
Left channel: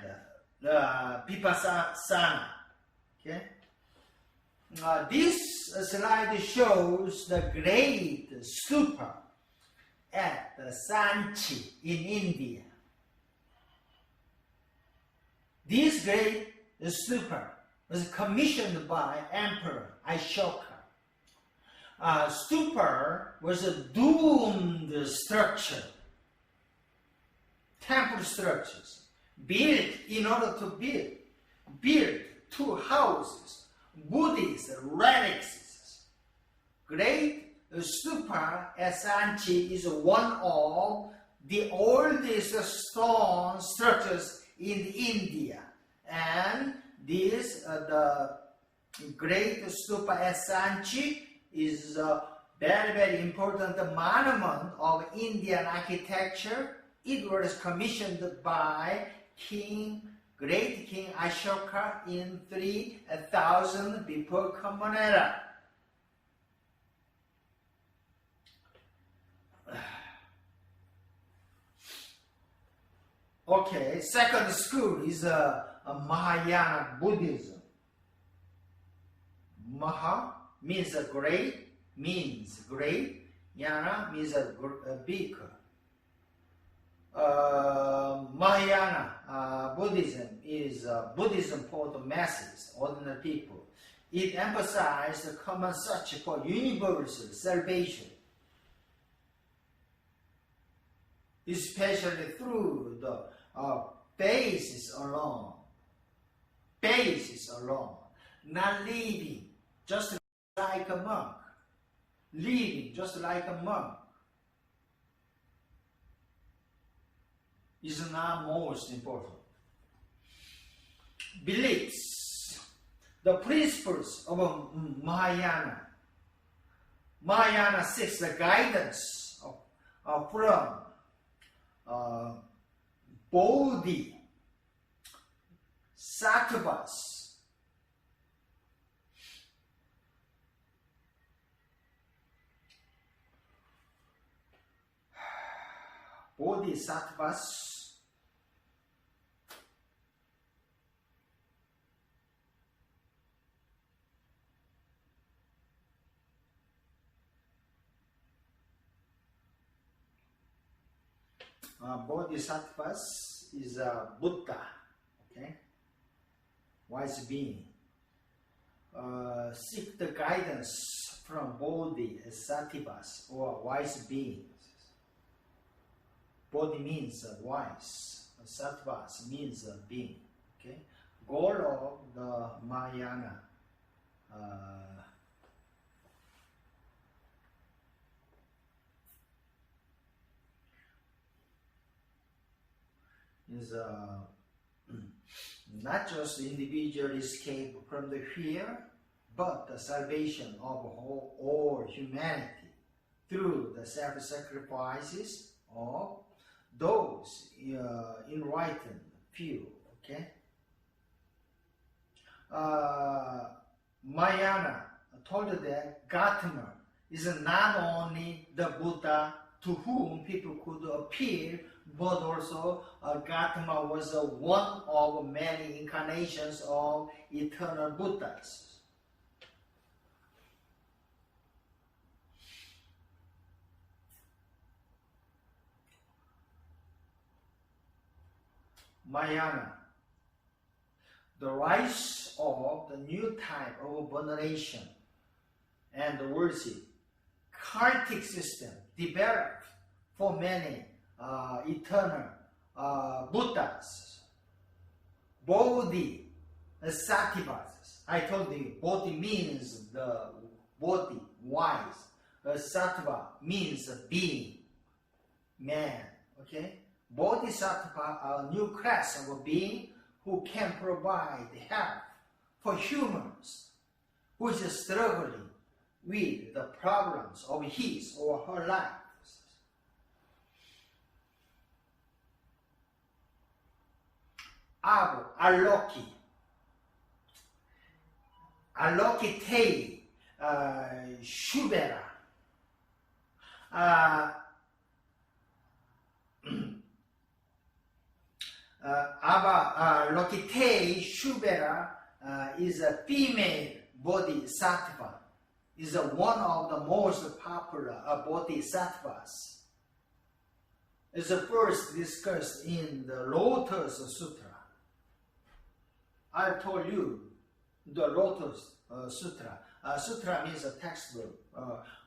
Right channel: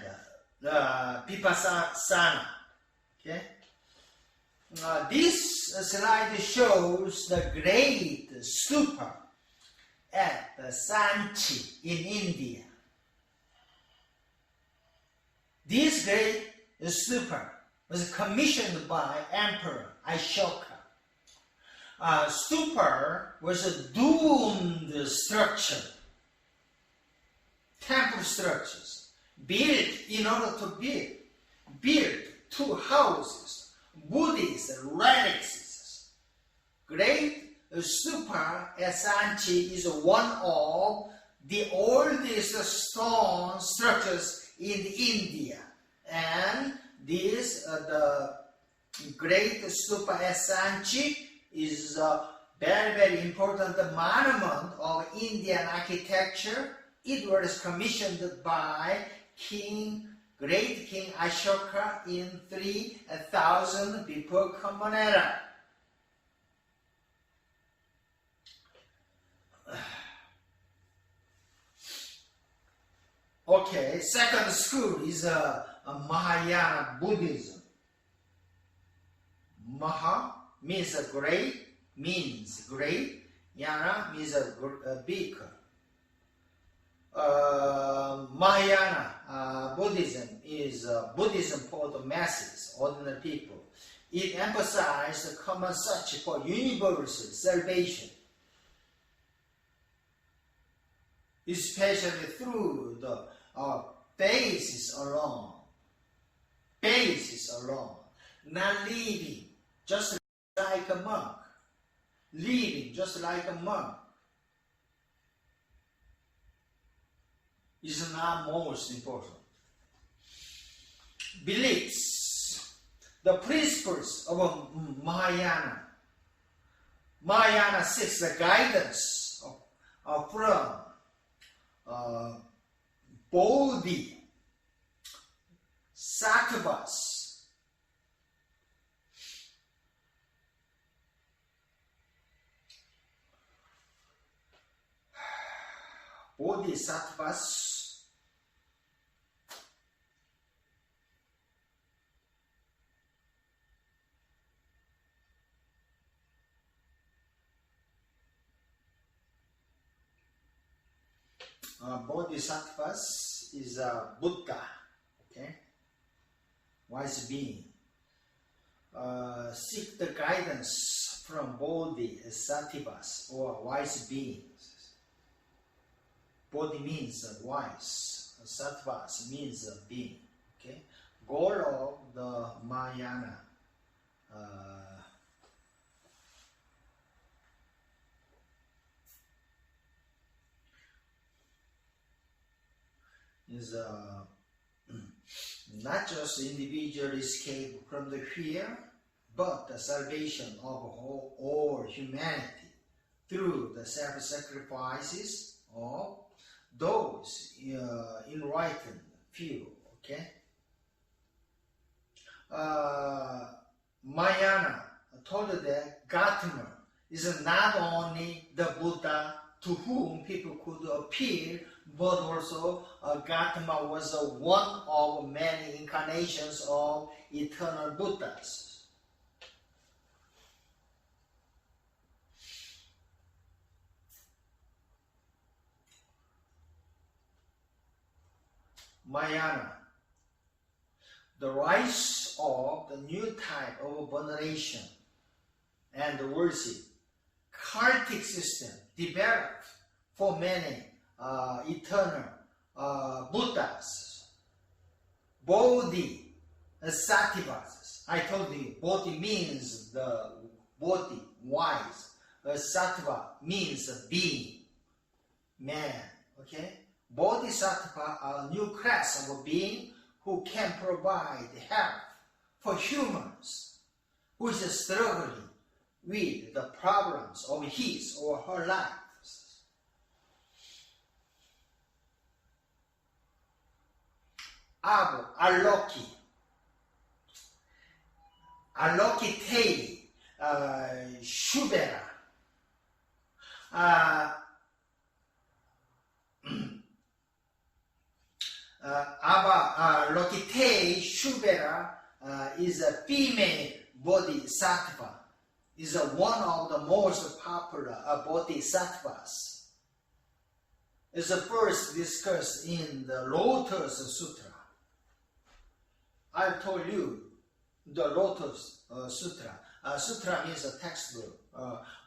Vipassana. Okay? This slide shows the great stupa at Sanchi in India. This great stupa was commissioned by Emperor Ashoka. Stupa was a doomed structure, temple structures, built in order to build two houses, Buddhist relics. Great stupa at Sanchi is one of the oldest stone structures in India, and this the great stupa at Sanchi is a very, very important monument of Indian architecture. It was commissioned by great King Ashoka in 3000 before Common Era. Okay, second school is a Mahayana Buddhism. Maha means great, Yana means big. Mahayana Buddhism is Buddhism for the masses, ordinary people. It emphasizes the common search for universal salvation, especially through the basis alone, not living just like a monk, is not most important. Beliefs, the principles of Mahayana. Mahayana seeks the guidance from Bodhisattvas, Bodhisattvas is a Buddha, okay, wise being. Seek the guidance from Bodhisattvas or wise beings. Bodhi means wise, Sattvas means being. Okay, goal of the Mahayana is not just individual escape from the fear, but the salvation of all humanity through the self-sacrifices of those enlightened few. Okay, Mahayana told that Gautama is not only the Buddha to whom people could appeal, but also Gautama was one of many incarnations of eternal Buddhas. Mahayana, the rise of the new type of veneration and worship, cultic system developed for many eternal Buddhas, Bodhisattvas. I told you, Bodhi means the body, wise. Sattva means being, man. Okay, Bodhisattva are a new class of being who can provide help for humans who is struggling with the problems of his or her life. Alokitei Shubera. Lokitei Shubera is a female bodhisattva, is one of the most popular bodhisattvas. Is first discussed in the Lotus Sutra. I told you the Lotus Sutra. Sutra means a textbook.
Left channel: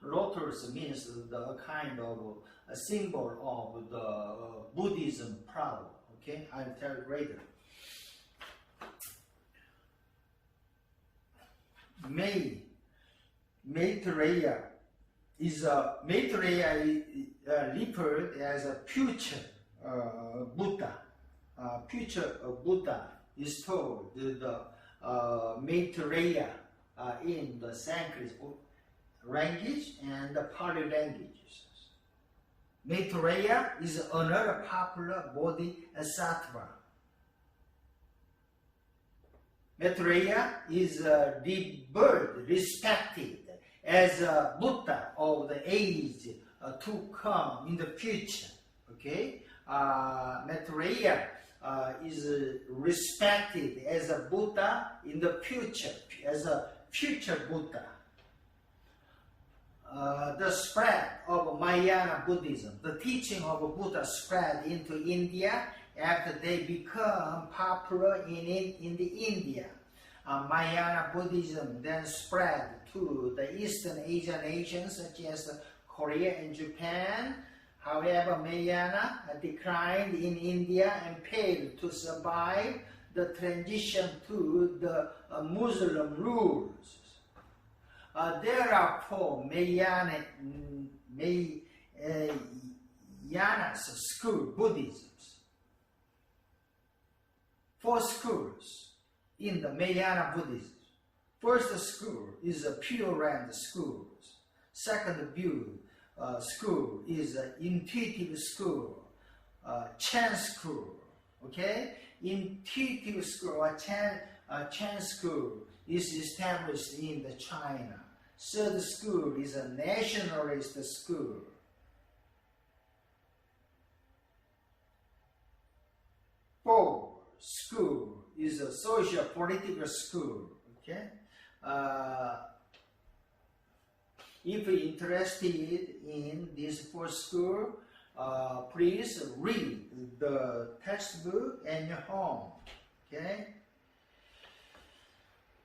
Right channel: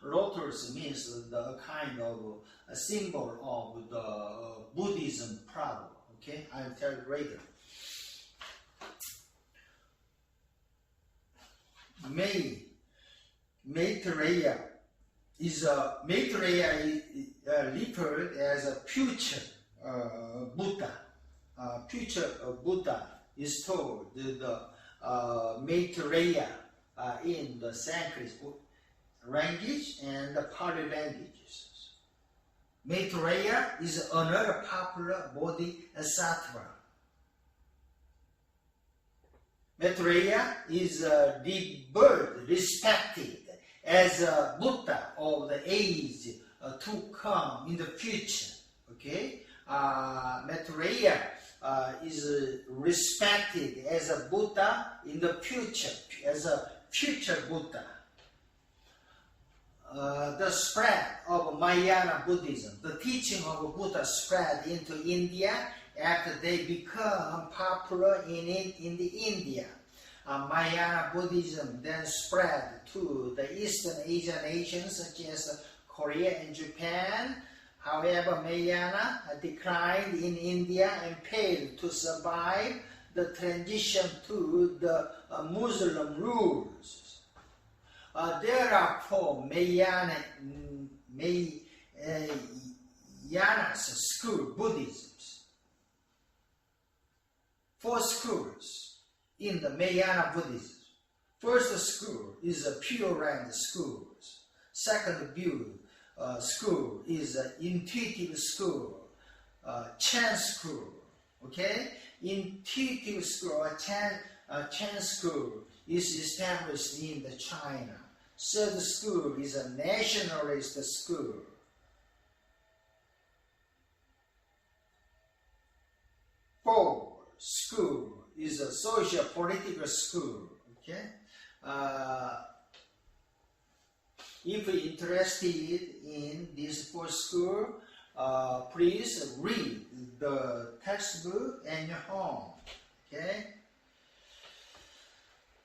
Lotus means the kind of a symbol of the Buddhism problem. Okay, I'll tell you later. Maitreya is referred as a future Buddha. Future Buddha is told the Maitreya in the Sanskrit language and the Pali languages. Maitreya is another popular bodhisattva. Maitreya is respected as a Buddha of the age to come in the future. Okay, Maitreya is respected as a Buddha in the future, as a future Buddha. The spread of Mahayana Buddhism, the teaching of Buddha spread into India after they become popular in the India. Mahayana Buddhism then spread to the Eastern Asian nations such as Korea and Japan. However, Mahayana declined in India and failed to survive the transition to the Muslim rules. There are four Mahayana school Buddhisms. Four schools in the Mahayana Buddhism. First school is a Pure Land school. Second school is an intuitive school, Chan school. Okay, intuitive school or Chan school is established in the China. Third school is a nationalist school. Fourth school is a social political school. Okay. If you're interested in this fourth school, please read the textbook at your home. Okay.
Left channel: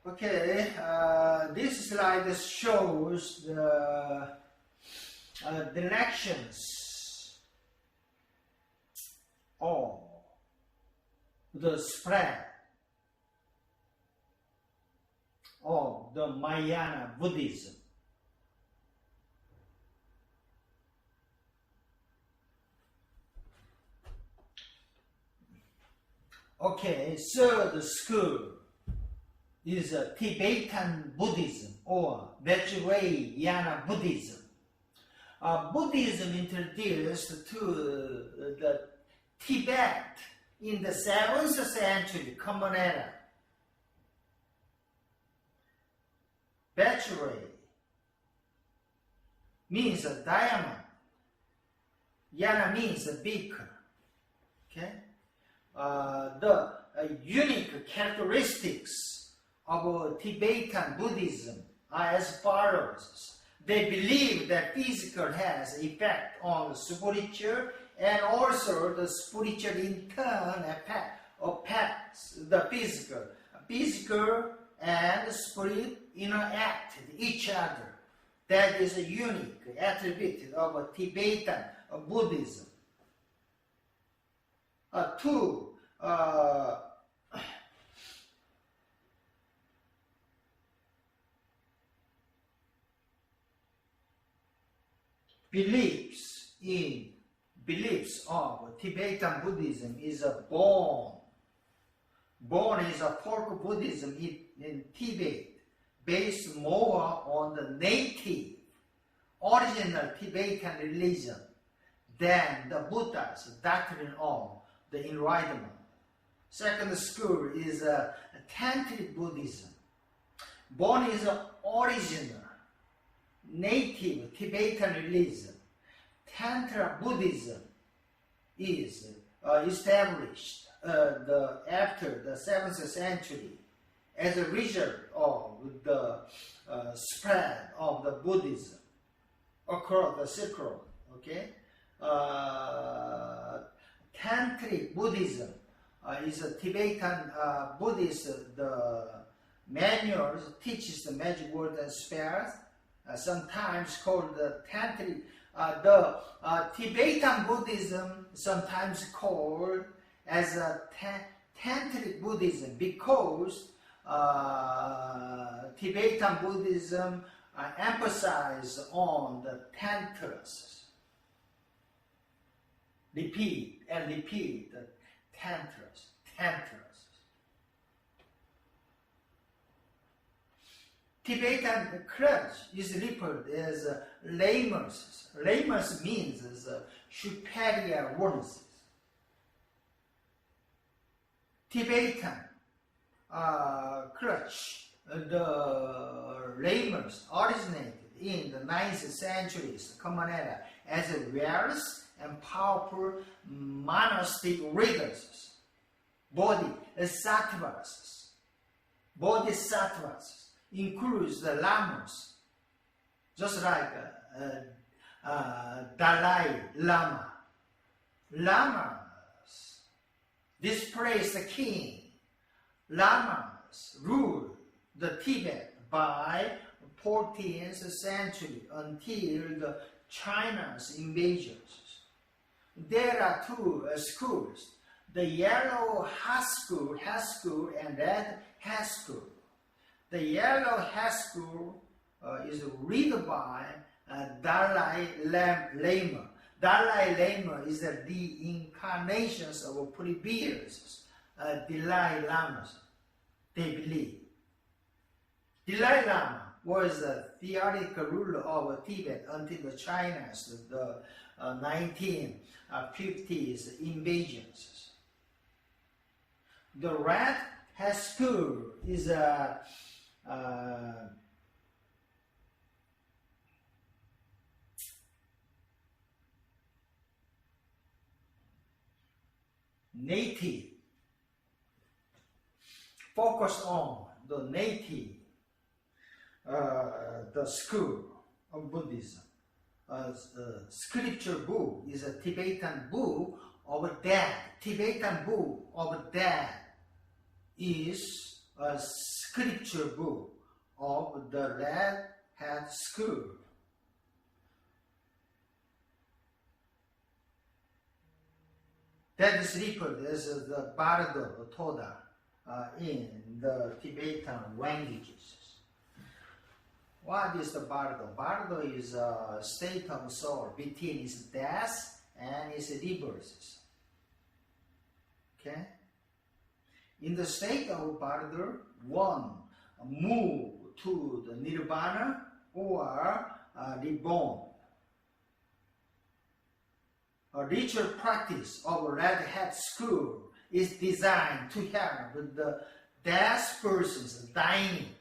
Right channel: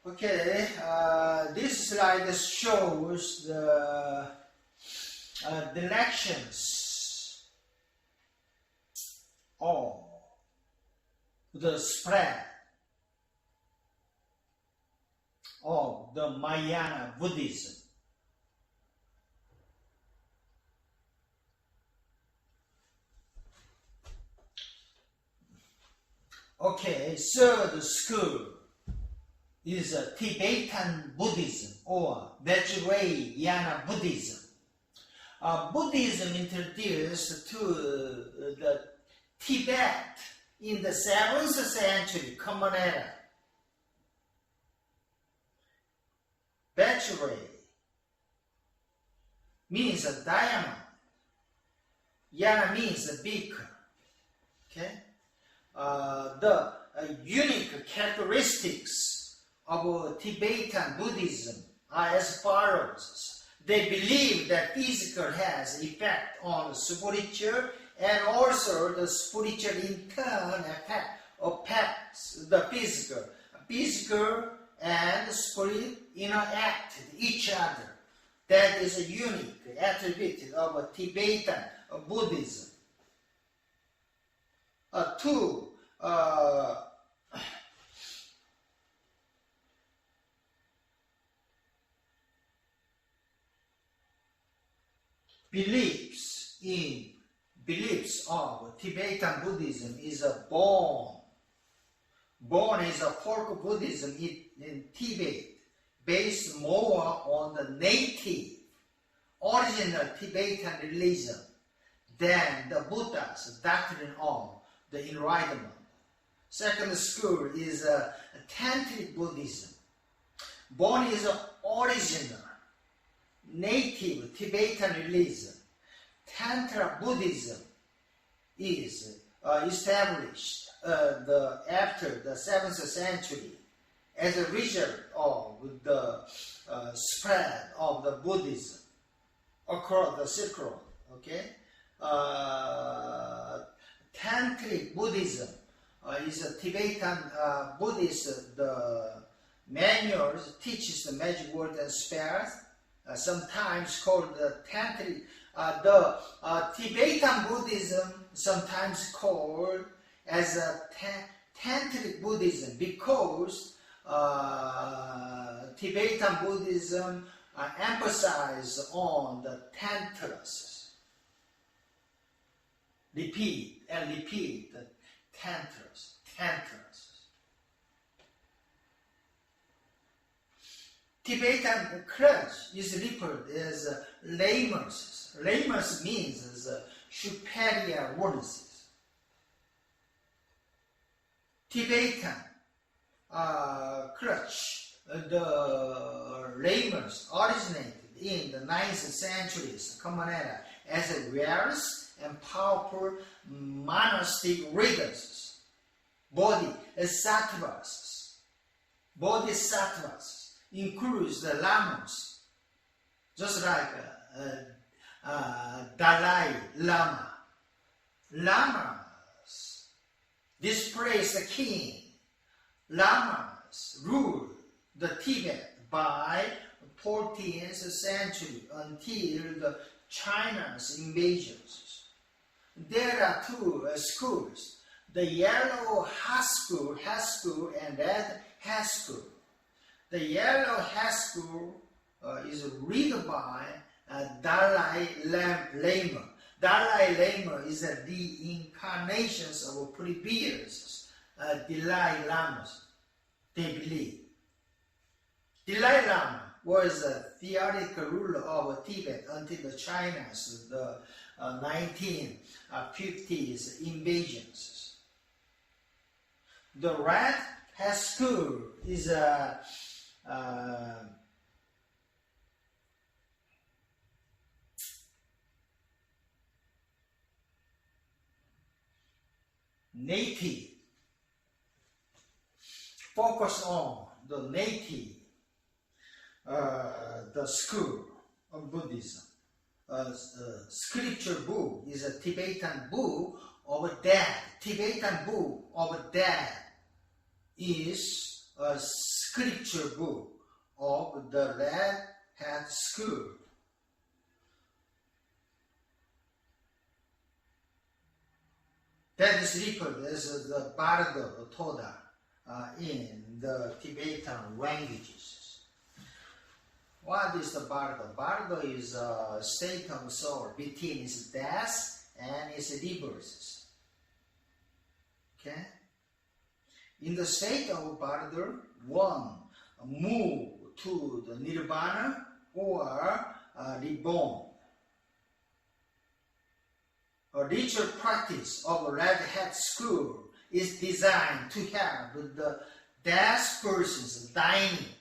Okay. This slide shows the directions of the spread of the Mahayana Buddhism. Okay, third school is Tibetan Buddhism or Vajrayana Buddhism. Buddhism introduced to the Tibet in the 7th century Common Era. Vajray means a diamond. Yana means a beaker. Okay. The unique characteristics of Tibetan Buddhism are as follows. They believe that physical has effect on the spiritual, and also the spiritual in turn affects the physical. Physical and spirit interact with each other. That is a unique attribute of Tibetan Buddhism. Two beliefs of Tibetan Buddhism is a Bon. Bon is a folk Buddhism in Tibet, based more on the native, original Tibetan religion than the Buddha's doctrine of the enlightenment. Second school is Tantric Buddhism. Bon is an original, native Tibetan religion. Tantra Buddhism is established after the 7th century as a result of the spread of the Buddhism across the Silk Road. Okay, Tantric Buddhism is a Tibetan Buddhist. The manuals teaches the magic word and spells, sometimes called the Tantric. The Tibetan Buddhism sometimes called as a Tantric Buddhism because Tibetan Buddhism emphasizes on the tantras. Repeat and repeat the tantras. Tibetan clergy is referred as lamers. Lamers means superior ones. Tibetan clergy, the lamers originated in the 9th century's Common Era as various and powerful monastic leaders. bodhisattvas. Bodhisattvas includes the lamas, just like Dalai Lama. Lamas displace the king. Lamas ruled the Tibet by 14th century until the China's invasions. There are two schools, the yellow Haskell and red Haskell. The yellow Haskell is read by Dalai Lama. Dalai Lama is the reincarnations of previous Dalai Lamas, they believe. Dalai Lama was a theoretical ruler of Tibet until the China's 1950s invasions. The red Haskell is a native, focus on the native, the school of Buddhism. Scripture book is a Tibetan book of death. Tibetan book of death is a scripture book of the Red Hat School. That is referred as the Bardo Toda in the Tibetan languages. What is the Bardo? Bardo is a state of soul between its death and its rebirth. Okay? In the state of Bardo, one move to the Nirvana or reborn. A ritual practice of Red Hat School is designed to help the dead persons dying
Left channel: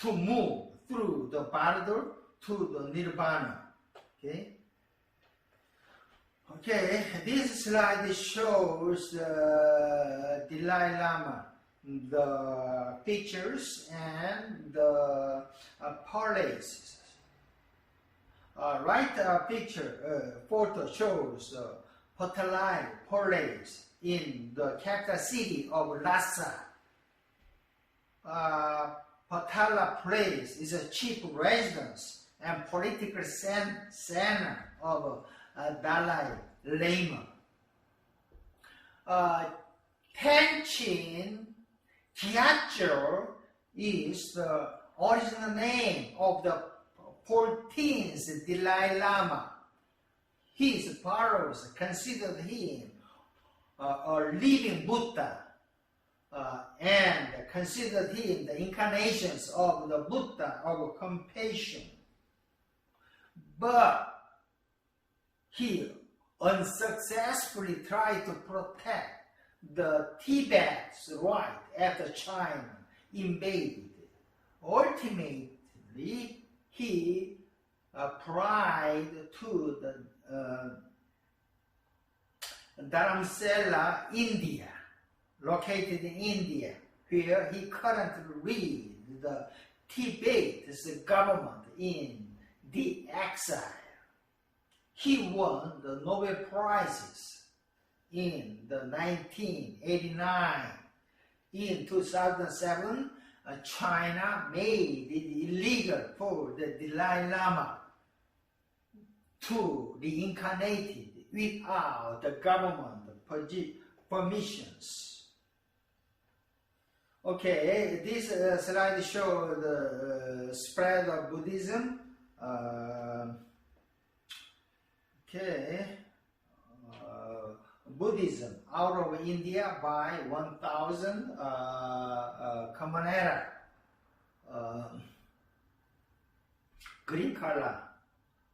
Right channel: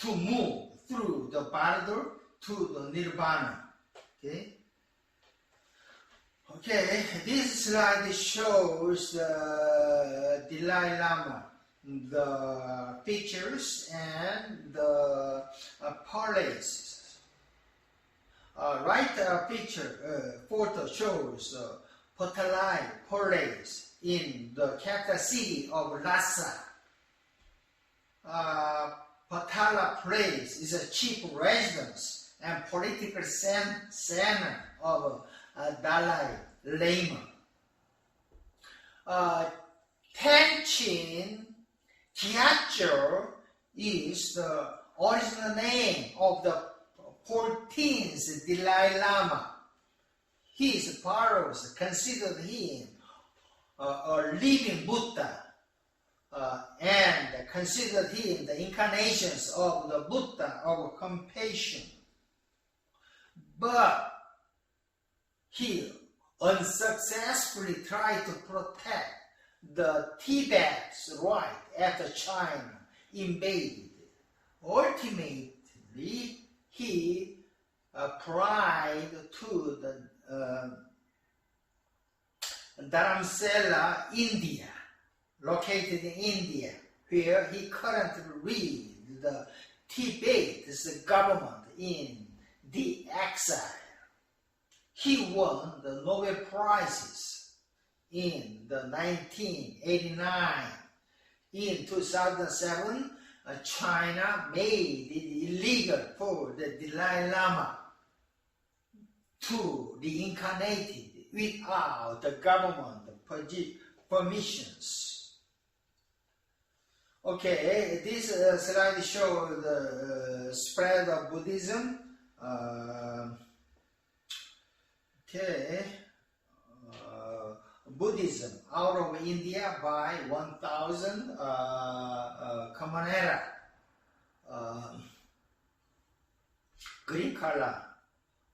to move through the Bardo to the Nirvana. Okay? Okay, this slide shows the Dalai Lama, the pictures and the palaces. Right picture, photo shows Patalai Palace in the capital city of Lhasa. Patala Place is a chief residence and political center of Dalai Lama. Tenchin Gyatso is the original name of the 14th Dalai Lama. His followers considered him a living Buddha and considered him the incarnations of the Buddha of compassion. But he unsuccessfully tried to protect the Tibet's right after China invaded. Ultimately, he pried to the Dharamsala, India, located in India, where he currently leads the Tibet's government in the exile. He won the Nobel Prizes in the 1989. In 2007, China made it illegal for the Dalai Lama to reincarnate without the government permissions. Okay, this slide shows the spread of Buddhism. Buddhism out of India by 1000 Common Era. Green color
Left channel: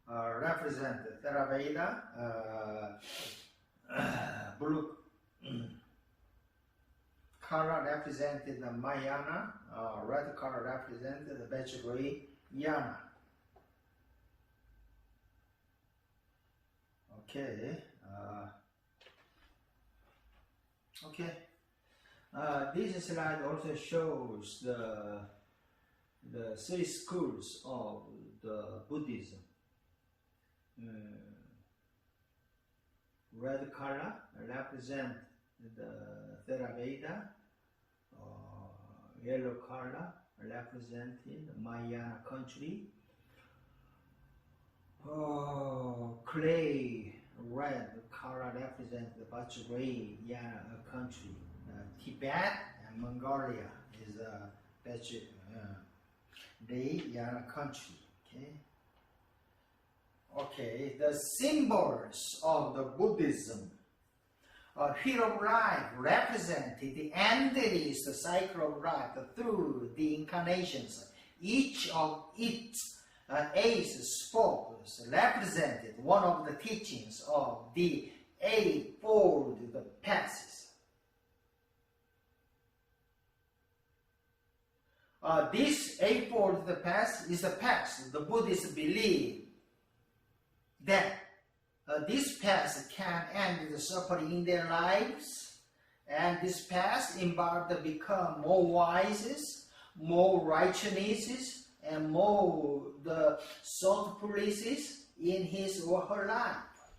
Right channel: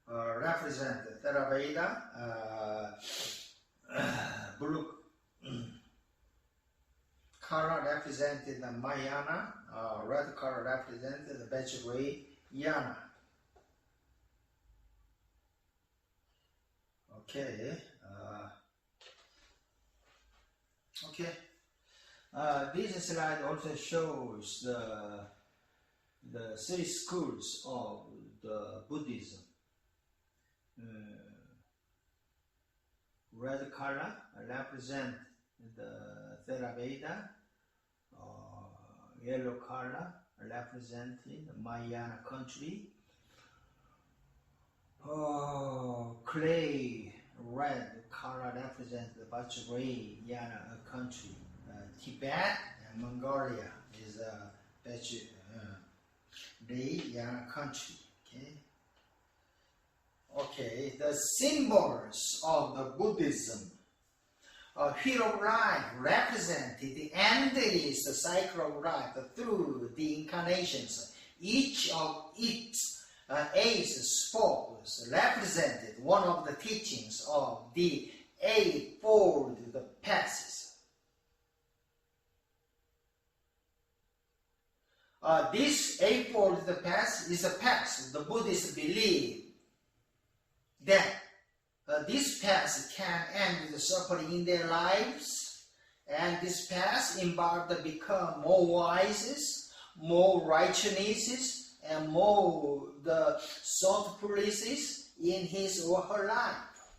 represent Theravada, blue color represented the Mahayana, red color represented the Vajrayana. Okay. Okay. This slide also shows the three schools of the Buddhism. Red color represent the Theravada. Yellow color representing Mahayana country. Clay red color represents the Vajrayana country. Tibet and Mongolia is a Vajrayana country. Okay, the symbols of the Buddhism. Wheel of life represented the endless cycle of life through the incarnations. Each of its 8 spokes represented one of the teachings of the Eightfold Paths. This Eightfold Path is a path the Buddhists believe that this path can end the suffering in their lives, and this path involved to become more wise, more righteousness, and more the thoughtfulness in his or her life.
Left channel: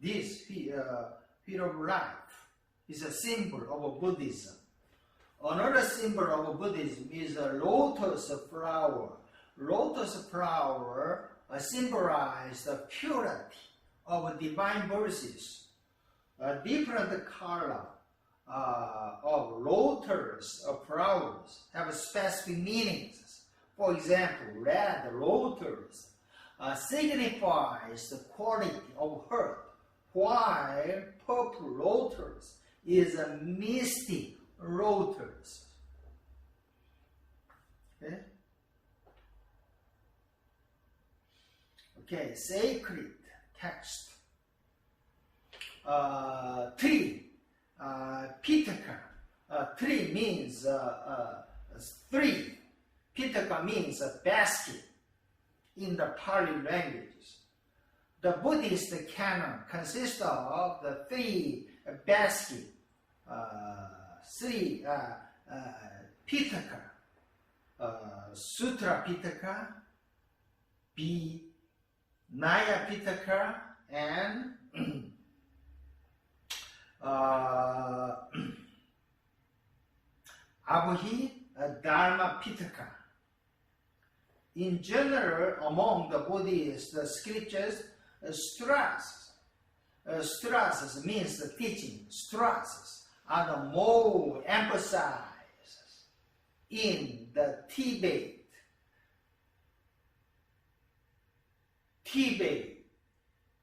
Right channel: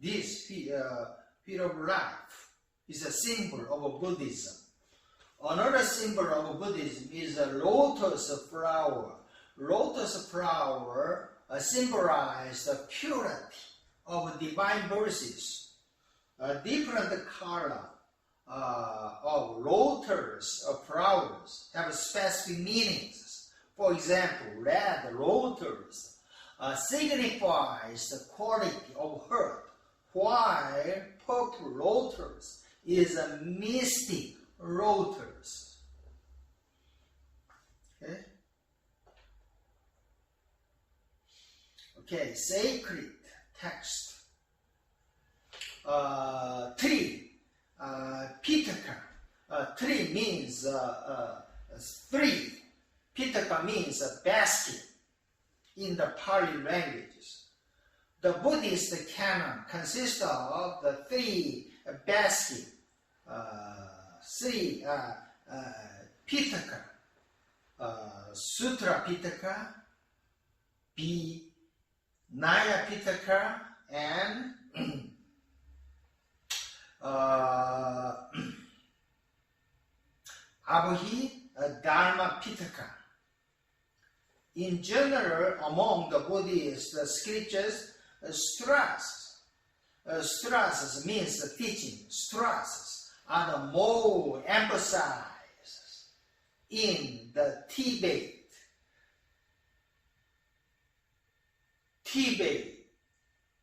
This wheel of life is a symbol of Buddhism. Another symbol of Buddhism is a lotus flower. Lotus flower symbolize the purity of divine verses. A different color of lotus flowers have specific meanings. For example, red lotus signifies the quality of heart, while purple lotus is a mystic lotus. Okay, sacred text. Tree, Pitaka. Tree means 3. Pitaka means a basket in the Pali languages. The Buddhist canon consists of the 3 baskets, 3 Pitaka, Sutra Pitaka, Naya Pitaka, and Abhi Dharma Pitaka. In general, among the Buddhist scriptures, strassas means the teaching. Strassas are the more emphasized in the Tibet,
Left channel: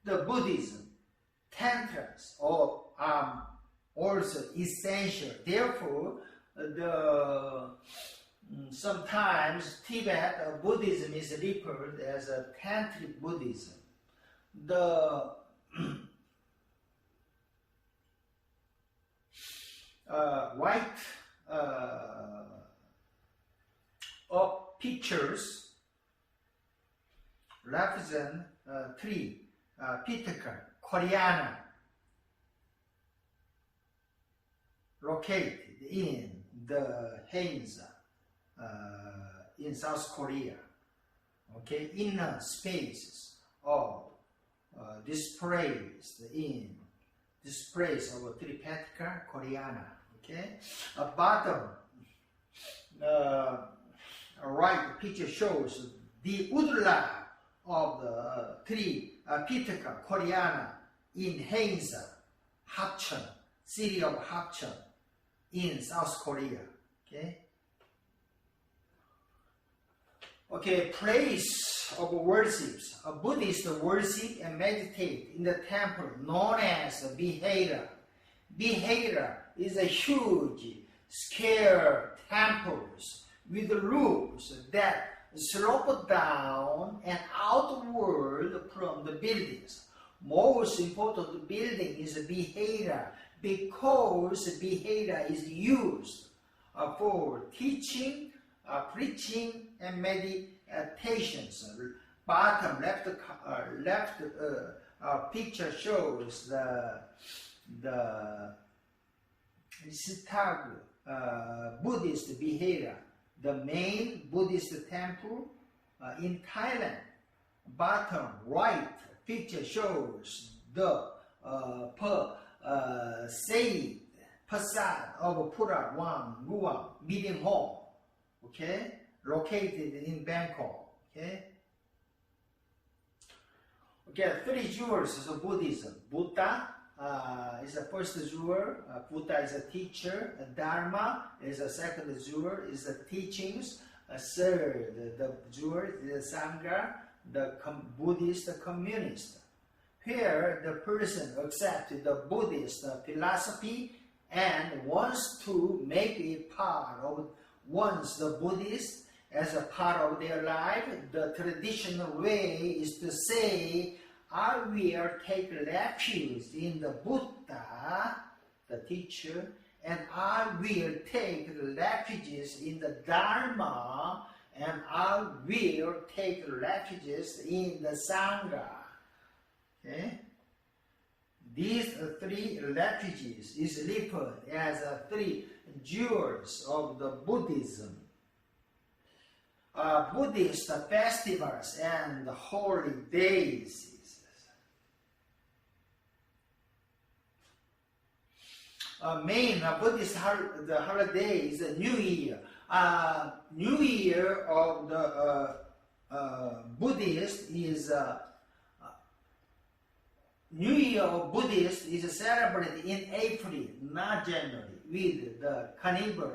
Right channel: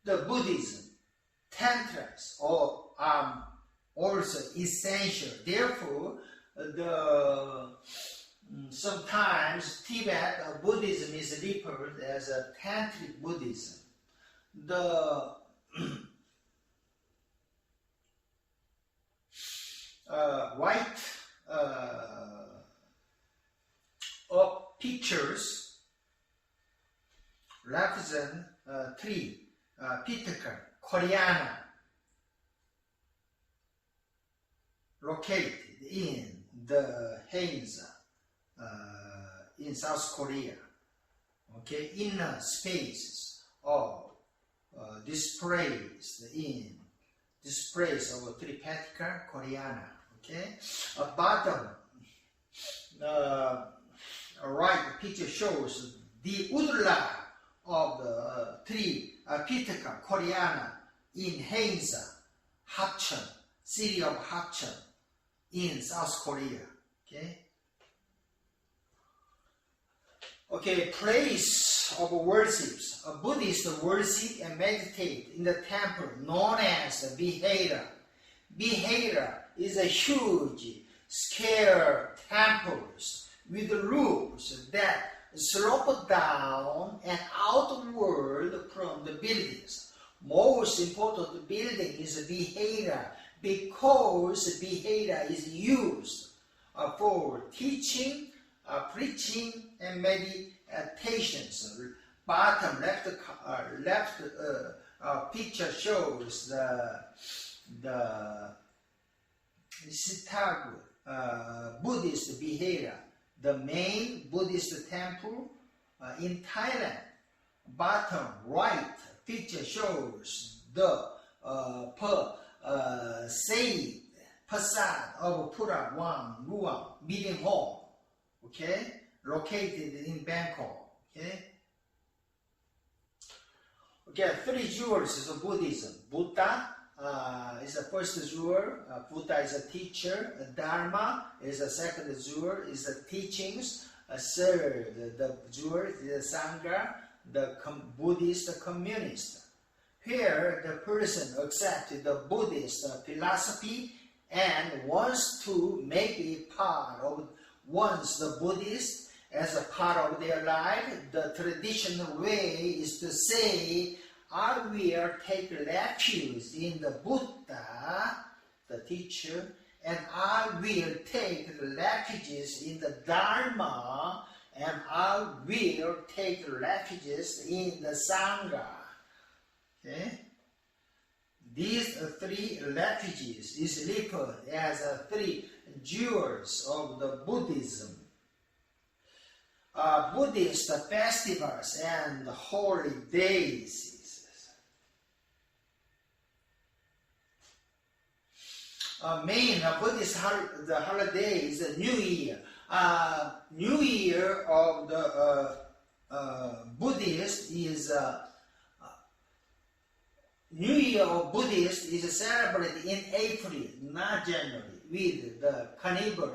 the Buddhism, tantras are also essential. Therefore, sometimes Tibet Buddhism is referred as a tantric Buddhism. The right of pictures represent 3 Pitaka Koreana located in the Hainsa in South Korea. Okay, inner spaces of displays of 3 Pitaka Koreana. Okay, bottom right picture shows the woodland of the 3 Pitaka Koreana in Hainsa, Hapcheon, city of Hapcheon in South Korea. Okay, place of worships. A Buddhist worship and meditate in the temple known as Vihara. Vihara is a huge scale temples with roofs that slope down and outward from the buildings. Most important building is Vihara because Vihara is used for teaching, preaching, and meditations. Bottom left picture shows the the Sitag Buddhist behavior. The main Buddhist temple in Thailand. Bottom right picture shows the facade of Pura Wang Ruang Meeting Hall, okay, located in Bangkok. Okay, 3 jewels of Buddhism. Buddha is the first jewel. Buddha is a teacher. Dharma is the second jewel. Is the teachings. Third, the jewel is the Sangha, the Buddhist communist. Here, the person accepts the Buddhist philosophy and wants to make it part of the Buddhist as a part of their life. The traditional way is to say, I will take refuge in the Buddha, the teacher, and I will take refuges in the Dharma, and I will take refuges in the Sangha. Okay? These 3 refuges is referred as 3 jewels of the Buddhism. Buddhist festivals and holy days. Main Buddhist holiday is the New Year. New Year of the Buddhist is New Year of Buddhist is celebrated in April, not January, with the carnival.